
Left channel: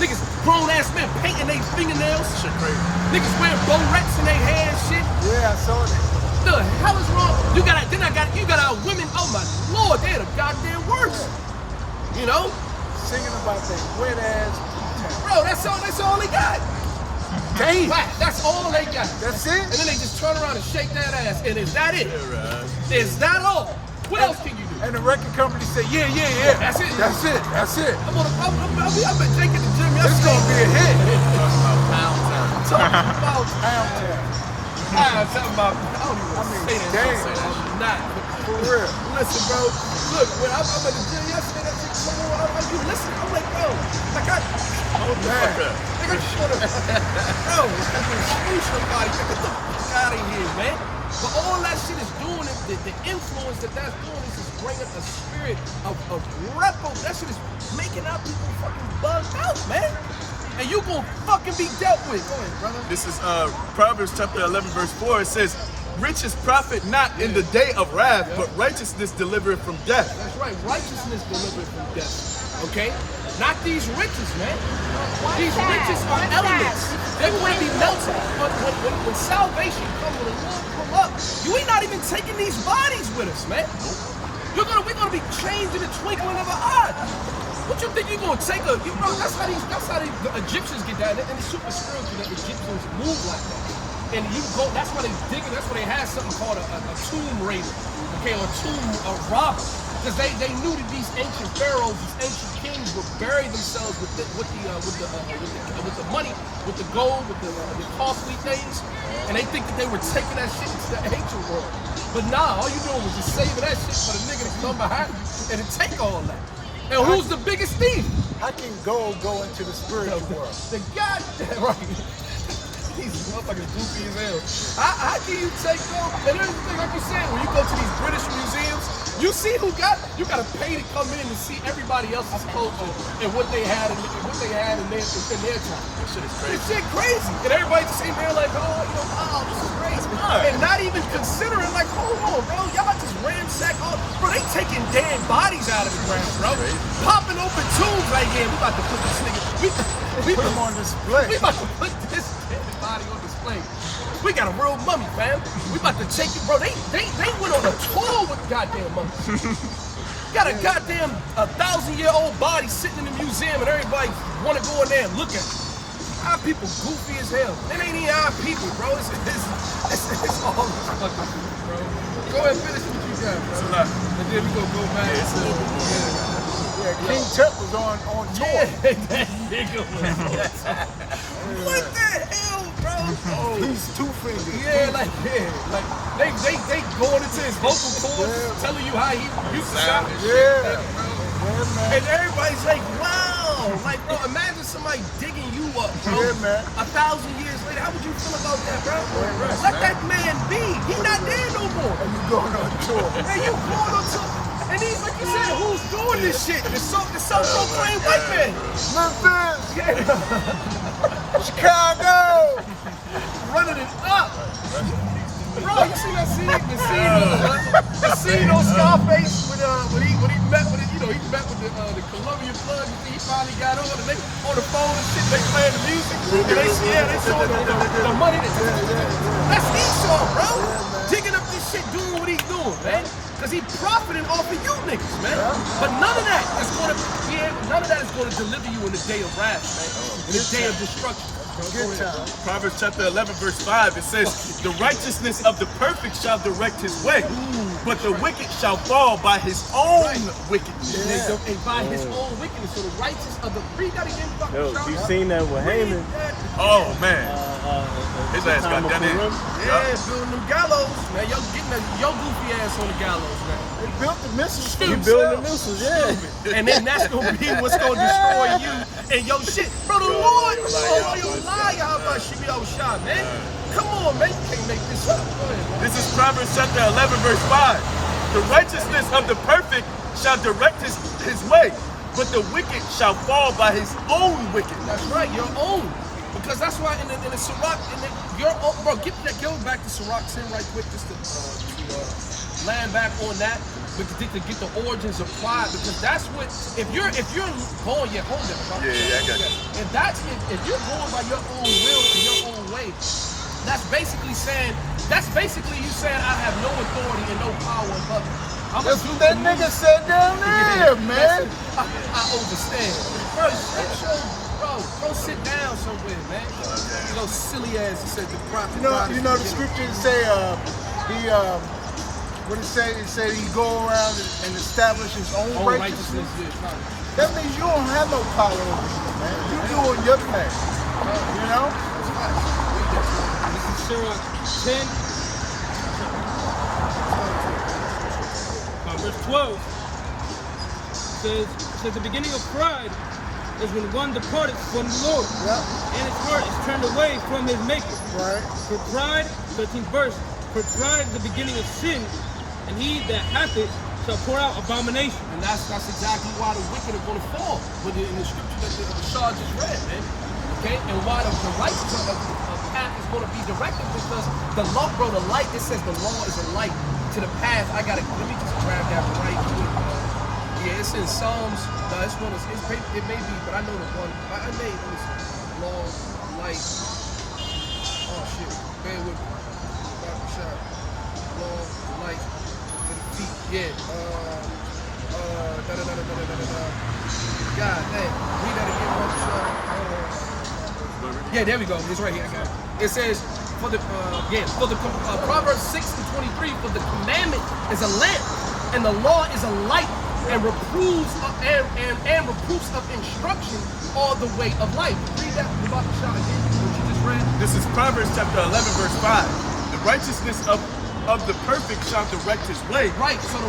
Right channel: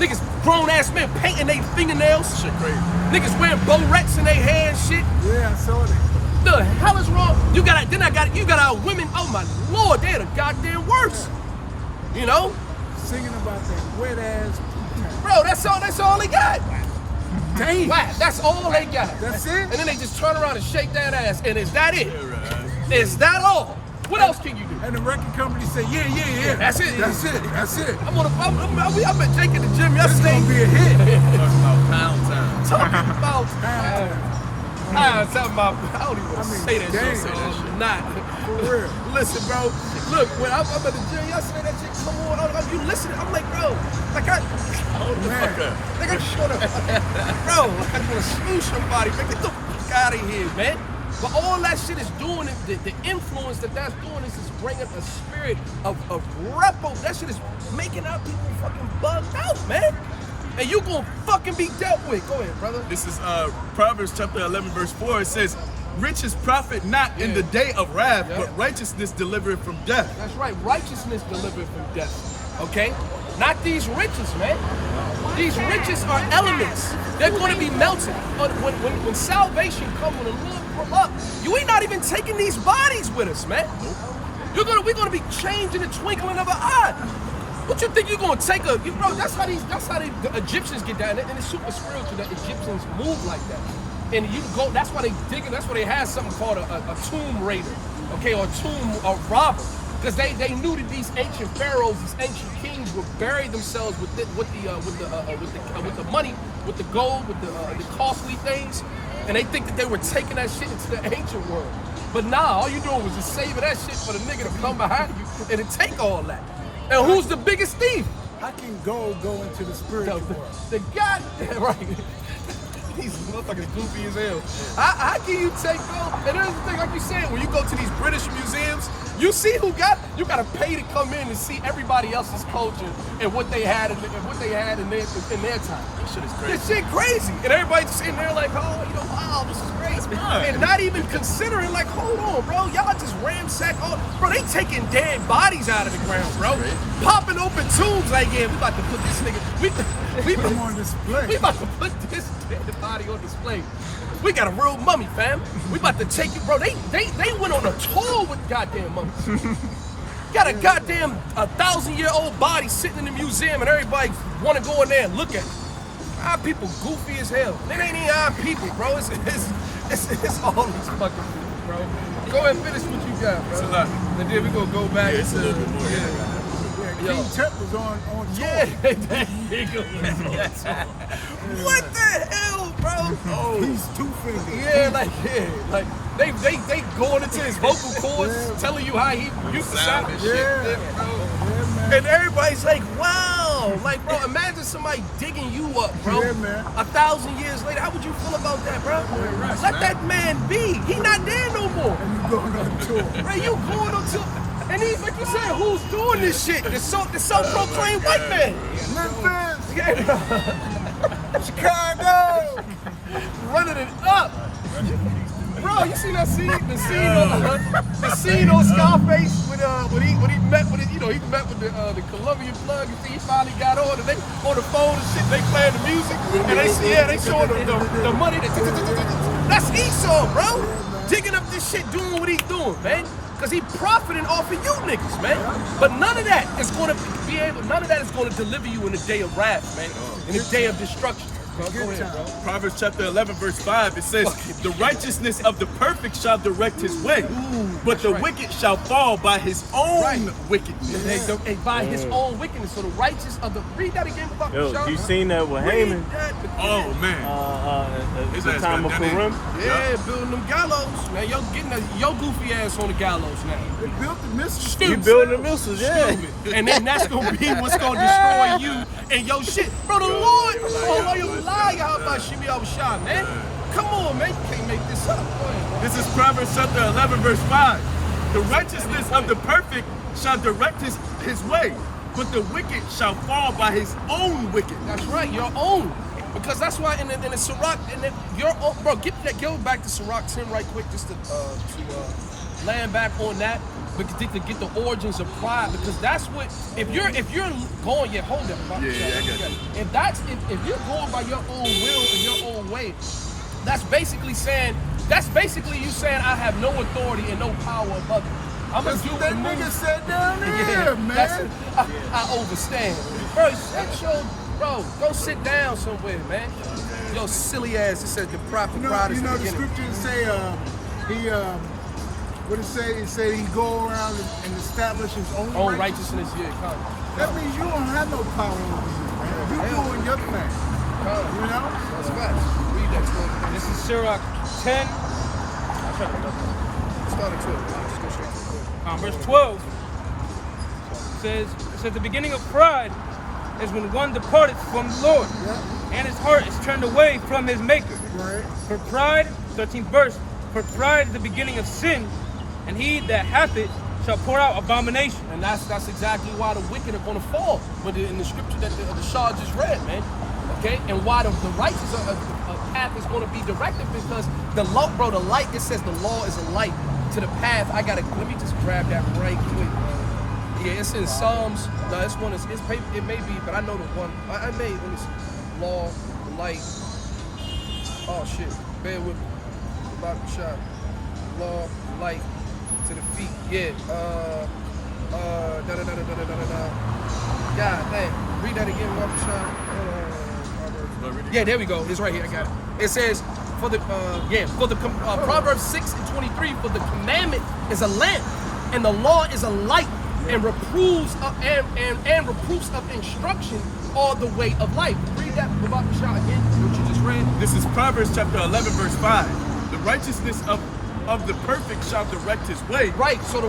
Niggas, grown ass men painting their fingernails. Shit crazy. Niggas wearing barrettes in their hair and shit. Yeah, I saw that. The hell is wrong? You got our women, oh my lord, they're the goddamn worst. You know? Singing about their wet ass. Bro, that's all they got. Damn. Whack, that's all they got. That's it? And then they just turn around and shake that ass. And is that it? Yeah, right. Is that all? What else can you do? And the record company said, yeah. That's it. That's it. I'm at Jake at the gym It's yesterday. gonna be a hit. Talking about pound time. Talking about, I don't even want to say that damn. shit, so I'm not. For real. Listen, bro. Look, when I'm at the gym yesterday, that shit come on. You listening? I'm like, bro. Like Hold the fuck up. Nigga, shut up. Bro, like I want to screw somebody. Man, get the fuck out of here, man. But all that shit is doing, the influence that's doing is bringing a spirit of repo. That shit is making our people fucking bugged out, man. And you gonna fucking be dealt with. Go ahead, brother. This is Proverbs chapter 11 verse 4. It says, riches profit not in the day of wrath, Yeah. but righteousness delivereth from death. That's right. Righteousness delivered from death. Okay? Not these riches, man. These riches are elements. They're going to be melted. When salvation comes, when the Lord pull up, you ain't not even taking these bodies with us, man. We're gonna be changed in the twinkling of an eye. What you think you're gonna take bro? That's how the Egyptians get down, and it's super spiritual that Egyptians move like that. And you go, that's why they dig it. That's why they had something called a tomb raider, okay, or a robber. Because they knew that these ancient pharaohs, these ancient kings would bury themselves with the money, with the gold, with the costly things, and they think that they were taking that shit into the ancient world. But nah, all you doing was just saving that shit for the nigga to come behind you and to take all that. And who's the biggest thief? how can gold go into the spiritual world? The goddamn right. These motherfuckers goofy as hell. How can you take Bill? And here's the thing, like you said, when you go to these British museums, you see you gotta pay to come in and see everybody else's culture and what they had in their time. This shit is crazy. This shit crazy. And everybody just sitting there like, oh, wow, this is great. And not even considering, like, hold on, bro. Y'all just ramsack all. Bro, they taking dead bodies out of the ground, bro. Popping open tombs like, yeah, we about to put this nigga. We Put them on display. we about to put this dead body on display. We got a real mummy, fam. We about to take you, bro. They went on a tour with goddamn mummies. Got a goddamn 1,000-year-old body sitting in the museum, and everybody want to go in there and look at it. Our people goofy as hell. It ain't even our people, bro. It's all these fucking people, bro. Go ahead and finish what you got, bro. And then we gonna go back. Yeah, it's a little bit more. King Tut was on tour. Yeah, that nigga was on tour. What the hell, bro? He's two-fingered. Yeah, like they going into his vocal cords, telling you how he used to sound and shit, bro. And everybody's like, wow, like, bro, imagine somebody digging you up, bro. 1,000 years later, how would you feel about that, bro? Let that man be. He not there no more. And you going on tour. Man, you going on tour. And he's like you said, who's doing this shit? The self-proclaimed white man. Chicago. Running it up. Bro, you seen that scene? The scene on Scarface when he met with it, he met with the Colombian plug. You see, he finally got on and they on the phone and shit. They playing the music and they showing the money. That's Esau, bro. Digging up this shit, doing what he's doing, man. Cause he profiting off of you niggas, man. But none of that is gonna deliver you in the day of wrath, man. In the day of destruction. Go ahead, bro. Proverbs chapter 11, verse 5, it says, the righteousness of the perfect shall direct his way, but the wicked shall fall by his own wickedness. And by his own wickedness. So the righteous of the, read that again, about You seen that with read Haman? that. Oh, man. His The ass time got of that in. Purim? Yeah, building them gallows. Now y'all getting your goofy ass on the gallows now. They built the missiles. He building the missiles, yeah. Stupid. And then that's gonna be what's gonna destroy you and your shit. Bro, the Lord, you lie, how about Shimi Awashai, man? Come on, man, you can't make this up. Go ahead, bro. This is Proverbs chapter 11, verse 5. The righteousness of the perfect shall direct his way, but the wicked shall fall by his own wickedness. That's right, your own. Because that's why in the Sirach, your own, bro, go back to Sirach 10 right quick, just to land back on that, but to get the origins of pride, because that's what, if you're going, hold that. I got you. If you're going by your own will and your own way, that's basically you saying I have no authority and no power above you. I'm gonna do That nigga said down there, man. I overstand. Bro, go sit down somewhere, man. Yo, silly ass. It says the prophet pride is You know the beginning. scriptures say what it say? It say he go around and establish his own righteousness. Yeah, come. That means you don't have no power over you, man. You doing your thing. You know? That's facts. Read that to him. This is Sirach 10, verse 12. It says the beginning of pride is when one departed from the Lord, and his heart is turned away from his maker. Right. For pride, 13th verse, for pride is the beginning of sin, and he that hath it shall pour out abomination. And that's exactly why the wicked are going to fall. But in the scripture that the Shah just read, man. Okay? And why the righteous path is going to be directed, because the law, bro, the light, it says the law is a light to the path. Let me just grab that right quick, bro. Yeah, it's in Psalms. No, this one it may be, but I know the one. Let me see. Law, light. Oh shit. Bear with me. About to be shot. Law, light to the feet. Yeah. God dang. Read that again, one shot. Hold on. Yeah, there we go. It's right here. I got it. It says Proverbs 6:23, for the commandment is a lamp, and the law is a light, and reproofs of instruction are the way of life. Read that about the shot again, what you just read. This is Proverbs chapter 11, verse 5. The righteousness of the perfect shall direct his way. Right. So the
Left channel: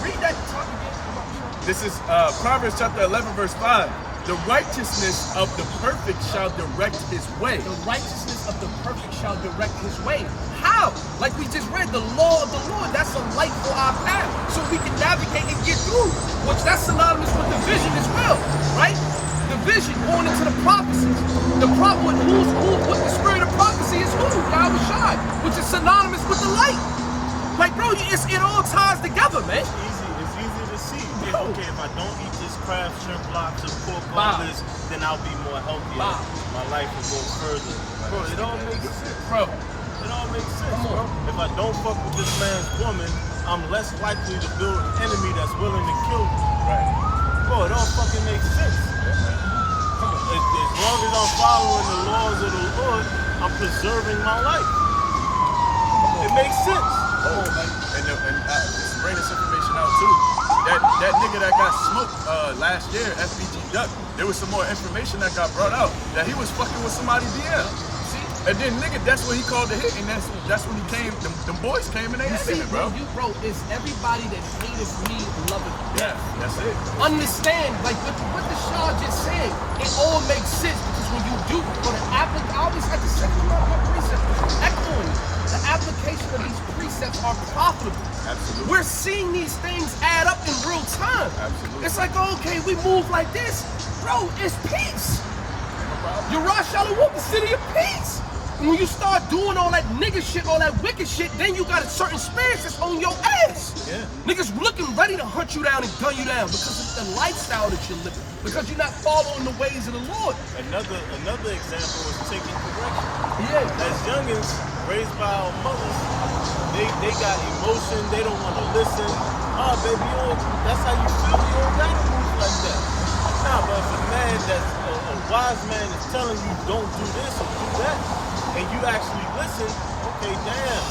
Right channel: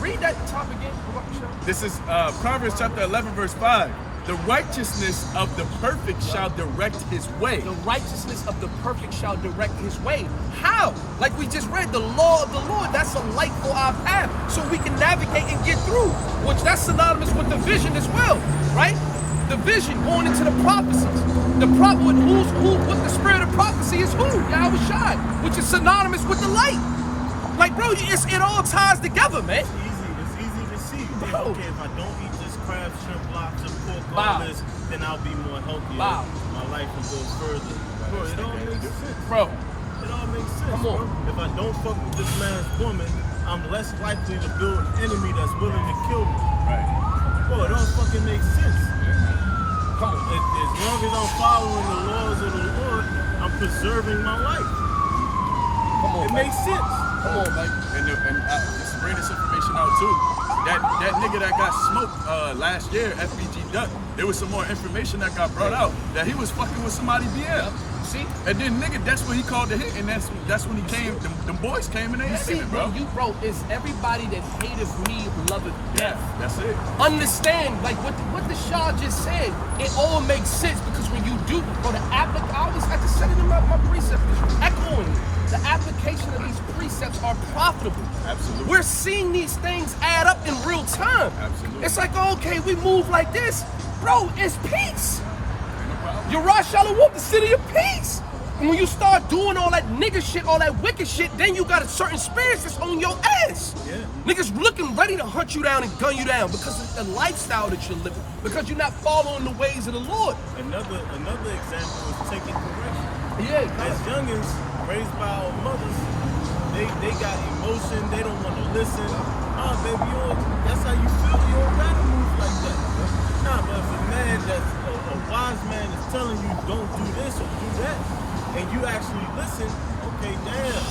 read that top again about the shot. This is Proverbs chapter 11, verse 5. The righteousness of the perfect shall direct his way. The righteousness of the perfect shall direct his way. How? Like we just read, the law of the Lord, that's a light for our path, so we can navigate and get through, which that's synonymous with the vision as well, right? The vision going into the prophecies. The what the spirit of prophecy is who? Yahweh Shai, which is synonymous with the light. Like, bro, it all ties together, man. It's easy to see. Bro. Okay, if I don't eat these crab, shrimp blocks, and pork Wow. burgers, then I'll be more healthier. Wow. My life will go further. Bro, it all makes sense. Bro, It all makes sense, Come on. bro. If I don't fuck with this man's woman, I'm less likely to build an enemy that's willing to kill me. Right. Bro, it all fucking makes sense. Yeah, man. come on. As long as I'm following the laws of the Lord, I'm preserving my life. Come on, It makes sense. Come on, baby. And just to bring this information out too. That nigga that got smoked last year, FBG Duck, there was some more information that got brought out that he was fucking with somebody BL. See? And then nigga, that's when he called the hit, and that's when he came. Them boys came and they You hit see, him, bro, bro. it's everybody that hateth me, loveth Yeah, death. that's it. Understand, like what the Shah just said, it all makes sense because when you do, bro, I just said it in my precept, echoing it. The application of these precepts are profitable. Absolutely. We're seeing these things add up in real time. Absolutely. It's like, okay, we move like this. Bro, it's peace. Ain't no problem. Yarash Shalom, the city of peace. And when you start doing all that nigga shit, all that wicked shit, then you got a certain spirits that's on your ass. Yeah. Niggas looking ready to hunt you down and gun you down because of the lifestyle that you're living, because you're not following the ways of the Lord. Another example is taking correction. Yeah, As youngins raised by our mothers, they got emotion, they don't want to listen. Oh, baby, that's how you feel, you don't gotta move like that. Nah, but if a man that's a wise man is telling you don't do this or do that, and you actually listen, okay, damn,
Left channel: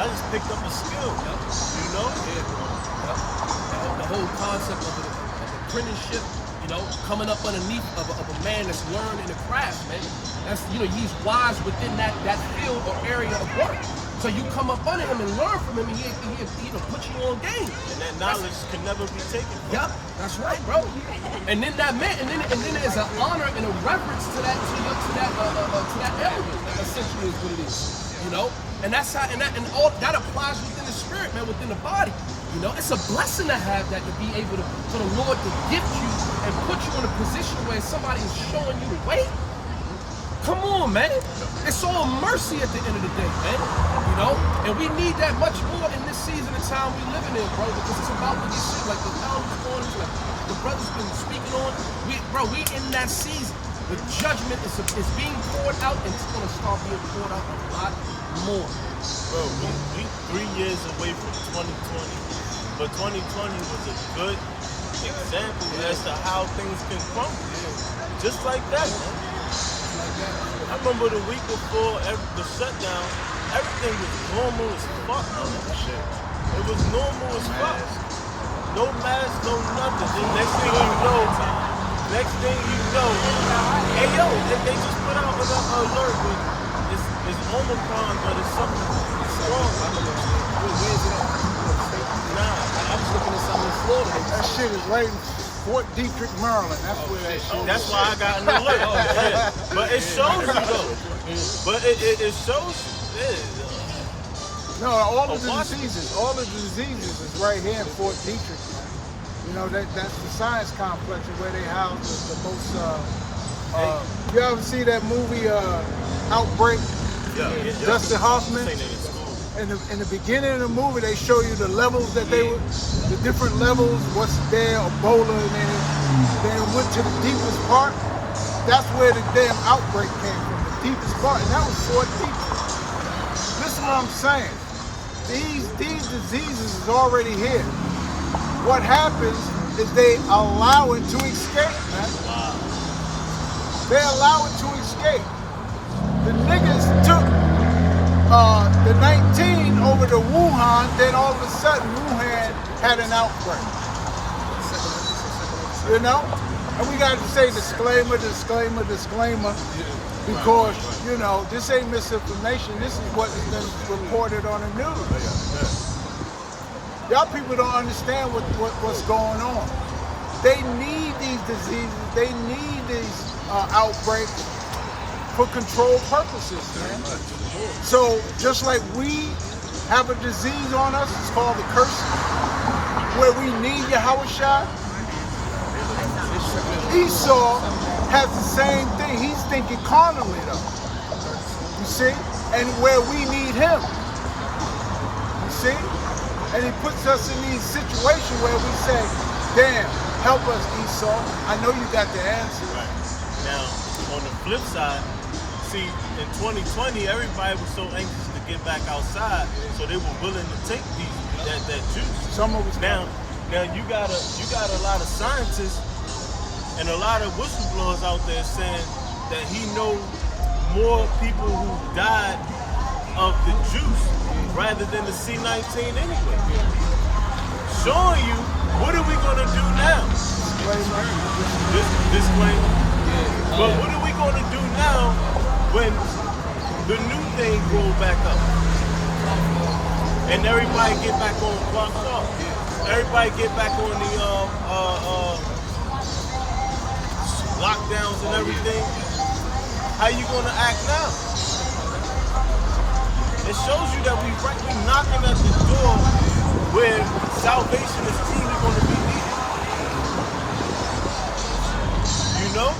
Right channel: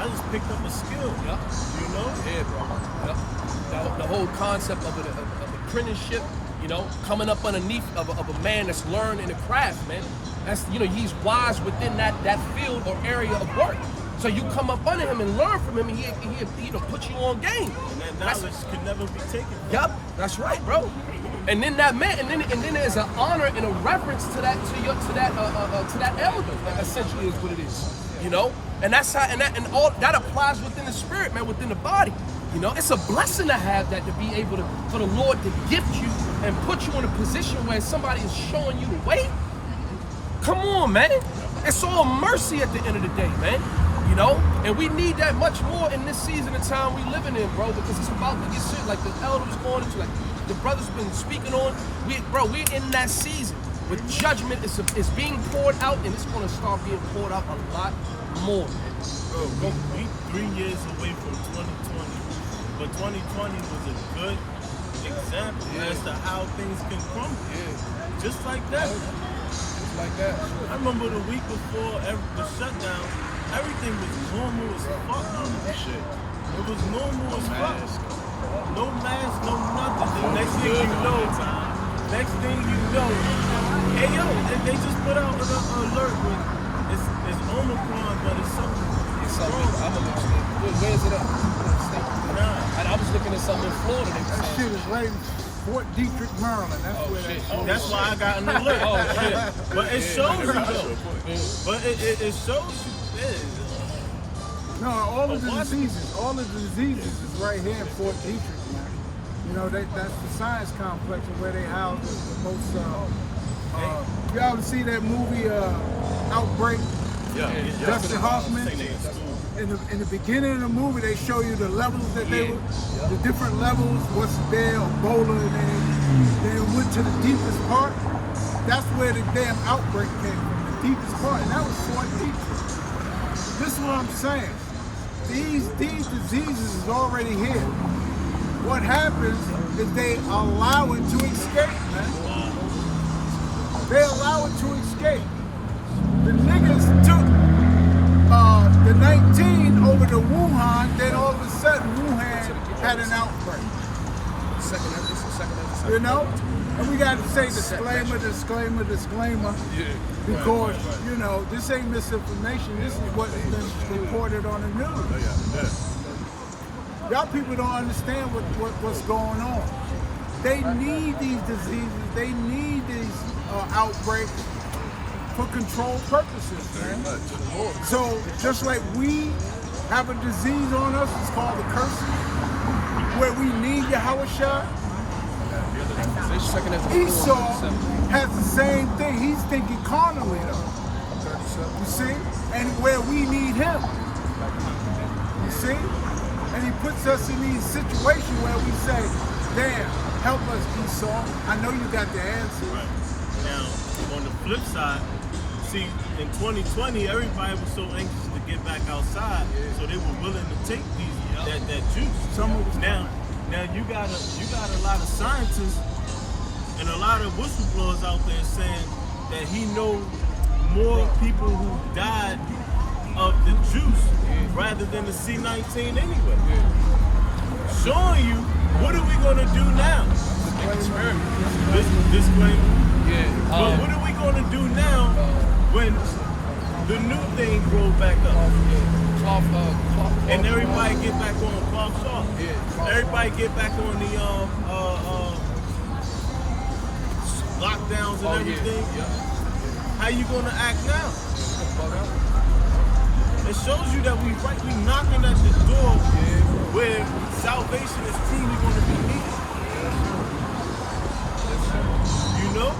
I just picked up a skill, Yup. you know? Yeah, bro. Yep. The whole concept of apprenticeship, you know, coming up underneath of a man that's learned in a craft, man. That's, you know, he's wise within that field or area of work. So you come up under him and learn from him, and he you know, put you on game. And that knowledge can never be taken from Yup, that's right, bro. And then that man, and then there's an honor and a reverence to that elder. Essentially, is what it is, you know. And that's how, and all that applies within the spirit, man, within the body. You know, it's a blessing to have that, to be able to, for the Lord to gift you and put you in a position where somebody is showing you the way. Come on, man. It's all mercy at the end of the day, man. You know, and we need that much more in this season of time we living in, bro, because it's about to get shit like the elders going into, like the brothers been speaking on. We're in that season where judgment is being poured out, and it's gonna start being poured out a lot more, man. Bro, we 3 years away from 2020, but 2020 was a good example as to how things can crumble. Yeah, Just like that. it's like that. I remember the week before the shutdown, everything was normal as fuck. It was normal as fuck. No mask, no nothing. The next thing you know, hey yo, they just put out an alert. It's Omicron, but it's something. It's something. I don't know. Where is it at? You know, the state? Nah. I was looking at something in Florida. They were That saying. shit is right in Fort Detrick, Maryland. That's Oh, where that shit. shit is. That's why I got an alert. Oh, shit. But it shows you though. But it shows you. No, all of the diseases is right here in Fort Detrick, man. You know, that's the science complex where they house the most. You ever see that movie Outbreak? Yeah. Dustin Hoffman. In the beginning of the movie, they show you the levels that the different levels, what's there, Ebola, and then it went to the deepest part. That's where the damn outbreak came from, the deepest part, and that was Fort Detrick. Listen to what I'm saying. These diseases is already here. What happens is they allow it to escape, man. They allow it to escape. The niggas took the 19 over to Wuhan, then all of a sudden Wuhan had an outbreak. You know? And we got to say disclaimer, because, you know, this ain't misinformation. This is what is reported on the news. Y'all people don't understand what's going on. they need these diseases, they need these outbreaks for control purposes. Very much. So just like we have a disease on us, it's called the curse, where we need Yahweh Shah, Esau has the same thing. He's thinking carnally though. You see? And where we need him. You see? And he puts us in these situations where we say, damn, help us, Esau. I know you got the answer. Right. Now, on the flip side, see, in 2020, everybody was so anxious to get back outside, so they were willing to take that juice. Some of us Now you got a lot of scientists and a lot of whistleblowers out there saying that he knows more people who died of the juice rather than the C19 anyway. Showing you, what are we gonna do now? Disclaimer. But what are we gonna do now when the new thing goes back up? And everybody get back on clock off. Everybody get back on the lockdowns and everything. How you gonna act now? It shows you that we knocking at the door where salvation is truly gonna be needed. You know?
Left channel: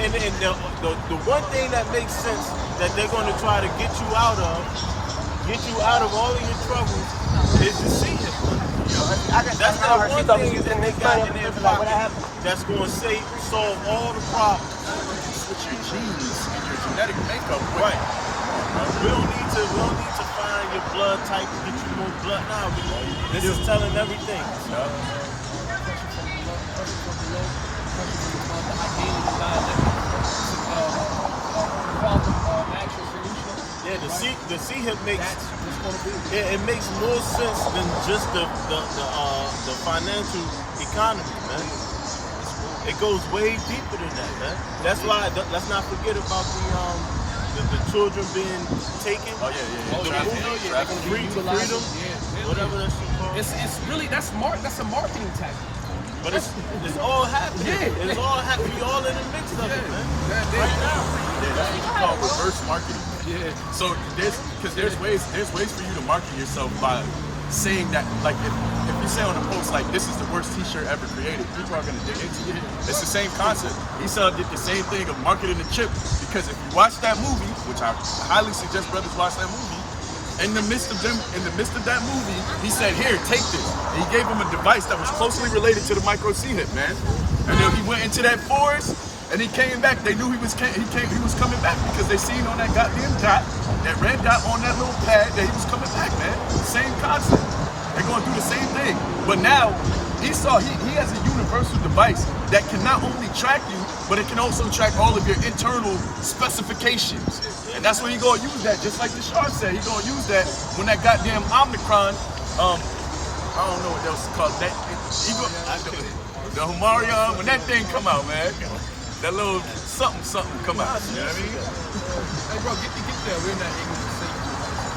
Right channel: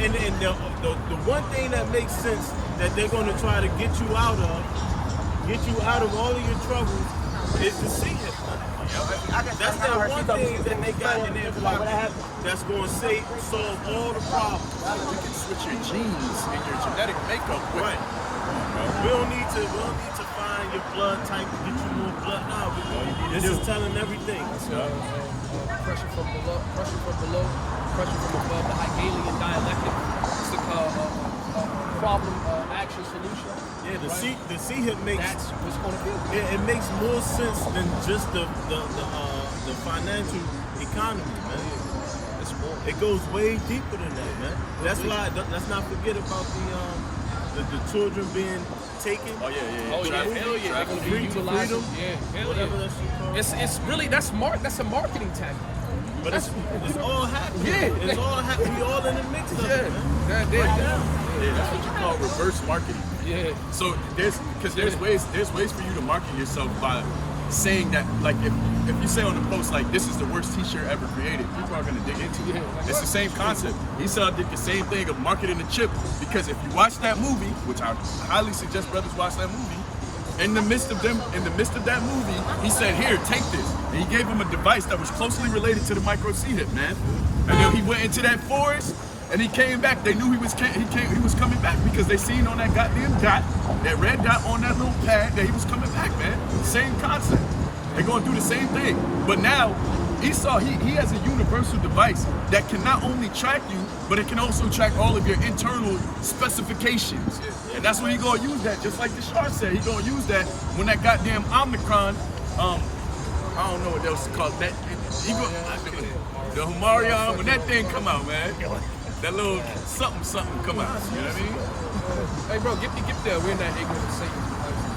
And the one thing that makes sense that they're gonna try to get you out of all of your troubles is to see it. That's the one thing that they got in their pocket that's going to solve all the problems. You can switch your genes and your genetic makeup with. Right. We don't need to find your blood type to get you more blood now. This is telling everything. Pressure from below, pressure from above, the Hegelian dialectic. It's a problem action solution. Yeah, the C-hip makes That's what's going to be. Yeah, it makes more sense than just the financial economy, man. It's more. It goes way deeper than that, man. That's why let's not forget about the children being taken. Oh yeah, hell yeah, they're gonna be utilizing. Yeah, hell Whatever yeah. that shit called. It's really that's a marketing tactic. But it's all happening. Yeah. It's all happening. We all in the mix of it, man. Yeah, that's what you call reverse marketing. Yeah. So there's ways for you to market yourself by saying that, like if you say on a post like this is the worst t-shirt ever created, people are gonna dig into it. It's the same concept. Esau did the same thing of marketing the chip, because if you watch that movie, which I highly suggest brothers watch that movie, in the midst of that movie, he said, "Here, take this." And he gave him a device that was closely related to the micro C-hip, man. And then he went into that forest and he came back. They knew he was coming back because they seen on that goddamn dot, that red dot on that little pad, that he was coming back, man. Same concept. They're gonna do the same thing. But now Esau, he has a universal device that can not only track you, but it can also track all of your internal specifications. And that's when he gonna use that, just like the Shard said, he gonna use that when that goddamn Omicron, I don't know what that was called, the Humarion, when that thing come out, man, that little something come out, you know what I mean? Hey bro, get there. We're not ignorant of Satan's devices.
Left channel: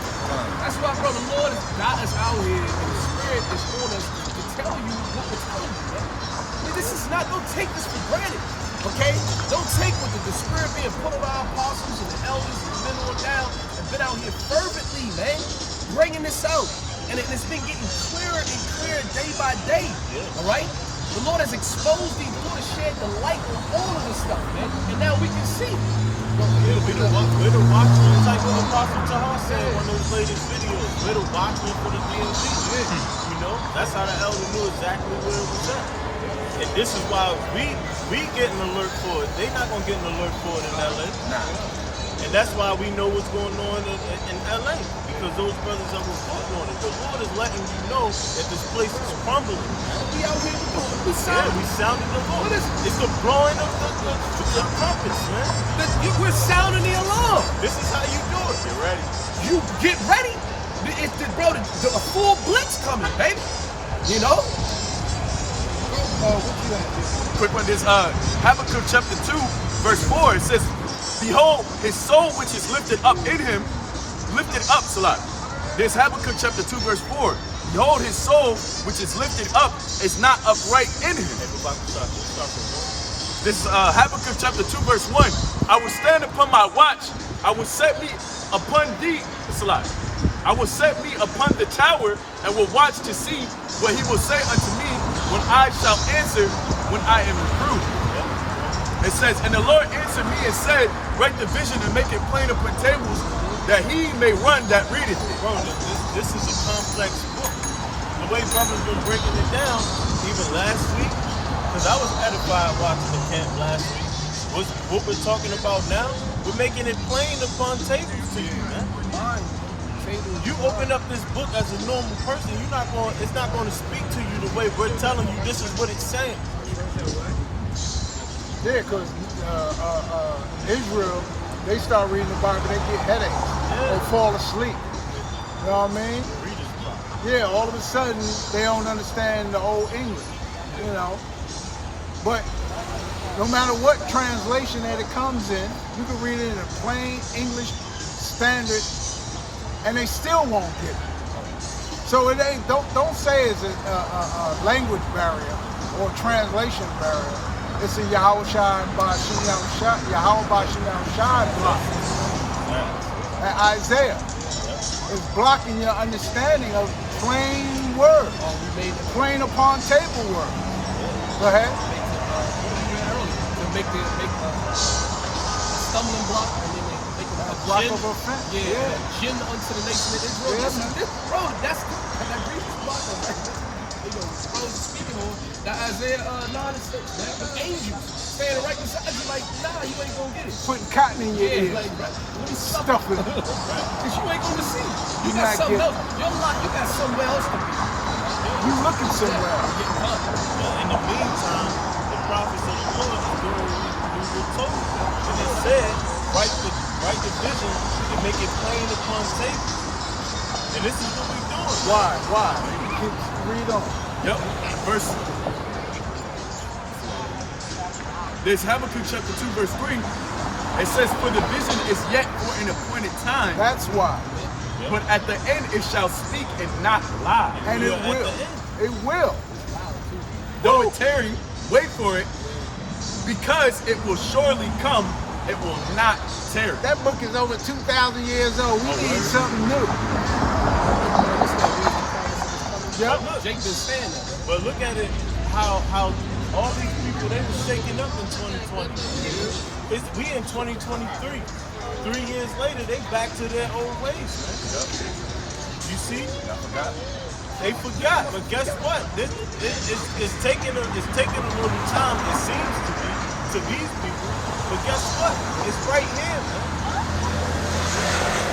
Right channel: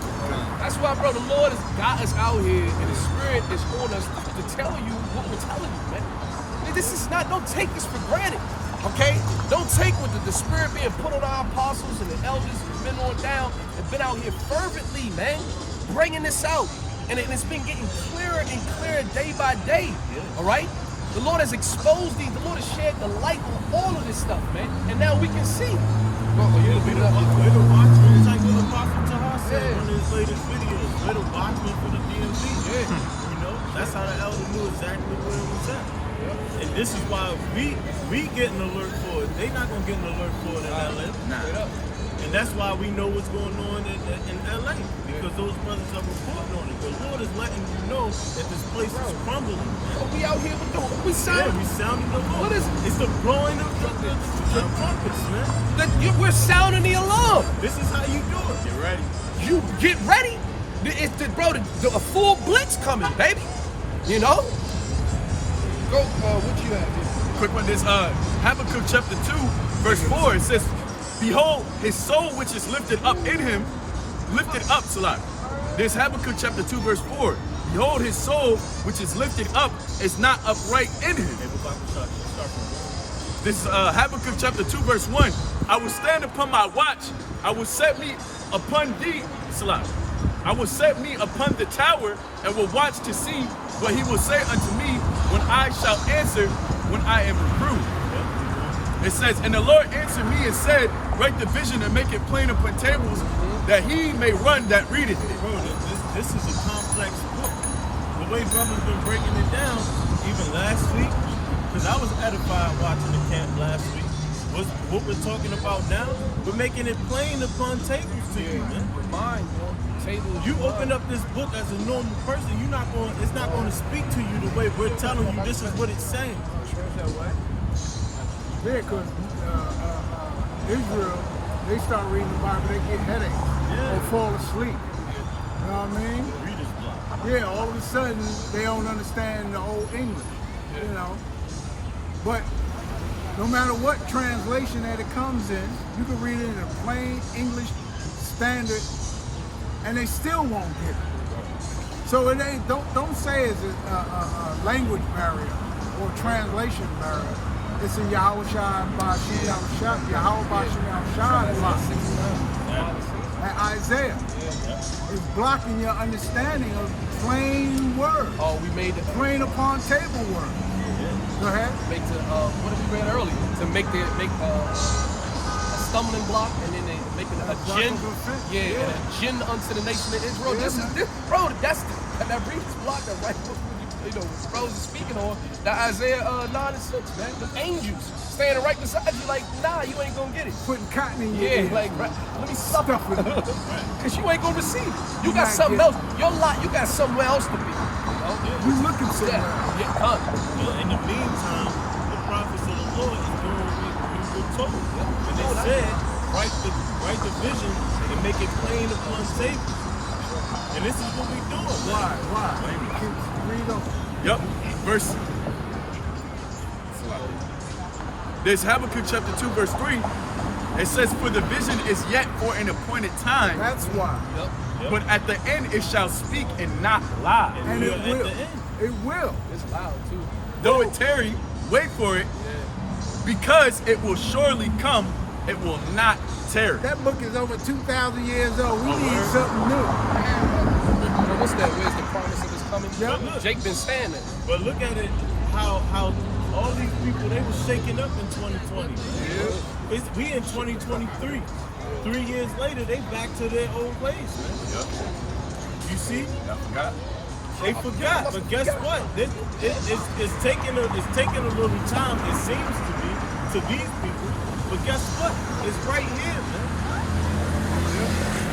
That's why, bro, the Lord has got us out here, and the Spirit is on us to tell you what we're telling you, man. Don't take this for granted, okay? Don't take what the Spirit being put on our apostles and the elders and the men on down and been out here fervently, man, bringing this out. And it's been getting clearer and clearer day by day, all right? The Lord has exposed these. The Lord has shed the light on all of this stuff, man. And now we can see. Bro, We're the watchmen, like what Apostle Tahar said in one of his latest videos. We're the watchmen for the DMV. Yeah. You know, that's how the elder knew exactly where it was at. And this is why we get an alert for it. They're not gonna get an alert for it in LA. Nah. And that's why we know what's going on in LA. Because those brothers are reporting on it. The Lord is letting you know that this place is crumbling. We out here with we sound. We sounding the Lord. What is it? It's the blowing of the trumpets, man. We're sounding the alarm. This is how you do it. Get ready. You get ready. A full blitz coming, baby. You know? Go, what you have here? Quick one, this Habakkuk chapter 2, verse 4, it says, "Behold, his soul which is lifted up in him, lifted up, Salah." This Habakkuk chapter 2, verse 4. behold, his soul, which is lifted up, is not upright in him. This is Habakkuk chapter 2, verse 1. I will stand upon my watch. I will set me upon thee, Salah. I will set me upon the tower and will watch to see what he will say unto me when I shall answer when I am reproved. It says, and the Lord answered me and said, write the vision and make it plain upon tables, that he may run that readeth it. Bro, this is a complex book. The way brother's been breaking it down, even last week, because I was edified watching the camp last week. What we're talking about now, we're making it plain upon tables to you, man. The mind, man. Tables. You open up this book as a normal person, it's not going to speak to you the way we're telling you this is what it's saying. Yeah, because Israel, they start reading the Bible, they get headaches. They fall asleep. You know what I mean? Reader's block. Yeah, all of a sudden, they don't understand the old English, you know. But no matter what translation that it comes in, you can read it in a plain English standard, and they still won't get it. So it ain't, don't say it's a language barrier or translation barrier. It's a Yahweh Shai Yahweh Shai and Isaiah. It's blocking your understanding of plain word. Oh, we made it. Plain upon table word. Go ahead. Make the what we read earlier to make a stumbling block, and then they making a Block gin. of offense. Yeah, and a gin unto the nation of Israel. This is this, bro. That's that reads block of right. You know, bro is speaking on that Isaiah 9 and 6, man. The angels standing right beside you, like, nah, you ain't gonna get it. Putting cotton in your Yeah, ear. like, right, let me stuff Stuff it. it. Cause you ain't gonna receive it. You You're got not something getting else. Your lot, you got somewhere else to be. You looking somewhere. Yeah, In the meantime, the prophets of the Lord is doing what we were told. And they said, write the vision and make it plain upon tape. And this is what we're doing. Why? Where you going? Yep. Verse. This Habakkuk chapter 2, verse 3. It says, for the vision is yet for an appointed time, That's why. but at the end it shall speak and not lie. And it At will. the end. It will. it's loud too. Though it tarry, wait for it, because it will surely come, it will not tarry. That book is over 2,000 years old. We need word? something new. And what's that? Where's the promise of his coming? Yeah. Jake been saying that. But look at it, how all these people, they were shaking up in 2020. We in 2023. 3 years later, they back to their old ways, man. Yep. You see? I forgot. They forgot, but guess what? It's taking a little time, it seems to be, to these people. But guess what? It's right here, man.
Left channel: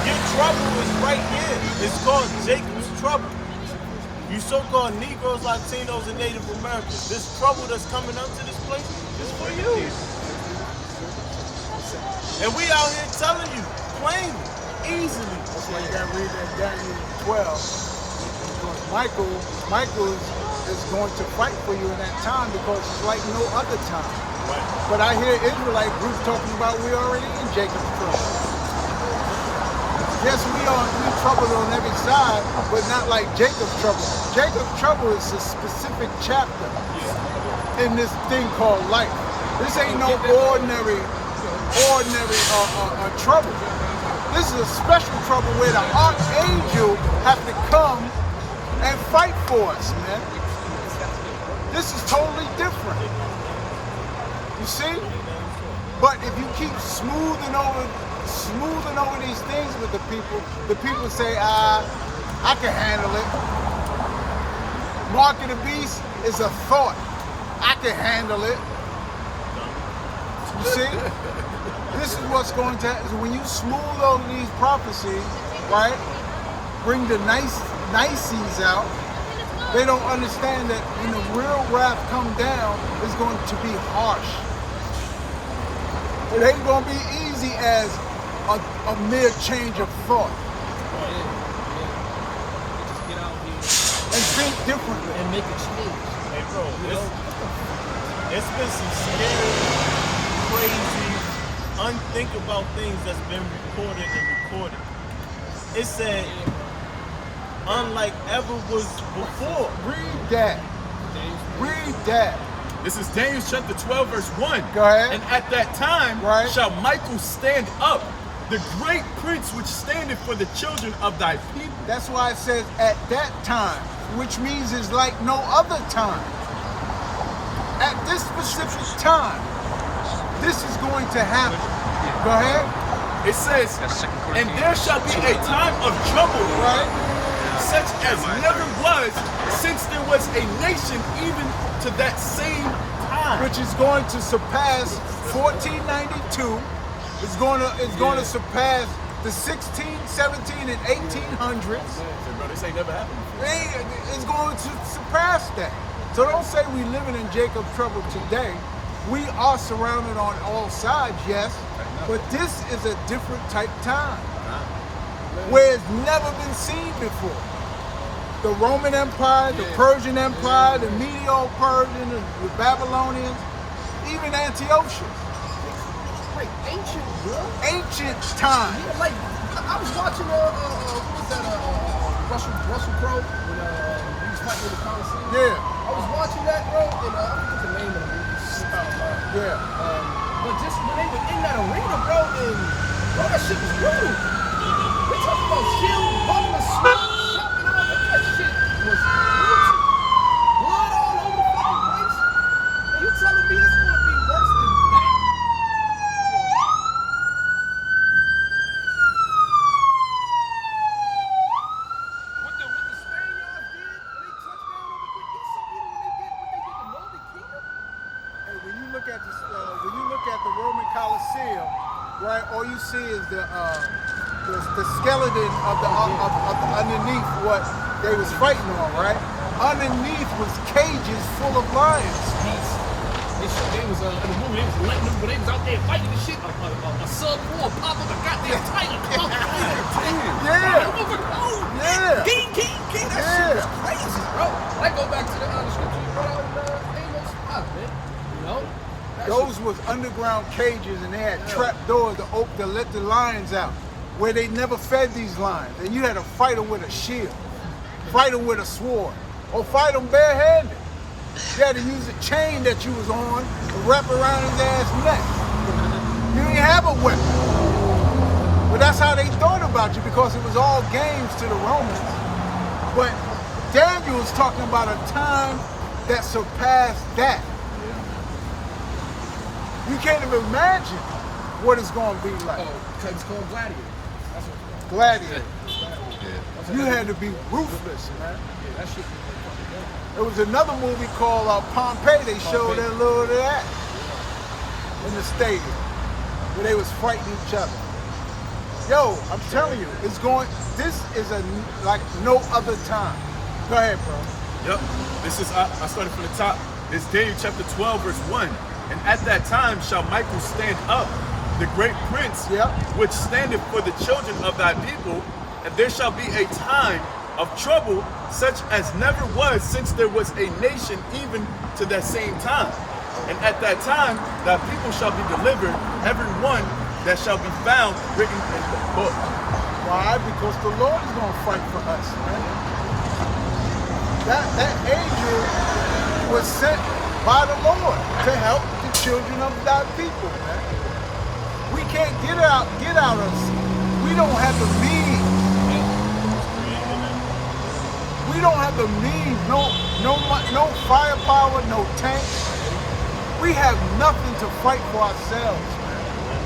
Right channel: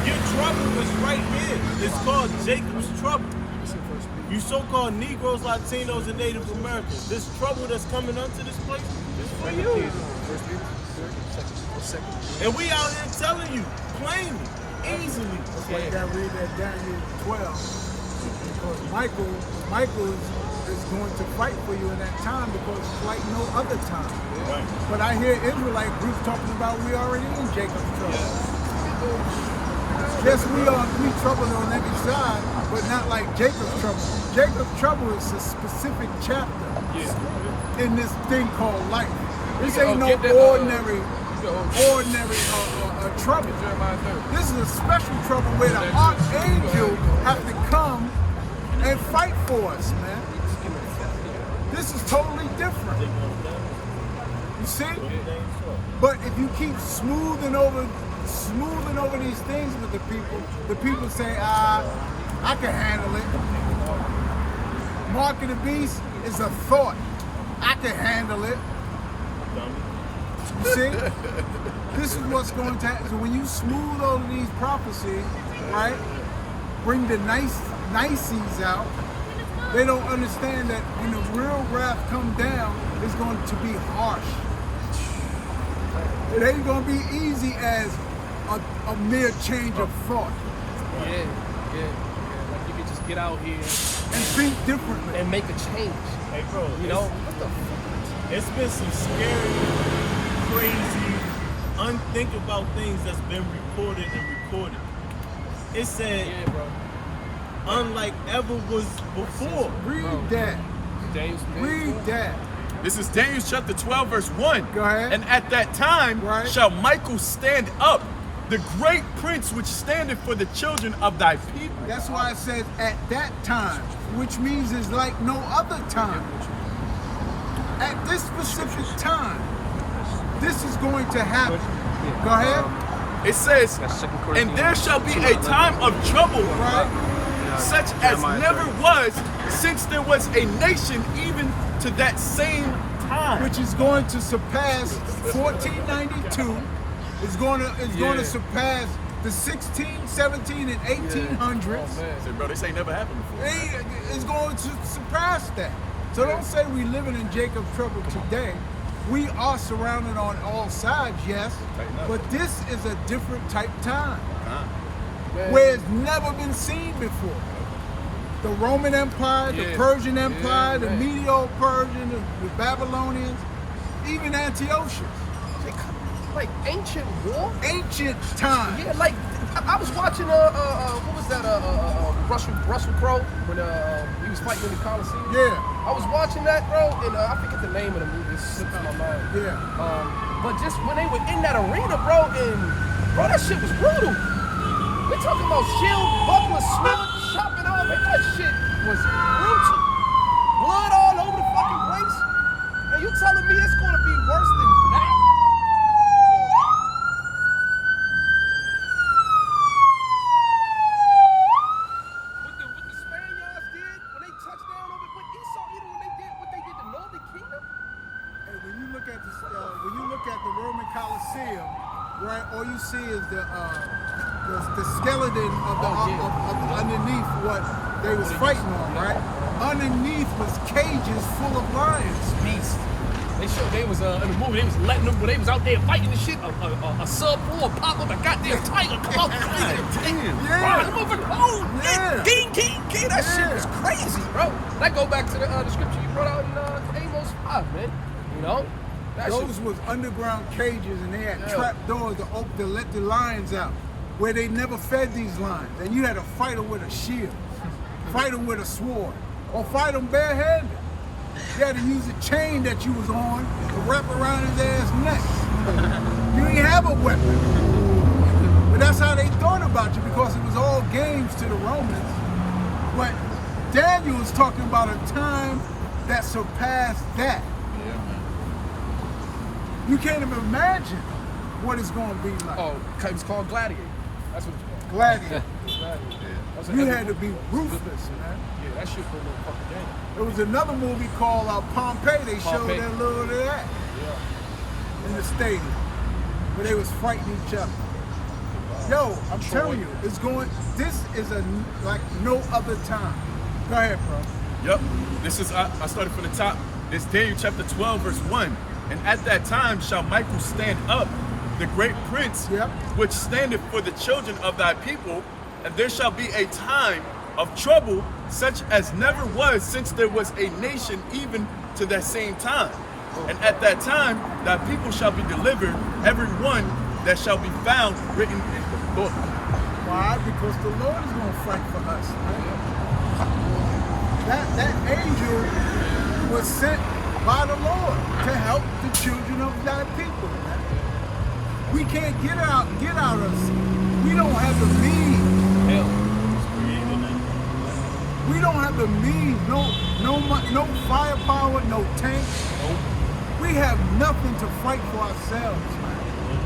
Your trouble is right here. It's called Jacob's trouble. You so-called Negroes, Latinos, and Native Americans. This trouble that's coming up to this place is for you. And we out here telling you plainly, easily. That's why you gotta read that Daniel 12. Because Michael is going to fight for you in that time because it's like no other time. Right. But I hear Israelite groups talking about we're already in Jacob's trouble. Yes, we troubled on every side, but not like Jacob's trouble. Jacob's trouble is a specific chapter in this thing called life. This ain't no ordinary trouble. This is a special trouble where the archangel have to come and fight for us, man. This is totally different. You see? But if you keep smoothing over these things with the people say, I can handle it. Mark of the beast is a thought. I can handle it. You see? This is what's going to happen. So when you smooth over these prophecies, right? Bring the niceties out. They don't understand that when the real wrath come down, it's going to be harsh. It ain't going to be easy as a mere change of thought. Yeah. Like you can just get out here And think differently. and make a change. Hey, bro, You know, what the fuck? it's been some scary, crazy, unthinkable things that's been recorded. It said, Yeah, bro. unlike ever was before. Read that. Read that. This is Daniel chapter 12, verse 1. Go ahead. And at that time Right. shall Michael stand up, the great prince which standeth for the children of thy people. That's why it says at that time, which means it's like no other time. At this specific time, this is going to happen. Go ahead. It says, and there shall be a time of trouble, Right. such as never was since there was a nation even to that same time. Which is going to surpass 1492. It's going to surpass the 16, 17, and 1800s. Say, bro, this ain't never happened before. It's going to surpass that. So don't say we living in Jacob's trouble today. We are surrounded on all sides, yes, but this is a different type time where it's never been seen before. The Roman Empire, the Persian Empire, the Medo-Persian, the Babylonians, even Antiochus. Like ancient war? Ancient time. Yeah, like I was watching what was that Russell Crowe when he was fighting in the Coliseum. Yeah. I was watching that, bro, and I forget the name of the movie. It's slipped out of my mind. Yeah. But just when they were in that arena, bro, and bro, that shit was brutal. We talking about shield, buckler, sword, chopping all that. That shit was brutal. Blood all over the fucking place. And you telling me it's gonna be worse than that? What the Spaniards did when they touched down over with Esau, even when they did what they did to Northern Kingdom. Hey, when you look at the Roman Coliseum, right? All you see is the skeleton of the underneath what they was fighting on, right? Underneath was cages full of lions. Beast. They was in the movie. They was letting them when they was out there fighting the shit. A sub 4 pop up a goddamn tiger come out. Yeah. Yeah. King. That shit was crazy, bro. That go back to the scripture you brought out in Amos 5, man. You know. Those was underground cages, and they had trap doors to let the lions out, where they never fed these lions. And you had to fight them with a shield, fight them with a sword, or fight them barehanded. You had to use a chain that you was on to wrap around his ass neck. You didn't have a weapon. But that's how they thought about you, because it was all games to the Romans. But Daniel was talking about a time that surpassed that. You can't even imagine what it's going to be like. Oh, it's called Gladiator. That's what it's called. Gladiator. Yeah. You had to be ruthless, man. Yeah, that shit was a fucking game. There was another movie called Pompeii. They showed Pompeii. a little of that in the stadium where they was fighting each other. Yo, I'm telling you, this is like no other time. Go ahead, bro. Yep. This is, I started from the top. This Daniel chapter 12, verse 1. And at that time shall Michael stand up, the great prince, which standeth for the children of thy people, and there shall be a time of trouble such as never was since there was a nation even to that same time. And at that time thy people shall be delivered, every one that shall be found written in the book. Why? Because the Lord is going to fight for us, man. That angel was sent by the Lord to help the children of thy people, man. We can't get out of us. We don't have the means. We don't have the means. No firepower, no tanks. We have nothing to fight for ourselves, man.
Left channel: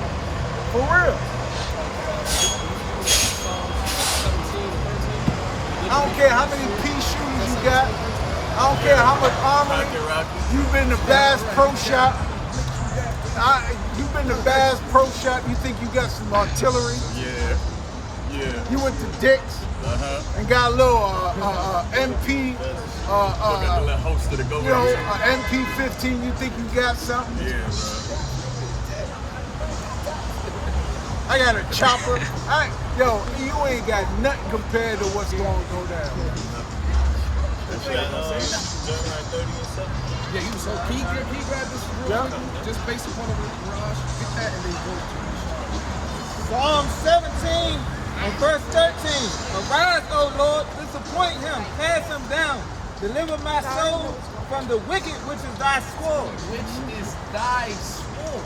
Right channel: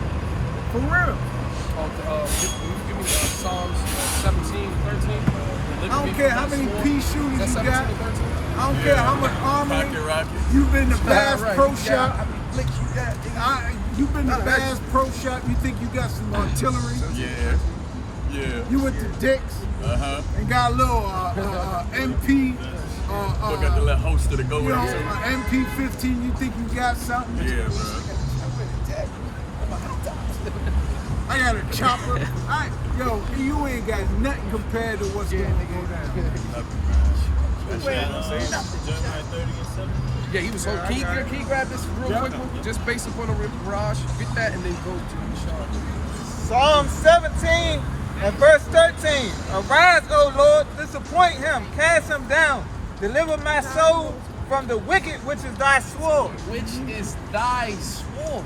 For real. Give me Psalms 17 and 13. I don't care how many pea shooters you got. 17 and 13. I don't care how much armor. Rocket. You've been to Bass Pro Shop. How many flicks you got? You've been to Bass Pro Shop. You think you got some artillery. Yeah. You went to Dick's and got a little MP. Look at the little holster to go with it. MP15. You think you got something? Yeah, bro. I got a chopper. You ain't got nothing compared to what's going to go down. Yeah, he was so key. Can you grab this real quick, just based upon the garage? Get that and then go to the shop. Psalm 17, And verse 13, arise, O Lord, disappoint him, cast him down, deliver my soul from the wicked, which is thy sword. Which is thy sword.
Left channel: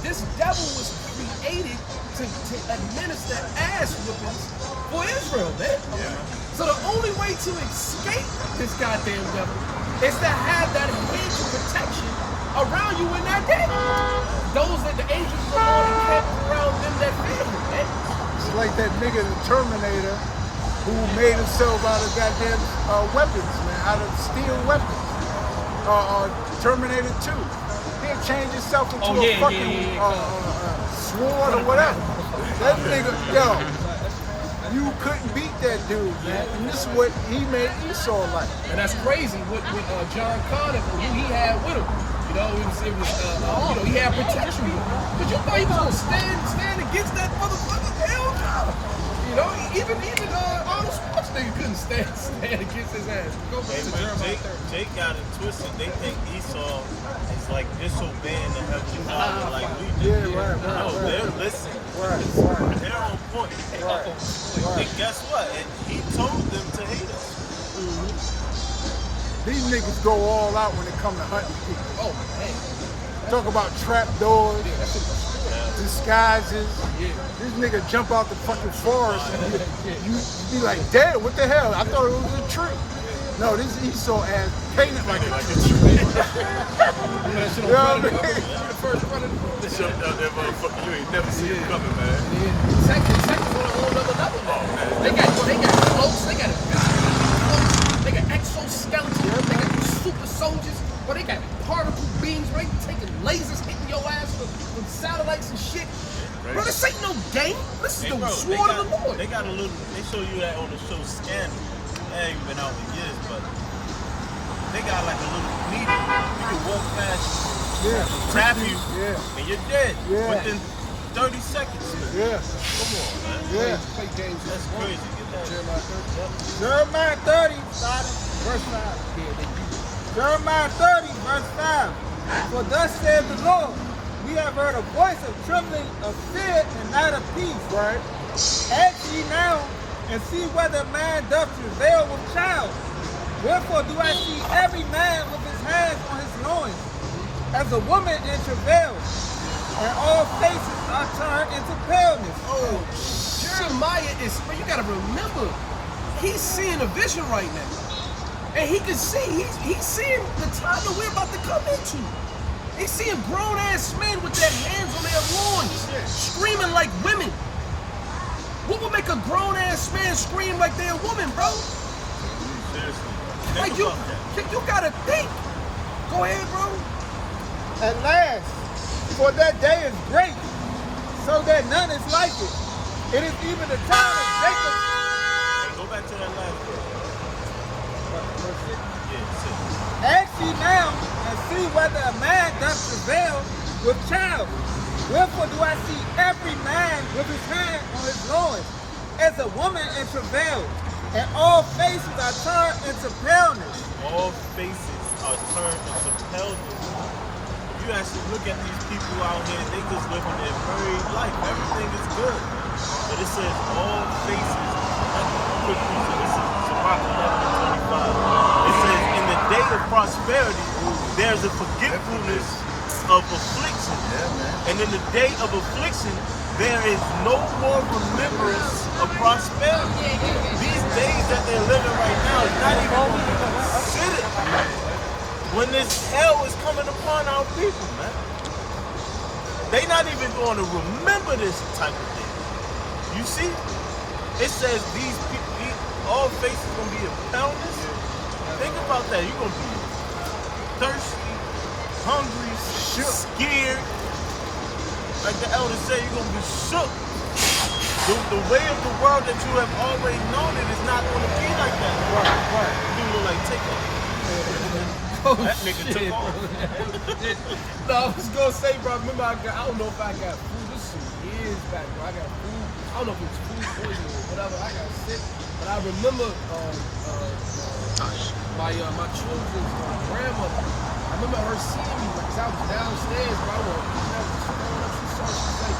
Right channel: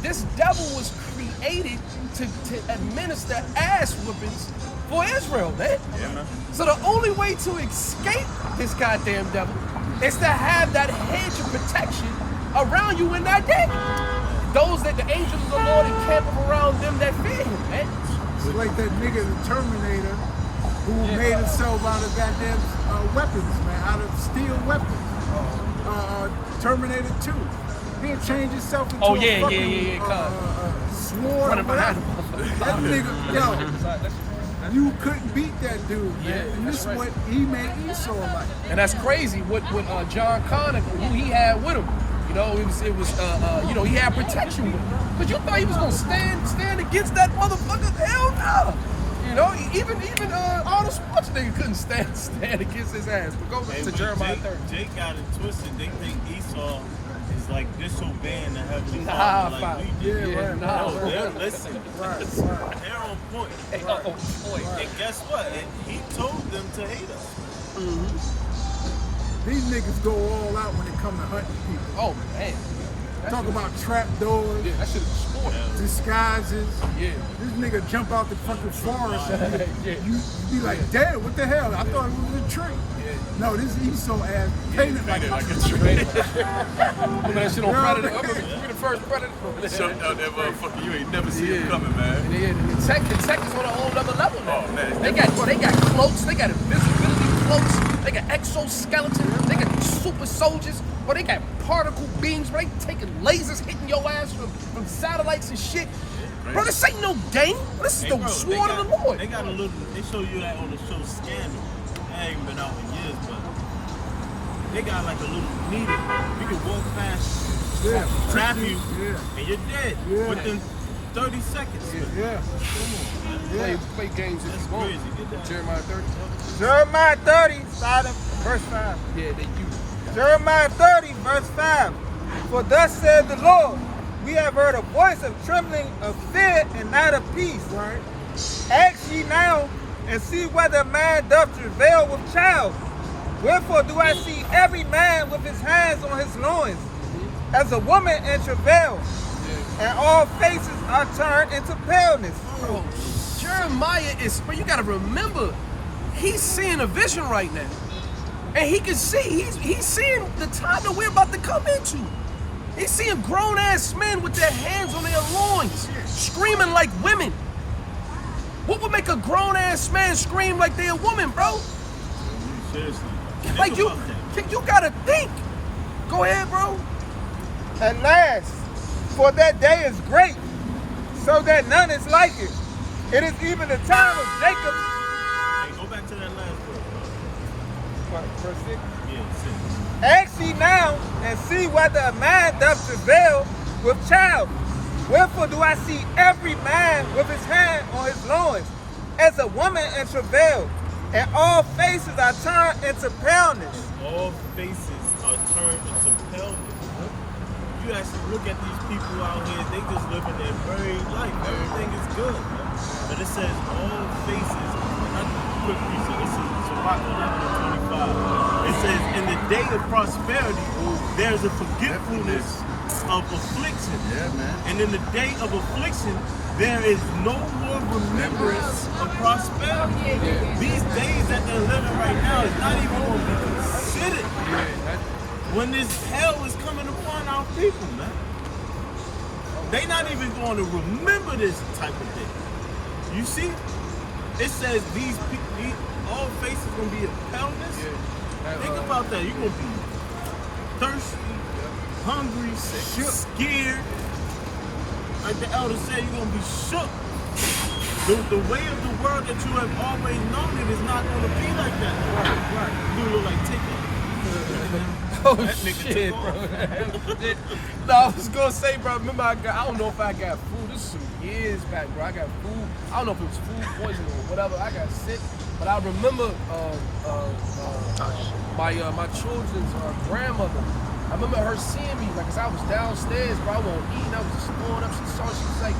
This devil was created to administer ass whippings for Israel, man. Yeah, man. So the only way to escape this goddamn devil is to have that hedge of protection around you in that day. Those that the angels of the Lord encamp around them that fear him, man. It's like that nigga, the Terminator, who made himself out of goddamn weapons, man, out of steel weapons. Terminator 2. He'll change himself into a fucking sword or whatever. That nigga, you couldn't beat that dude. Yeah, And this is right. what he made Esau like. And that's crazy. What John Connor, who he had with him, you know, it was you know, he had protection with him. But you thought he was gonna stand against that motherfucker? Hell no. You know, even Arnold Schwarzenegger couldn't stand against his ass. But go back to Jeremiah 30. Jake got it twisted. They think Esau is like disobeying the Heavenly Nah, Father. Like fam. we do. Yeah, No, they're listening. They're on point. And guess what? And he told them to hate us. These niggas go all out when it come to hunting people. Oh man. Talk about trap doors, Yeah, that shit is sport. disguises. Yeah. This nigga jump out the fucking forest and Yeah. you be like, damn, what the hell? I thought it was a tree. No, this Esau ass painted like Like a a tree. tree. Remember that shit on Yeah. Predator? Remember we the first Predator? Jumped out that motherfucker. You ain't never see him coming, man. Yeah, Kentucky's on a whole other level now. Oh, man. They got cloaks, they got invisibility cloaks, they got exoskeletons, they got super soldiers, or they got particle beams, right? Taking lasers, hitting your ass from satellites and shit. Crazy. Bro, this ain't no game. This is Hey, the bro, sword of the Lord. They got a little. They show you that on the show Scandal. That ain't been out in years, but they got like a little needle. You can walk past, tap you, and you're dead Yeah. within 30 seconds. Yeah. Come on, man. Play games. That's crazy. Jeremiah 30. Jeremiah 30, starting verse 5. Yeah, they use it. Jeremiah 30, verse 5. For thus said the Lord, we have heard a voice of trembling, of fear, and not of peace. Right. Ask ye now, and see whether a man doth travail with child. Wherefore do I see every man with his hands on his loins, as a woman in travail, and all faces are turned into paleness. Oh, Jeremiah is, but you gotta remember, he's seeing a vision right now. And he can see, he's seeing the time that we're about to come into. He's seeing grown ass men with their hands on their loins, screaming like women. What would make a grown ass man scream like they're a woman, bro? Seriously. Like you gotta think. Go ahead, bro. At last, for that day is great, so that none is like it. It is even the time of Jacob. Hey, go back to that last verse. Yeah, sit. Ask ye now, and see whether a man doth travail with child. Wherefore do I see every man with his hand on his loins, as a woman in travail, and all faces are turned into paleness. All faces are turned into paleness. If you actually look at these people out here, they just living their married life. Everything is good, man. But it says all faces. Quick piece of this is Sirach 11:25. It says, in the day of prosperity, there's a forgetfulness of affliction. Yeah, man. And in the day of affliction, there is no more remembrance of prosperity. These days that they're living right now is not even going to be considered when this hell is coming upon our people, man. They not even going to remember this type of thing. You see? It says these people, all faces going to be in paleness. Think about that. You're going to be thirsty, hungry, scared. Like the elder said, you're going to be shook. The way of the world that you have always known it is not going to be like that. Why? You look like Takeoff. Oh That nigga shit, took bro. off. No, I was gonna say, bro. Remember, I don't know if I got food. This is some years back, bro. I got food. I don't know if it was food poisoning or whatever. I got sick, but I remember my children's grandmother. I remember her seeing me, like, 'cause I was downstairs, bro. I wasn't eating. I was just throwing up. She saw. She's like,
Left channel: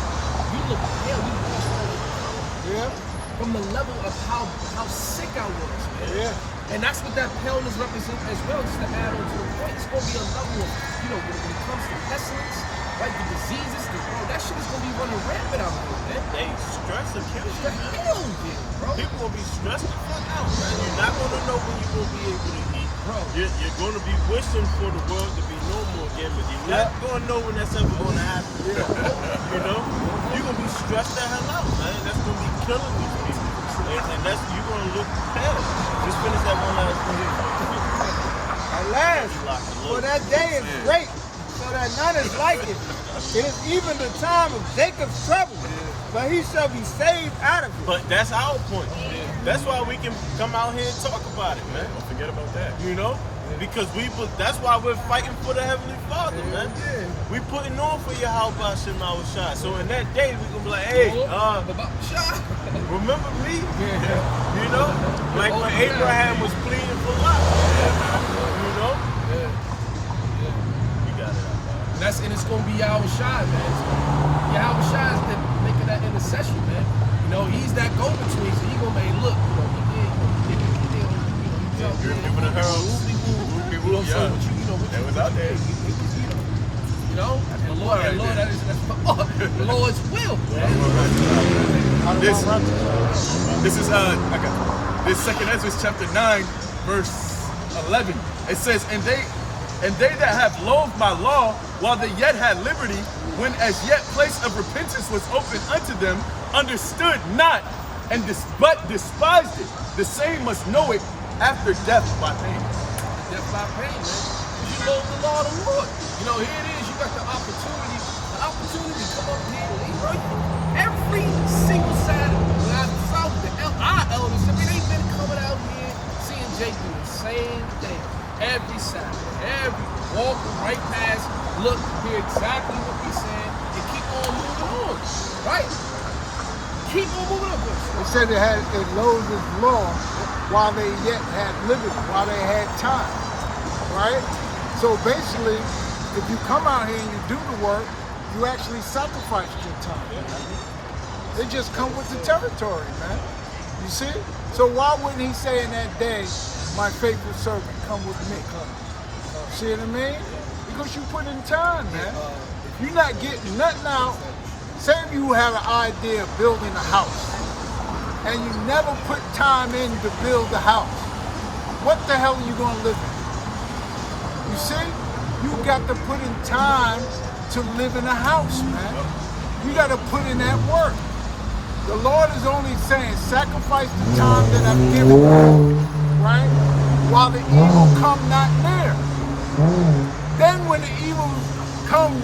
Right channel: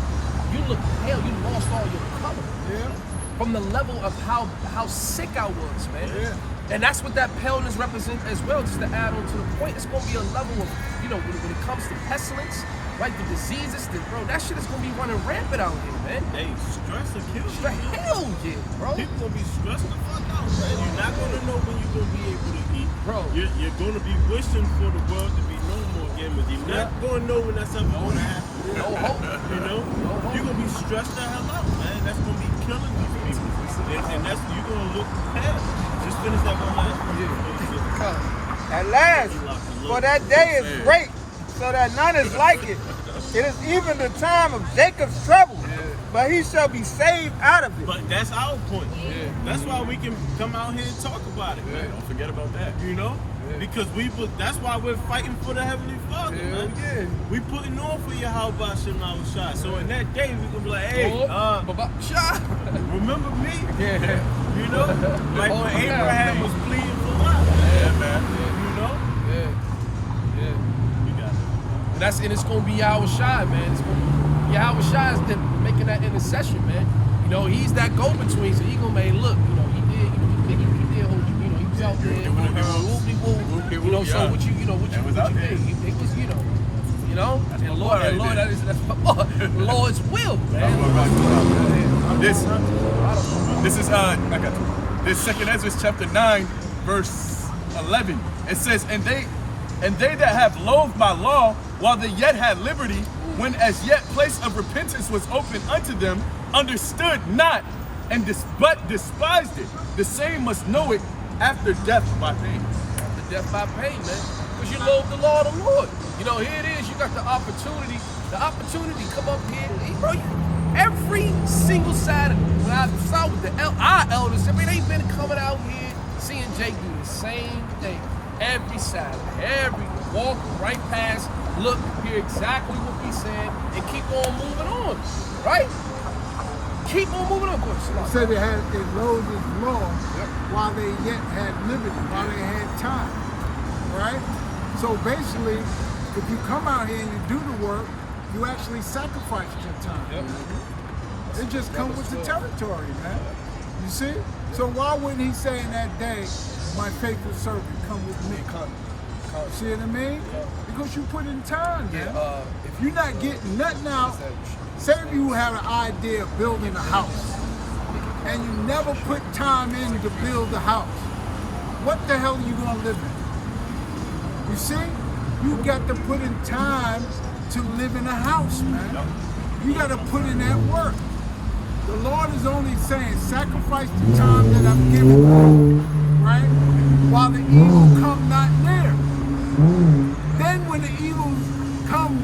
"You look pale. You lost all your color." Yeah. From the level of how sick I was, man. Yeah. And that's what that paleness represents as well, just to add on to the point. It's going to be a level of, when it comes to pestilence, right, the diseases, bro, that shit is going to be running rampant out here, man. Hey, stress will kill you. Hell yeah, bro. People will be stressed the fuck out, man. You're not going to know when you're going to be able to eat. Bro. You're going to be wishing for the world to be normal again, but you're not going to know when that stuff is going to happen. You know? You're going to be stressed the hell out, man. That's going to be killing you. And that's, you're going to look pale. Just finish that one last thing. At last, for that day is great, so that none is like it. It is even the time of Jacob's trouble, but he shall be saved out of it. But that's our point. That's why we can come out here and talk about it, man. Don't forget about that. You know? Because that's why we're fighting for the Heavenly Father, man. Yeah. We putting on for Yahweh Shema Shai. So in that day, we're gonna be like, hey, remember me? Yeah. You know? Like Oh, when yeah, Abraham man. was pleading for life. Yeah, man. You know? Yeah. We got it out, man. And it's gonna be Yahweh Shai, man. It's gonna be Yahweh Shai is making that intercession, man. He's that go-between, so he gonna make look, he did, he did hold you, he was out there, whoop-de-whoop, so what That was out there. it was, That's and my Lord, boy right Lord, there. that's the Lord's will, I'm man. gonna wrap it up. This is I got you. This 2nd Ezra chapter 9, verse 11. It says, and they that have loathed my law while they yet had liberty, when as yet place of repentance was open unto them, understood not, but despised it. The same must know it after death by pain. The death by pain, man. Because you loathe the law of the Lord. Here it is. You got the opportunity to come up here. Bro, every single Saturday, when I saw with our elders, they've been coming out here, seeing Jake do the same thing every Saturday. Walk right past, look, hear exactly what we saying, and keep on moving on, right? Keep on moving on. They said it loathed his law while they yet had liberty, while they had time, right? So basically, if you come out here and you do the work, you actually sacrifice your time. It just comes with the territory, man. You see? So why wouldn't he say in that day, my faithful servant, come with me? See what I mean? Because you put in time, man. If you're not getting nothing out, say if you had an idea of building a house, and you never put time in to build the house, what the hell are you gonna live in? You see? You got to put in time to live in a house, man. You got to put in that work. The Lord is only saying, sacrifice the time that I'm giving you, right? While the evil come not near. Then when the evil come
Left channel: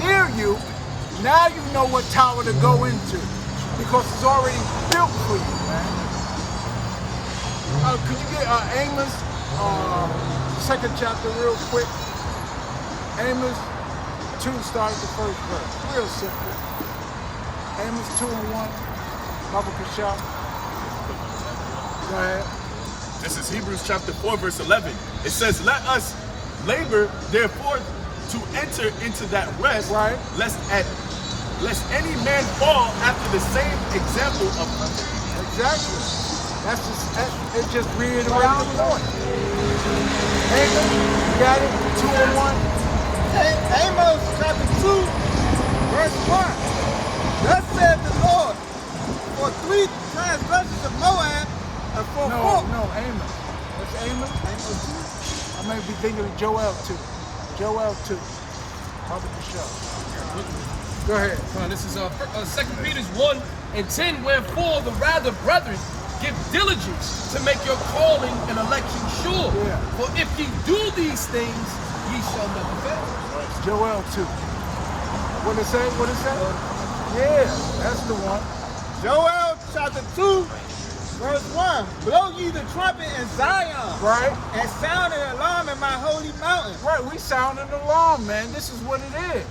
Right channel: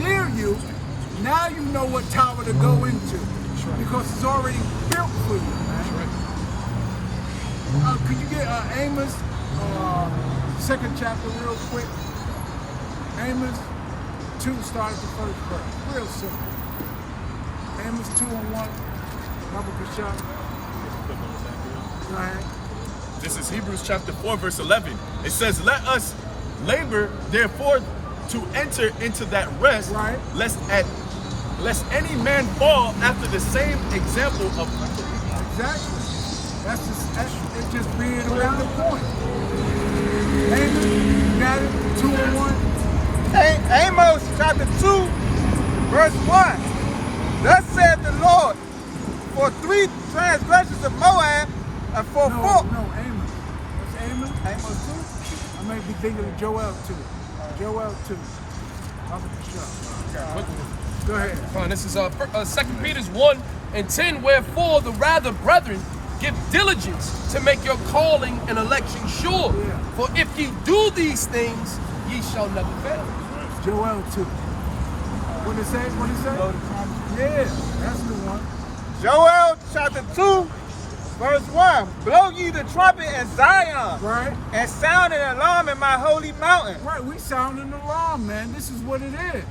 near you, now you know what tower to go into, because it's already built for you, man. Could you get Amos, 2nd chapter real quick? Amos 2 starts the 1st verse. Real simple. Amos 2:1. Baba Kashah. Go ahead. This is Hebrews chapter 4, verse 11. It says, let us labor, therefore, to enter into that rest, Right. lest any man fall after the same example of unbelief. Exactly. It just reiterates the point. Amos, you got it? 2:1. Amos chapter 2, verse 1. Thus saith the Lord, for 3 transgressions of Moab, and for 4. No, Amos. What's Amos? Amos 2? I may be thinking of Joel 2. Joel 2. Baba Kashah. Go ahead. Fine, this is 2 Peter 1:10. Wherefore the rather, brethren, give diligence to make your calling and election sure. Yeah. For if ye do these things, ye shall never fail. Joel 2. What it say? Yeah, that's the one. Joel chapter 2, verse 1. Blow ye the trumpet in Zion, Right? and sound an alarm in my holy mountain. Right, we sounding the alarm, man. This is what it is.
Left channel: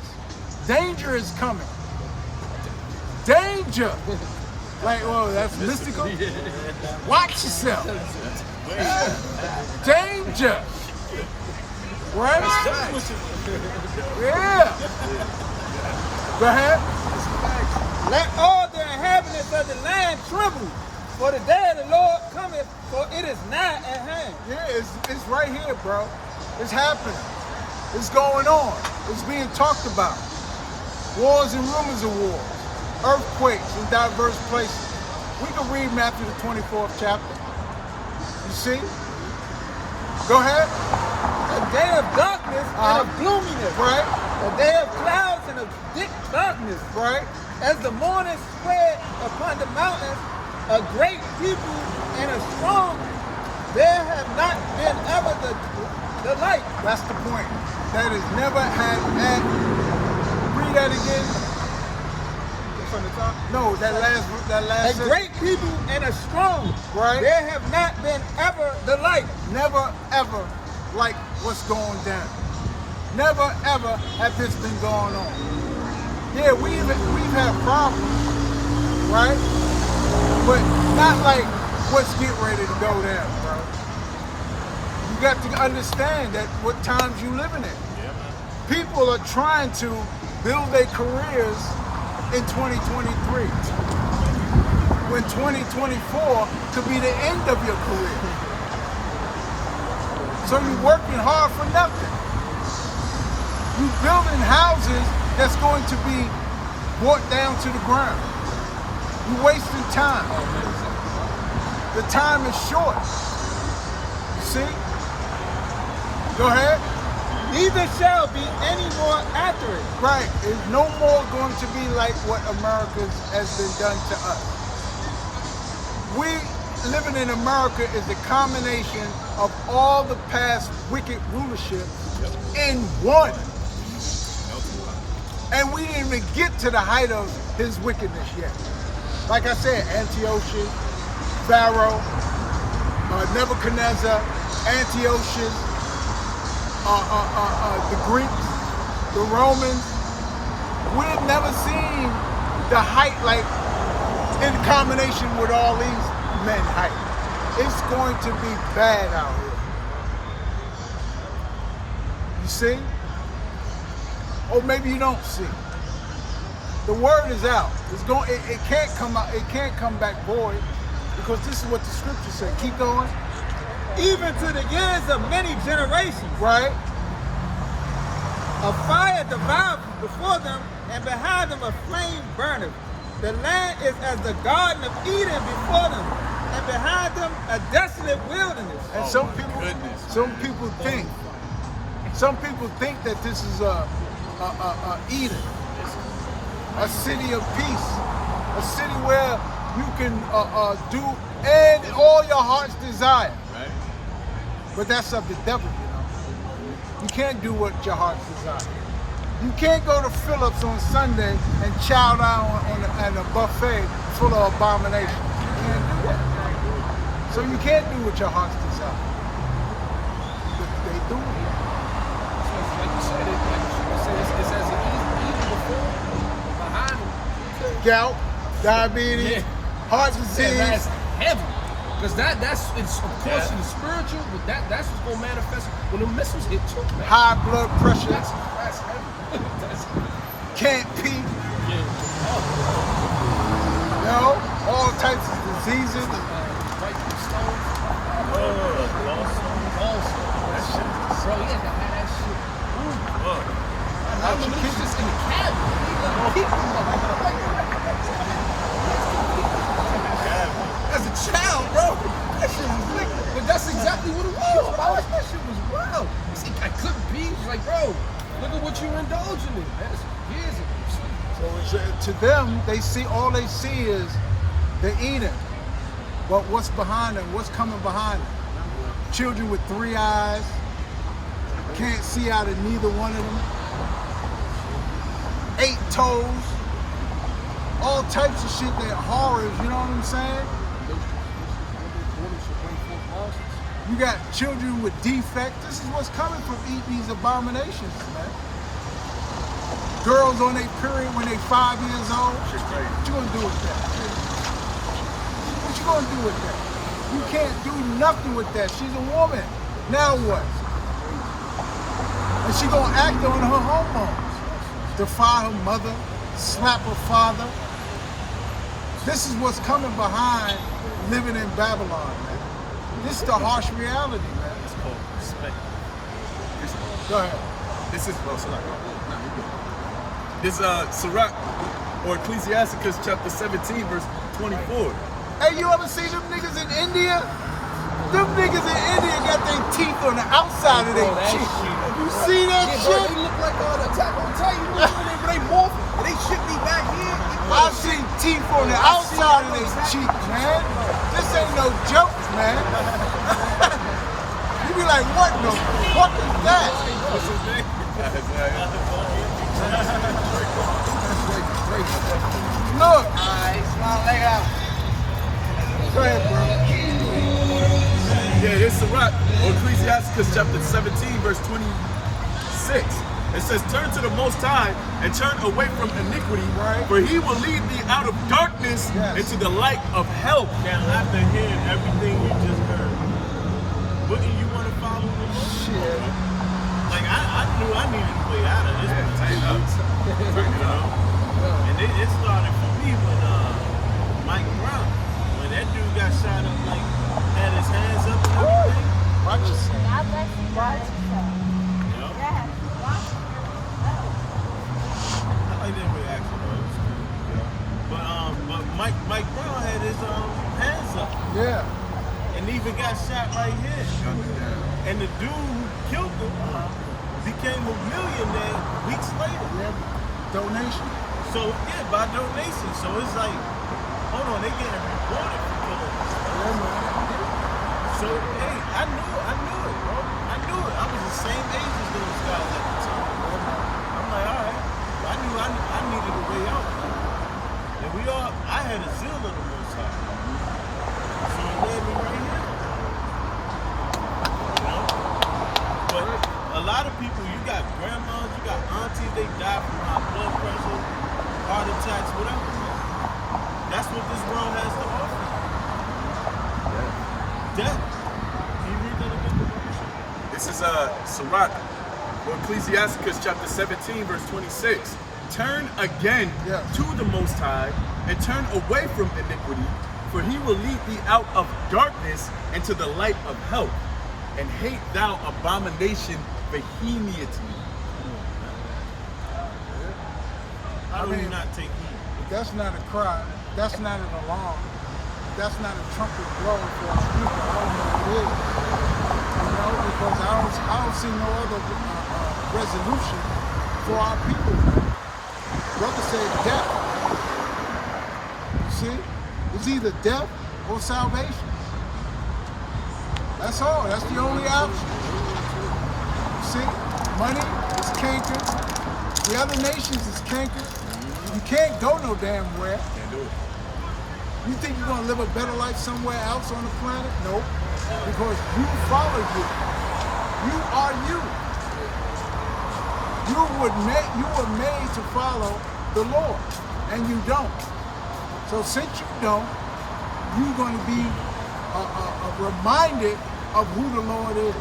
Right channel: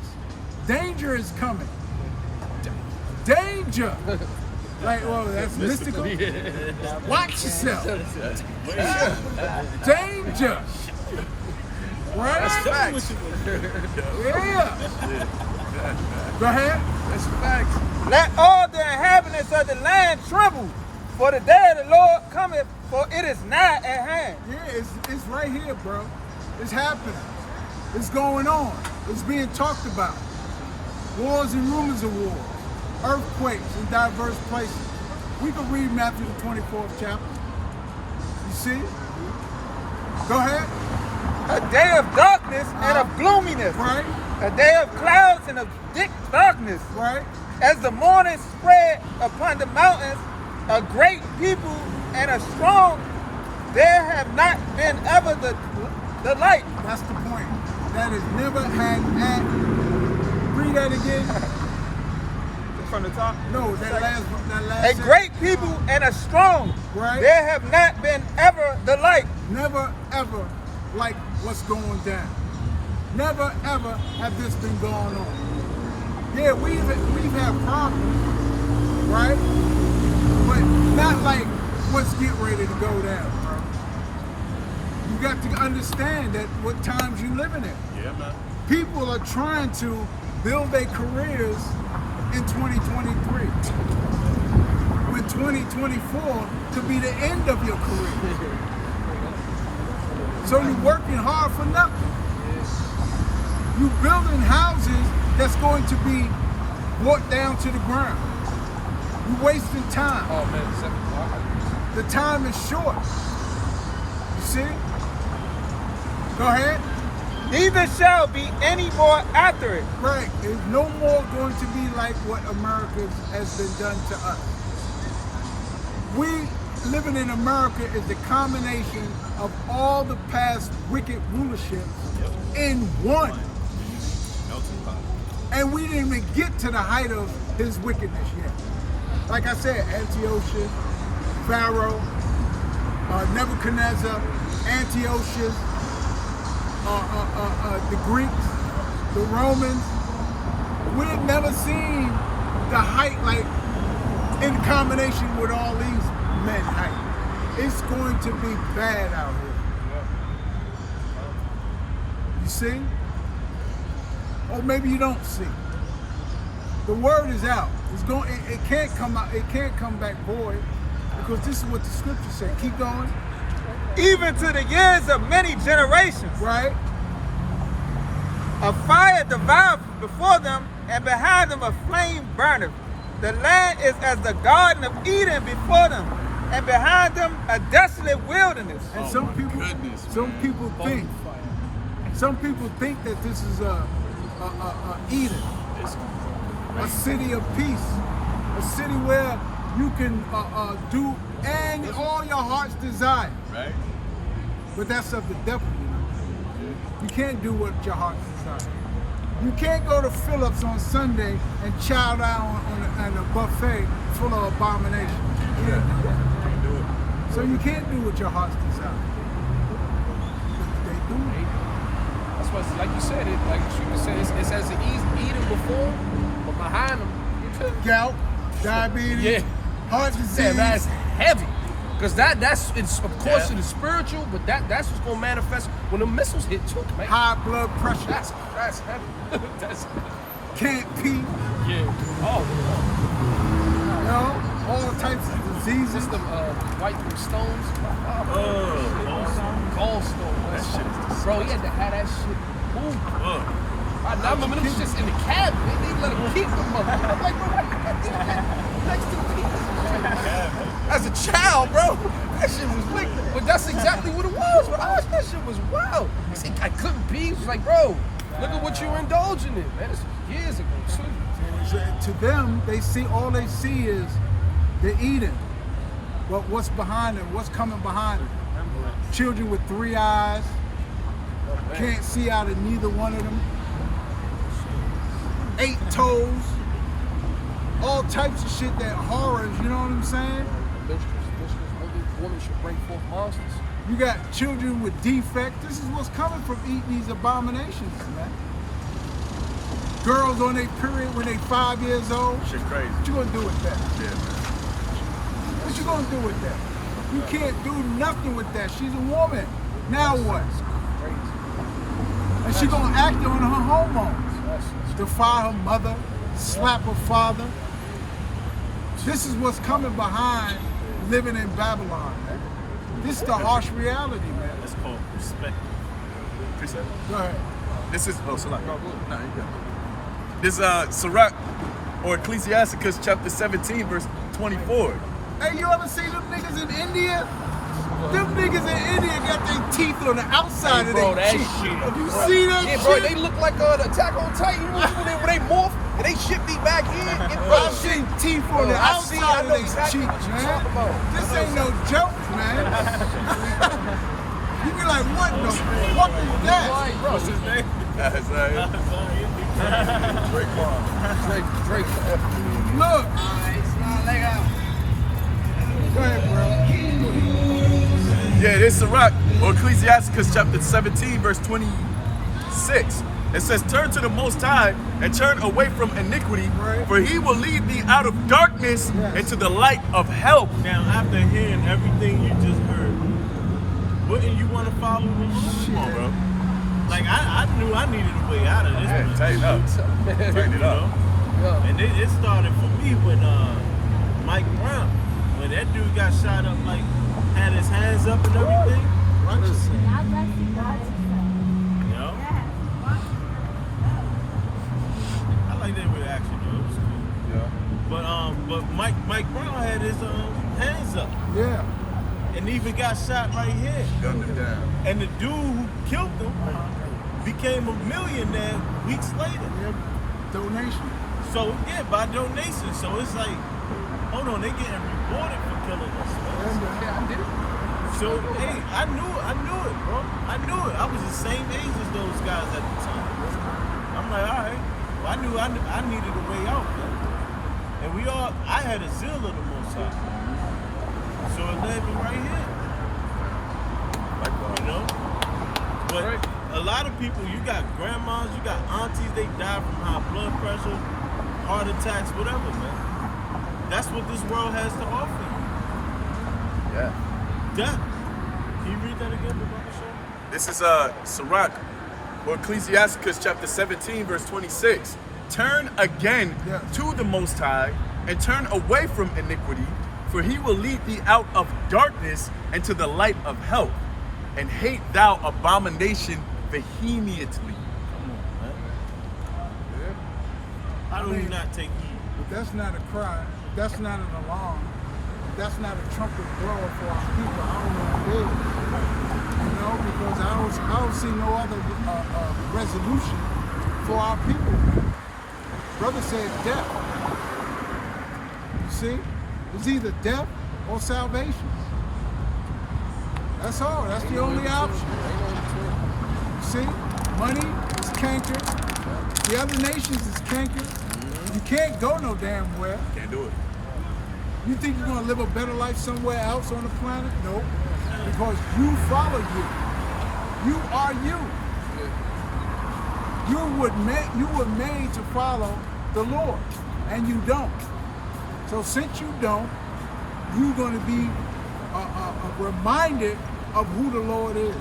Danger is coming. Danger. Like, well, that's mystical. Watch yourself. Danger. Right? Yeah. Go ahead. Let all the inhabitants shall the land tremble, for the day of the Lord cometh, for it is nigh at hand. Yeah, it's right here, bro. It's happening. It's going on. It's being talked about. Wars and rumors of wars. Earthquakes in diverse places. We can read Matthew the 24th chapter. You see? Go ahead. A day of darkness and of gloominess. Right, A day of clouds and of thick darkness. right. As the morning spread upon the mountains, a great people and a strong, there have not been ever the like. That's the point. That is never had. Read that again. From the top. No, that last. A great people and a strong, Right. there have not been ever the like. Never ever like what's going down. Never ever have this been going on. Yeah, we've had problems, right? But not like what's getting ready to go down, bro. You got to understand that what times you living in. Yeah, man. People are trying to build their careers in 2023. When 2024 could be the end of your career. So you're working hard for nothing. You're building houses that's going to be brought down to the ground. You're wasting time. Oh man, exactly. The time is short. You see? Go ahead. Neither shall be any more after it. Right. There's no more going to be like what America has been done to us. We living in America is the combination of all the past wicked rulerships in one. Melting pot. And we didn't even get to the height of his wickedness yet. Like I said, Antiochus, Pharaoh, Nebuchadnezzar, Antiochus, the Greeks, the Romans. We've never seen the height like in combination with all these men height. It's going to be bad out here. You see? Or maybe you don't see. The word is out. It's going. It can't come out. It can't come back void because this is what the scripture said. Keep going. Even to the years of many generations. Right. A fire devoured before them, and behind them a flame burneth. The land is as the Garden of Eden before them, and behind them a desolate wilderness. And Oh some my people, goodness, some man. people think, some people think that this is a Eden, a city of peace, a city where you can do and all your heart's desire. Right? But that's of the devil, you know. You can't do what your heart's desire. You can't go to Phillips on Sunday and chow down on a buffet full of abominations. You can't do that. Do it. So you can't do what your heart's desire. They do it. That's why, like you said, like you said, it's as it Eden before, but behind them, Gout, diabetes, heart disease. yeah, that's heavy. Because that's it's of course Yeah. it is spiritual, but that's what's gonna manifest when the missiles hit too, man. high blood pressure, That's heavy. that's can't pee, yeah. you know, all types of diseases. Just the white stones, gallstones. That shit is Bro, he had to have that shit moved. Fuck. I remember it was just in the cabinet. They let him keep them up. I'm like, bro, why you got that next to me? As a child, bro, that shit was wicked. But that's exactly what it was. When I watched that shit was wild. He said, I couldn't pee. He's like, bro, look at what you were indulging in. Man, this is years ago, too. So to them, all they see is the Eden. But what's behind it? What's coming behind it? Children with 3 eyes, can't see out of neither one of them. 8 toes, all types of shit that horrors, you know what I'm saying? You got children with defects. This is what's coming from eating these abominations, man. Girls on their period when they 5 years old. Shit crazy. What you gonna do with that? What you gonna do with that? You can't do nothing with that. She's a woman. Now what? And she gonna act on her hormones. Defy her mother, slap her father. This is what's coming behind living in Babylon, man. This is the harsh reality, man. It's called perspective. Go ahead. This is Salah. No, you're good. This Sirach or Ecclesiasticus chapter 17 verse 24. Hey, you ever see them niggas in India? Them niggas in India got their teeth on the outside of their cheek. Have you seen that Yeah, shit? bro, they look like an Attack on Titan. You know when they morph and they shit me back here? I've seen teeth on the outside of their cheek, man. This ain't no joke, man. You be like, what the fuck is that? What's his name? Look. Go ahead, bro. Yeah, this Sirach or Ecclesiasticus chapter 17 verse 26. It says, turn to the Most High and turn away from iniquity, Right. for he will lead thee out of darkness Yes. into the light of health. Now, after hearing everything you just heard, wouldn't you want to follow the Lord? Come on, bro. Like, I knew I needed a way out of this Yeah, one. tighten up. Tighten it You up. know? And it started for me when Mike Brown, when that dude got shot up, like, had his hands up and everything, Watch this. you know? I like that reaction, though. It was cool. Yeah. But Mike Brown had his hands up Yeah. and even got shot right here. Gunned him down. And the dude who killed him became a millionaire weeks later. Yeah. Donation. So yeah, by donation. So it's like, hold on, they getting rewarded for killing us. Yeah, Man. man. So hey, I knew it, bro. I knew it. I was the same age as those guys at the time. I'm like, all right. Well, I knew I needed a way out, man. And I had a zeal of the Most High. So it led me right here. You know? But a lot of people, you got grandmas, you got aunties, they die from high blood pressure, heart attacks, whatever, man. That's what this world has to offer you. Yeah. Death. Can you read that again, Brother Show? This is Sirach or Ecclesiasticus chapter 17 verse 26. Turn again Yes. to the Most High and turn away from iniquity, for he will lead thee out of darkness into the light of health, and hate thou abomination vehemently. Come on, man. How do I you mean- not take heed? If that's not a cry, that's not an alarm, that's not a trumpet blower for our people, I don't know what is. You know, because I don't see no other resolution for our people, man. Brother said death. You see? It's either death or salvation. That's all. That's the only option. You see? Money is cankered. The other nations is cankered. You can't go no damn where. Can't do it. You think you're gonna live a better life somewhere else on the planet? Nope. Because you follow you. You are you. You were made to follow the Lord, and you don't. So since you don't, you're gonna be reminded of who the Lord is.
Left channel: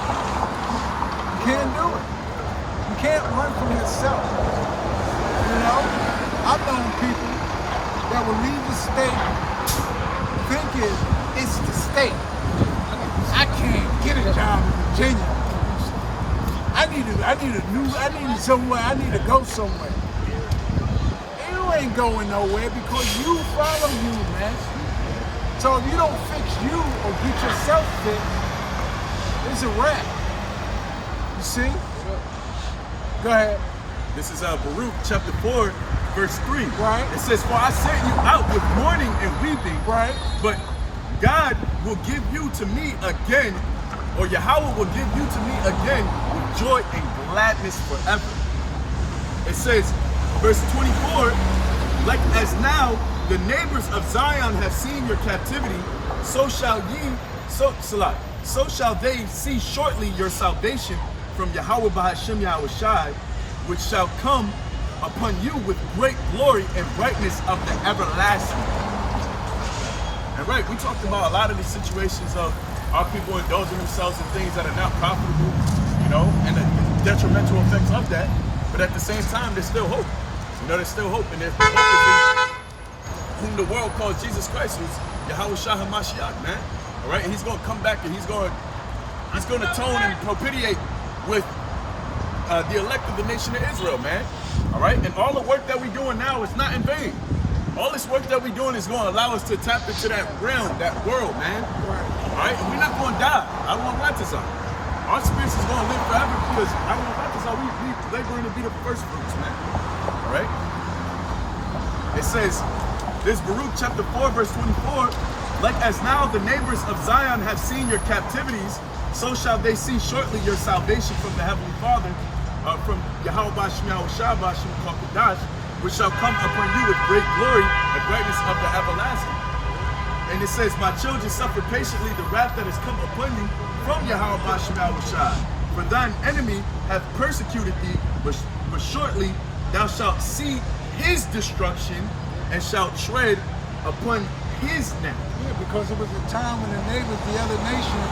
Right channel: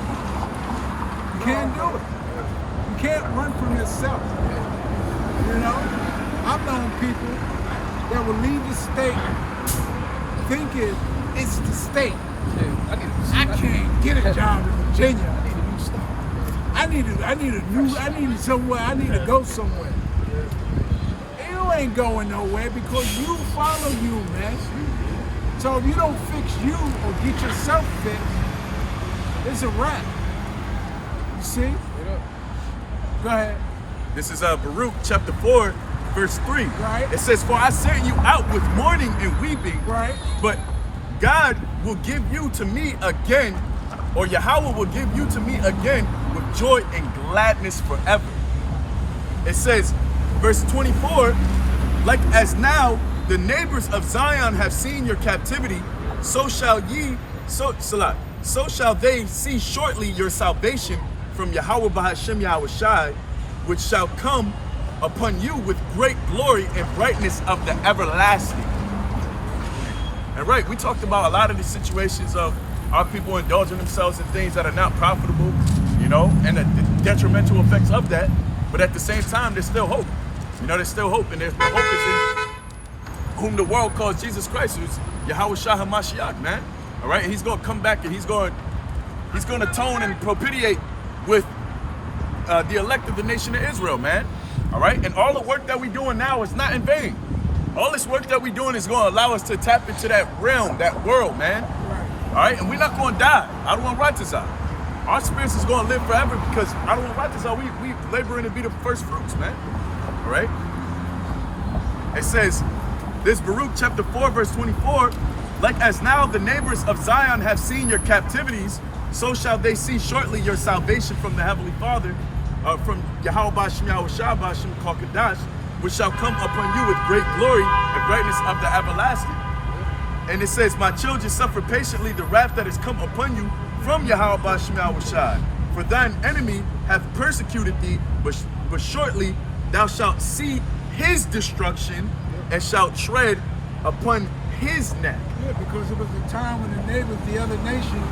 You can't do it. You can't run from yourself. You know? I've known people that will leave the state thinking it's the state. I can't get a job in Virginia. I need somewhere, I need to go somewhere. You ain't going nowhere because you follow you, man. So if you don't fix you or get yourself fixed, it's a wrap. You see? Go ahead. This is Baruch chapter 4 verse 3. Right. It says, for I sent you out with mourning and weeping, Right. but God will give you to me again, or Yahweh will give you to me again with joy and gladness forever. It says, verse 24, like as now the neighbors of Zion have seen your captivity, so shall they see shortly your salvation from Yahweh Bahashem Yahweh Shai, which shall come upon you with great glory and brightness of the everlasting. And right, we talked about a lot of the situations of our people indulging themselves in things that are not profitable, you know, and the detrimental effects of that. But at the same time, there's still hope. You know, there's still hope. And the hope is in whom the world calls Jesus Christ, who's Yahweh Shah HaMashiach, man. All right, and he's going to come back and he's going to atone and propitiate with the elect of the nation of Israel, man. All right, and all the work that we're doing now is not in vain. All this work that we're doing is going to allow us to tap into that realm, that world, man. All right, and we're not going to die. I don't want Ratazah. Our spirits is going to live forever because I don't want Ratazah. We laboring to be the first fruits, man. All right. It says, this Baruch chapter 4, verse 24, like as now the neighbors of Zion have seen your captivities, so shall they see shortly your salvation from the Heavenly Father, from Yahweh Bashim Yahweh Shah Bashim Kadash, which shall come upon you with great glory and brightness of the everlasting. And it says, my children, suffer patiently the wrath that has come upon you from Yahweh Bashim Yahweh Shah. For thine enemy hath persecuted thee, but shortly thou shalt see his destruction and shalt tread upon his neck. Yeah, because it was a time when the neighbors, the other nations,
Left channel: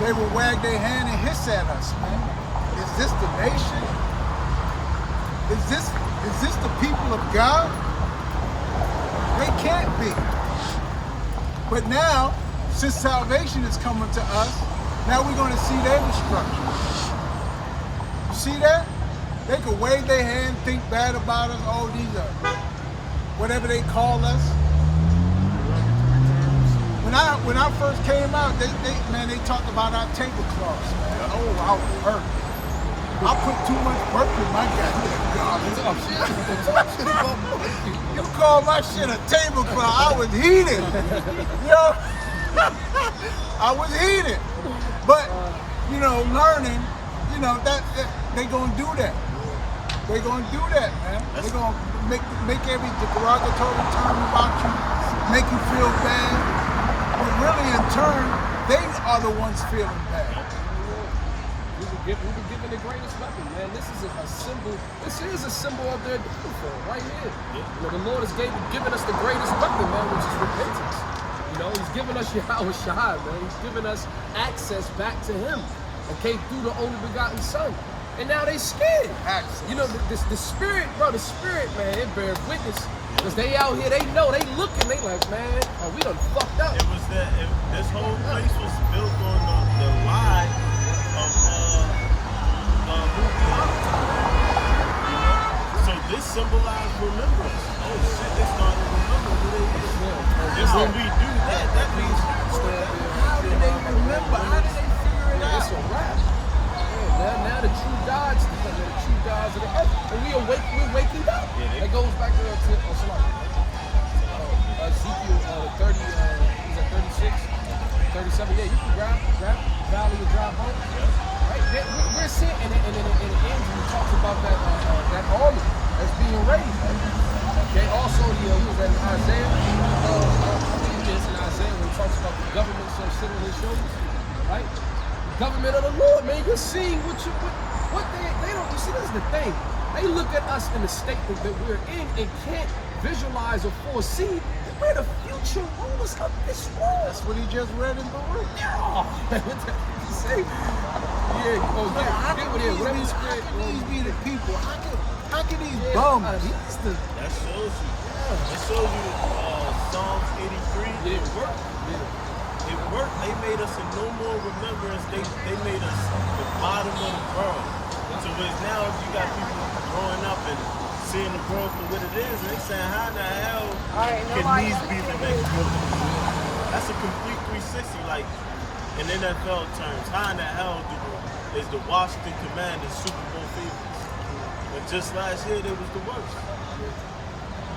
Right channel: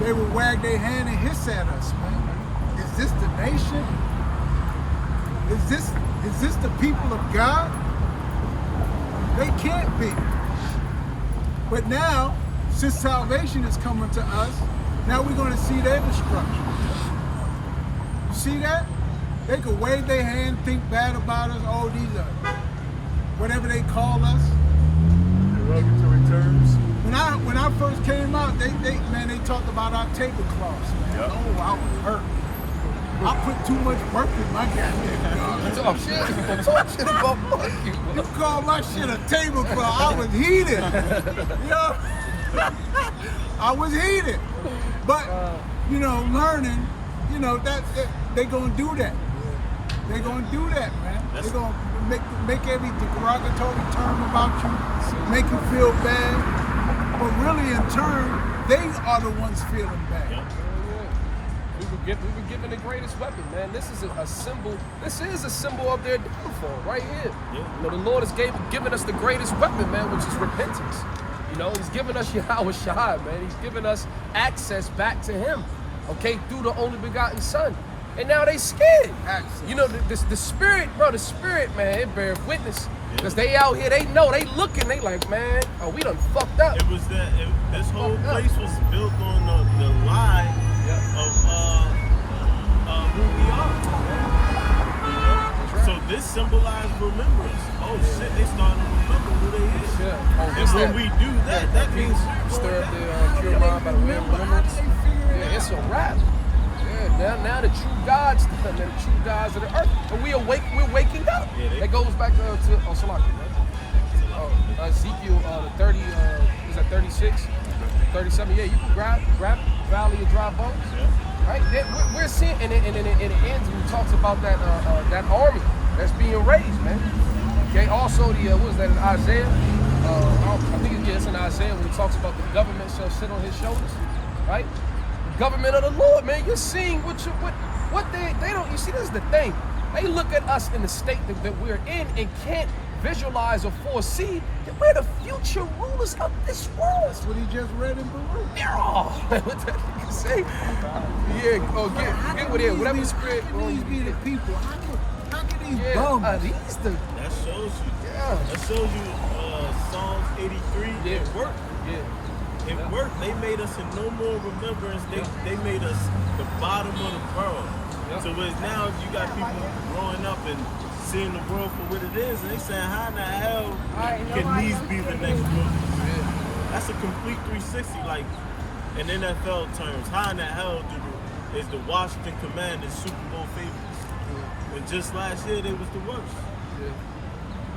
they would wag their hand and hiss at us, man. Is this the nation? Is this the people of God? They can't be. But now, since salvation is coming to us, now we're going to see their destruction. You see that? They could wave their hand, think bad about us. Oh, these are whatever they call us. When I first came out, they talked about our tablecloths, man. Yep. Oh, I was hurt. I put too much work in my goddamn garment. You call my shit a tablecloth? I was heated. You know? I was heated. But learning, that they gonna do that. They're gonna do that, man. They're gonna make every derogatory term about you, make you feel bad. But really, in turn, they are the ones feeling bad. We were given the greatest weapon, man. This is a symbol. This is a symbol of their downfall, right here. Yeah. The Lord has given us the greatest weapon, man, which is repentance. He's given us Yahweh Shah, man. He's given us access back to Him, okay, through the only begotten Son. And now they scared. Access. The spirit, bro, man, it bears witness. Because they out here, they know, they looking, they like, man, we done fucked up. It was this whole place was built on the lie of who we are. So this symbolized remembrance. Oh shit, they starting to remember who they is. And when we do that, that means how do they remember? How do they figure it out? It's a wrap. Now the true gods, the true gods of the earth, and we're waking up. That goes back to Ezekiel, the 30, is that 36, 37? Yeah, you can grab Valley of Dry Bones. Yeah. Right? We're seeing, and it ends when he talks about that army that's being raised, man. Okay. Also, what is that in Isaiah? I think it's in Isaiah when he talks about the government shall sit on his shoulders, right? Government of the Lord, man. You're seeing what they don't. You see, this is the thing. They look at us in the state that we're in and can't visualize or foresee that we're the future rulers of this world. That's what he just read in Baruch. What the you say? Yeah. Oh, get with it. Whatever the script. These be the people. How can these bums? That shows you. That shows you Psalms 83. Yeah. It worked. Yeah. It worked. They made us in no more remembrance. They made us the bottom of the world. So it's now you got people growing up and seeing the world for what it is, and they saying, how in the hell can these be the next group? That's a complete 360, like in NFL terms. How in the hell is the Washington Commanders Super Bowl favorites? When just last year they was the worst.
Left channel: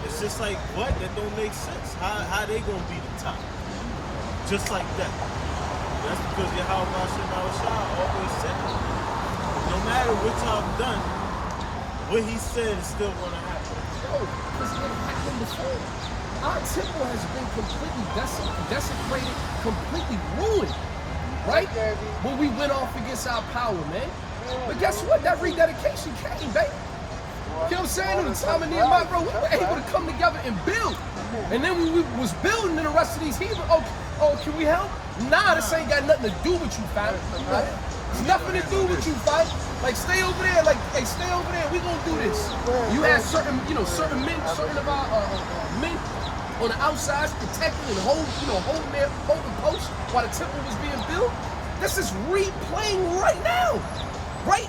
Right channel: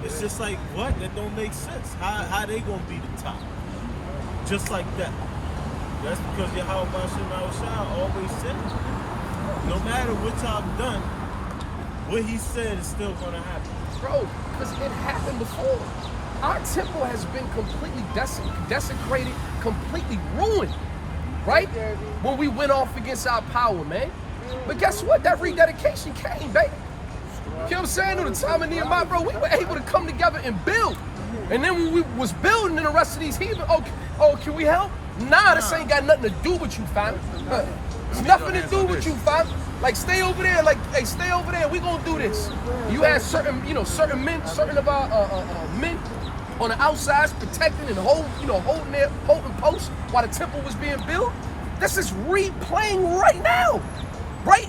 It's just like, what? That don't make sense. How they gonna be the top? Just like that. That's because Yahweh Bashim Shah always said it. No matter what I've done, what he said is still gonna happen. Bro, because it happened before. Our temple has been completely desecrated, completely ruined, right? When we went off against our power, man. But guess what? That rededication came, baby. You know what I'm saying? On the time of Nehemiah, bro, we were able to come together and build. And then we was building in the rest of these heathen. Oh, can we help? Nah, this ain't got nothing to do with you, fam. It's nothing to do with you, fam. Like, stay over there. Like, hey, stay over there. We gonna do this. You had certain, certain men, certain of our men on the outside protecting and holding posts while the temple was being built. This is replaying right now. Right.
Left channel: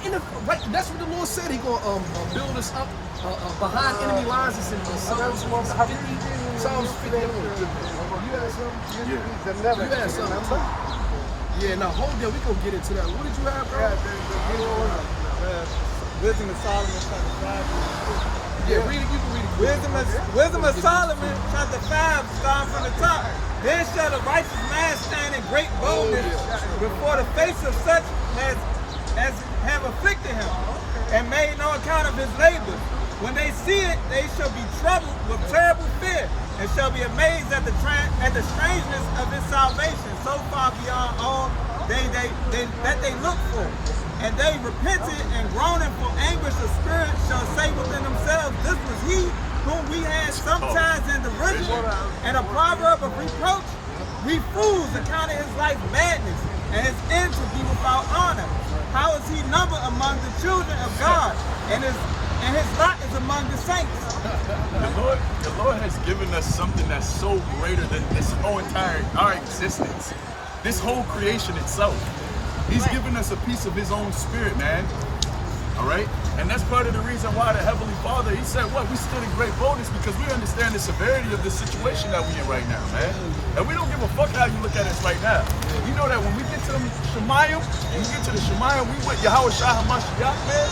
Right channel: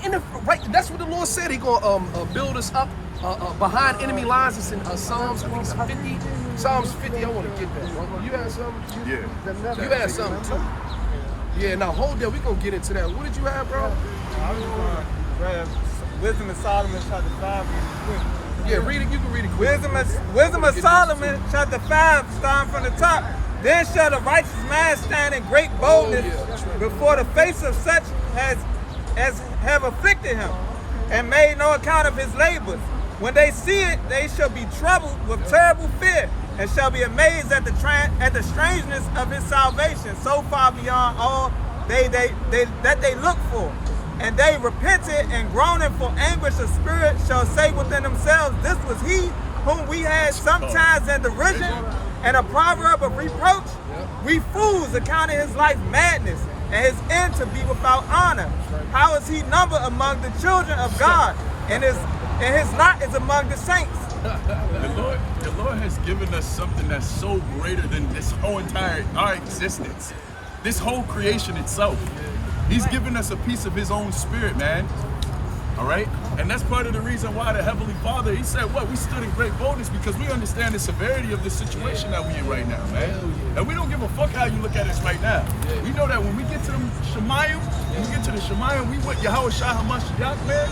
That's what the Lord said. He gonna build us up behind enemy lines. It's in Psalms 50. Psalms 50. I want to get that, bro. You had something? Yeah. You had something too. Yeah. Now hold there. We gonna get into that. What did you have, bro? Wisdom of Solomon, chapter 5. Yeah, read it. You can read it. Wisdom of Solomon, chapter 5, starting from the top. Then shall the righteous man stand in great boldness before the face of such as have afflicted him, and made no account of his labors. When they see it, they shall be troubled with terrible fear, and shall be amazed at the strangeness of his salvation, so far beyond all that they look for. And they repented and groaning for anguish of spirit shall say within themselves, this was he whom we had sometimes in derision and a proverb of reproach. We fools accounted his life madness and his end to be without honor. How is he numbered among the children of God? And his lot is among the saints. The Lord has given us something that's so greater than this whole our existence. This whole creation itself. He's given us a piece of his own spirit, man. All right? And that's part of the reason why the Heavenly Father, he said, we stood in great boldness because we understand the severity of the situation that we're in right now, man. And we don't give a fuck how you look at us right now. We know that when we get to them Shemayim, we with Yahweh Shah HaMashiach, man.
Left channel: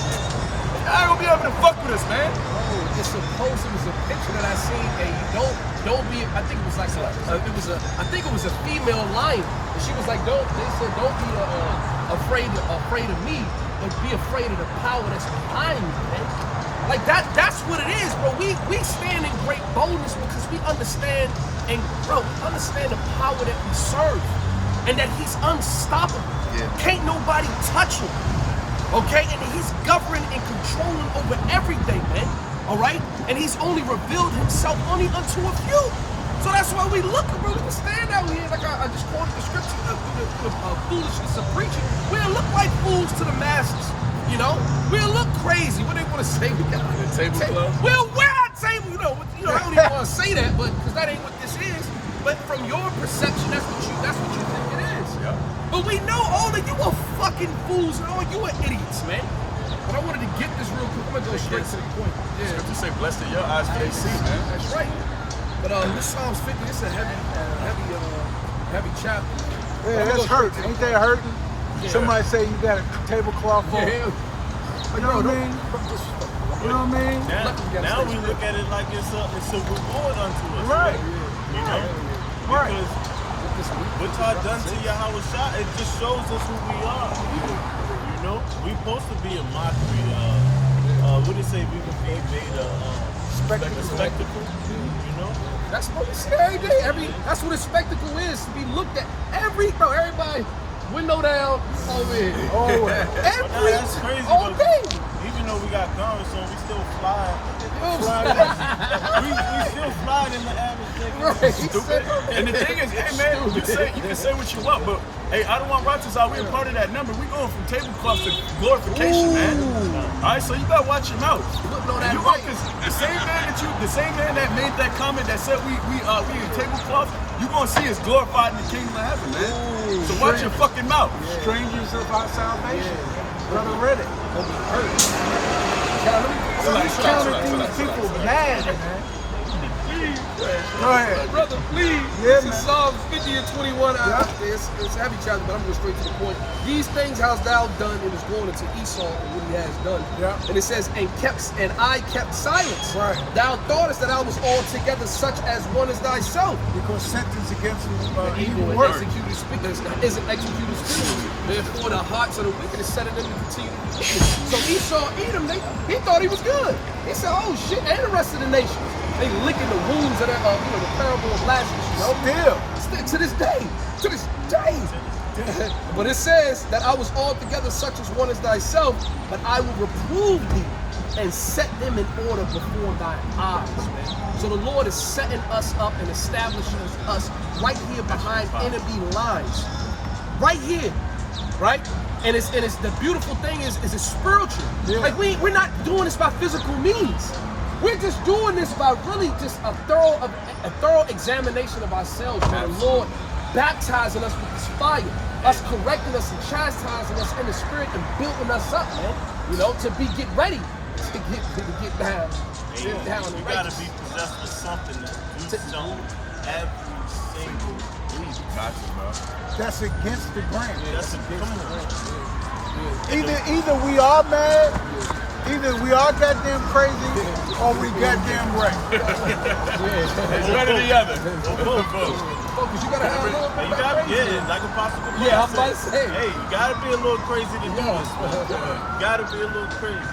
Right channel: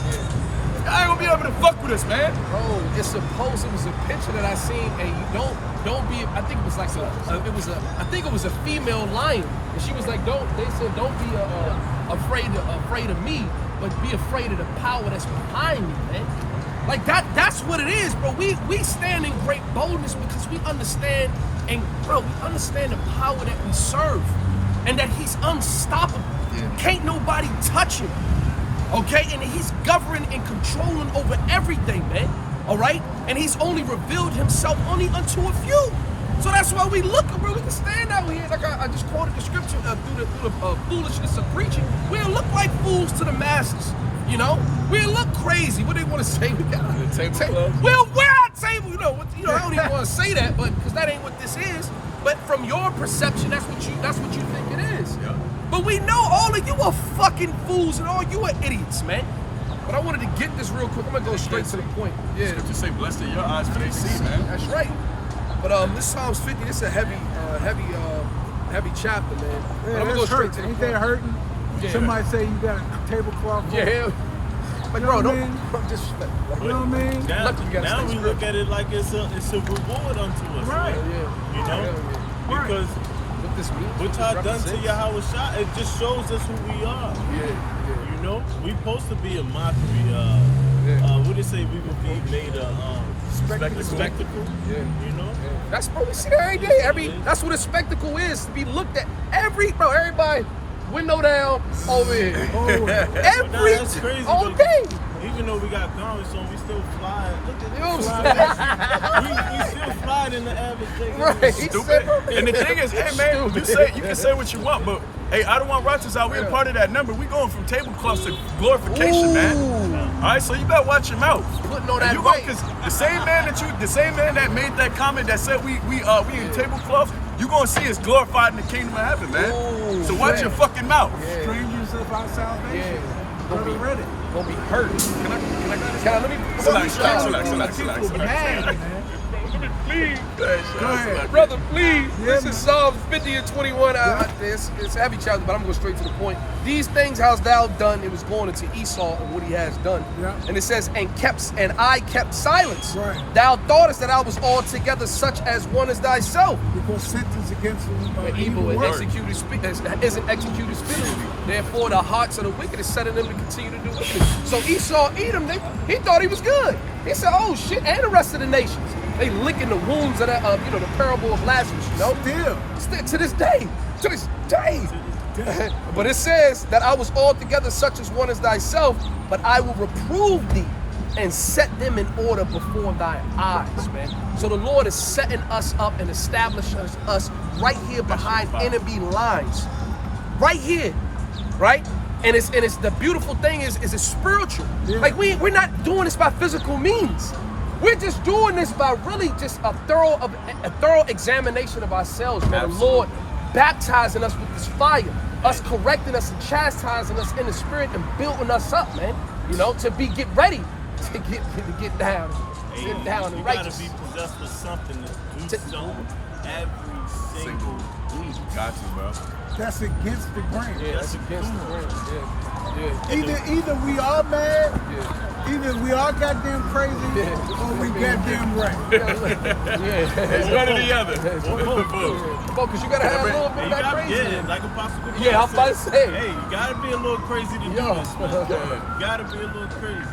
Y'all ain't gonna be able to fuck with us, man. Bro, it was a picture that I seen, and you don't be, I think it was like I think it was a female lion, and she was like, don't be afraid of me, but be afraid of the power that's behind me, man. Like that's what it is, bro. We stand in great boldness because we understand, we understand the power that we serve, and that he's unstoppable. Can't nobody touch him. Okay, and he's governing and controlling over everything, man. All right, and he's only revealed himself only unto a few. So that's why we look, bro. We can stand out here, like I just quoted the scripture through the foolishness of preaching. We'll look like fools to the masses, We'll look crazy. What they want to say? We got a table. We'll wear our table. I don't even want to say that, but because that ain't what this is. But from your perception, that's what you think it is. Yeah. But we know all of you are fucking fools and all you are idiots, man. But I wanted to get this real quick. I'm gonna go straight to the point. Yeah. Scripture say, blessed are your eyes for they see, man. That's right. But this Psalms 50, this is a heavy chapter, man. But I'm gonna go straight to the point. Ain't that hurting? Yeah. Somebody say you got a tablecloth for Yeah. But bro, don't disrespect. You know what I mean? Now we look at it like it's a reward unto us, Right. Because what y'all done to Yahweh Shah, it just shows us who we are. We supposed to be a mockery. What did it say? We would be made a spectacle. That's what we see every day. I mean, that's what a spectacle is, to be looked at. Everybody, window down, over here. That's crazy all though. day. Even though we got garments on, we still fly. We still fly in the average Right. Stupid. And the thing is, hey man, you can say what you want, but hey, I don't want righteous out. We're part of that number. We going from tablecloths to glorification, man. All right, so you better watch your mouth. Putting on that You weight. because the same man that made that comment that said we in tablecloths, you gonna see us glorified in the kingdom of heaven, man. So watch your fucking mouth. Strangers of our salvation. Brother read it. Gonna be hurt. Relax. Mad, man. Please. Brother, please. Yeah, This man. is Psalms 50 and 21. It's a heavy chapter, but I'm going straight to the point. These things hast thou done. It was going into Esau and what he has done. Yeah. And it says, and I kept silence. Right. Thou thoughtest that I was altogether such as one as thyself. Because sentence against The evil and executed isn't executed speedily. Therefore, the hearts of the wicked is setting them to continue to do wickedness. So Esau, Edom, he thought he was good. He said, oh shit, and the rest of the nations. They licking the wounds of the parable of Lazarus, Still, to this day. But it says that I was altogether such as one as thyself, but I will reprove thee and set them in order before thy eyes, man. So the Lord is setting us up and establishing us right here behind enemy lines. Right here, right? And it's the beautiful thing is it's spiritual. Like we're not doing this by physical means. We're just doing this by really just a thorough examination of ourselves, man. The Lord baptizing us with this fire, us correcting us and chastising us in the spirit and building us up, man. You know, to get ready to get down. Get down You and gotta righteous. be possessed with something to do something every single week. Got to, bro. That's against the grain. That's against the grain. Either we are mad, either we are goddamn crazy, or we goddamn right. It's one or the other. Because you gotta have a little bit You of that gotta, crazy. like Apostle Paul Yeah, I'm about to say. Hey, you gotta be a little crazy to do this, man. You gotta be a little crazy.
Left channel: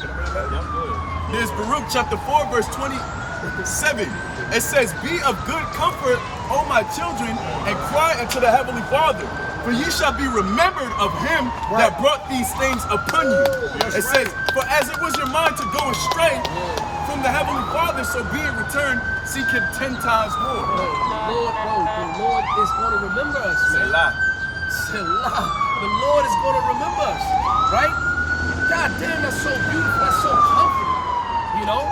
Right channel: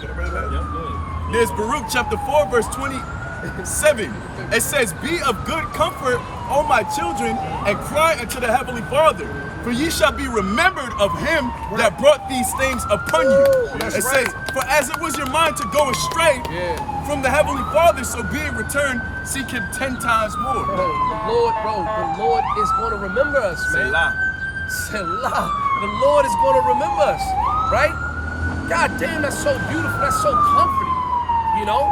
Can I bring that? Yeah, I'm good. There's Baruch chapter 4, verse 27. It says, "Be of good comfort, O my children, and cry unto the heavenly Father, for ye shall be remembered of him that brought these things upon you." It says, "For as it was your mind to go astray from the heavenly Father, so being returned, seek him 10 times more." The Lord is gonna remember us, man. Selah. The Lord is gonna remember us, right? God damn, that's so beautiful. That's so comforting. You know,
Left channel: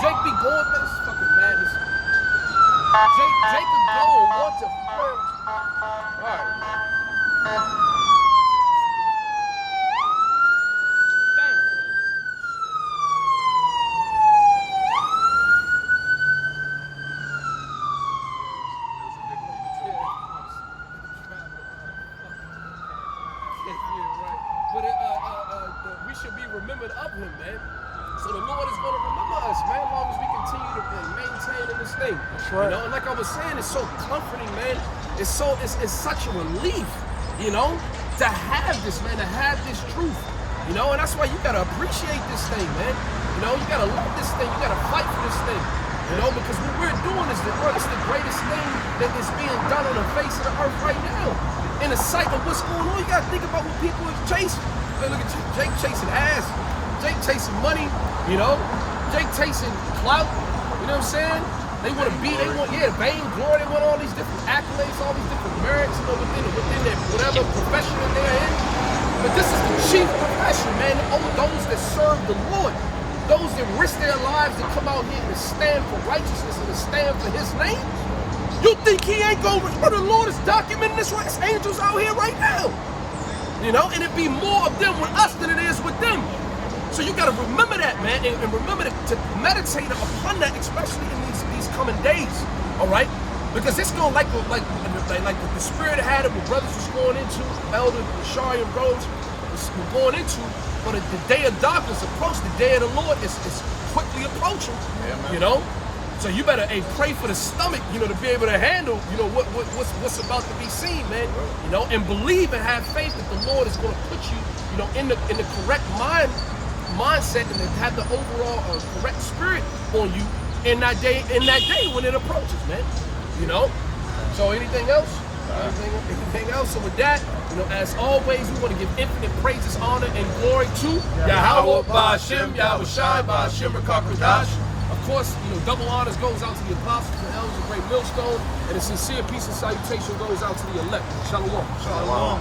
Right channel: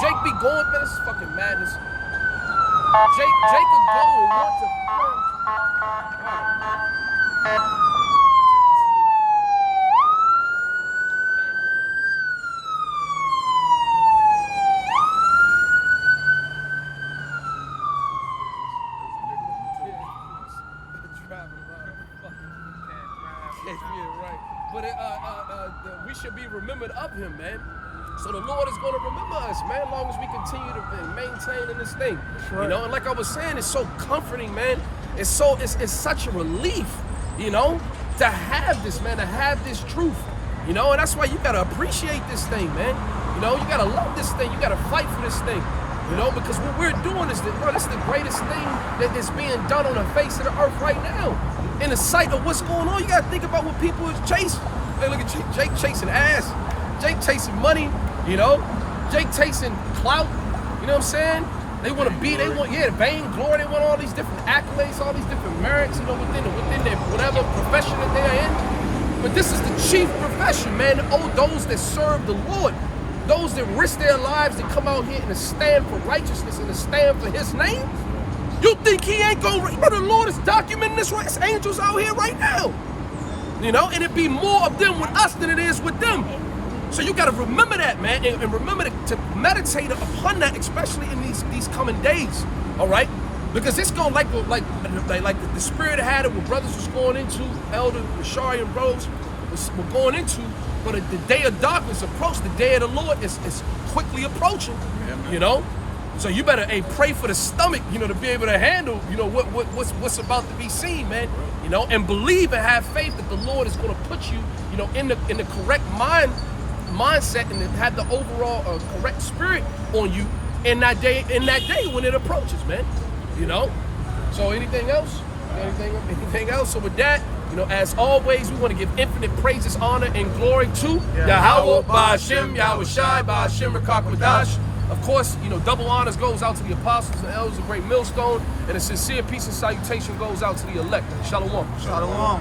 Jake be going, man. This is fucking madness. Jake could go and want to. Yeah, right. But we should be remembered of him, man. So the Lord is going to remember us, man, as long as we continue to maintain in this thing. You know, and like I was saying, it's so comforting, man. It's such a relief, you know, to have this, man, to have this truth. You know, and that's why you gotta appreciate this thing, man. You know, you gotta love this thing. You gotta fight for this thing. You know, because what we're doing is this is the greatest thing that is being done on the face of the earth right now. In the sight of what's going on, you gotta think about what people are chasing. Hey, look at Jake chasing ass, Jake chasing money, you know, Jake chasing clout, you know what I'm saying? They want to be, the vain glory, they want all these different accolades, all these different merits, you know, within their whatever profession that they're in. But this is the chief profession, man. Oh, those that serve the Lord, those that risk their lives to come out here and to stand for righteousness and to stand for his name. You think he ain't gonna, the Lord is documenting this right? It's angels out here right now. You know, and it'd be more of them with us than it is with them. So you gotta remember that, man, and remember to meditate upon that, especially in these coming days, all right? Because it's gonna like the spirit had it, what brothers was going into, Elder Shari and bros were going into, but the day of darkness approached, the day of the Lord is quickly approaching, you know? So you better pray for the stomach, you know, to be able to handle, you know, what's about to be seen, man. You know, and believe and have faith that the Lord is gonna put you, you know, in the correct mindset and to have the overall correct spirit on you in that day when it approaches, man. You know? So anything else? Anything else? So with that, you know, as always, we want to give infinite praises, honor, and glory to Yahweh, Ba'Hashem, Yahweh Shai, Ba'Hashem, Rakakwadash. Of course, you know, double honors goes out to the apostles and elders, a great millstone, and a sincere peace and salutation goes out to the elect. Shalom. Shalom.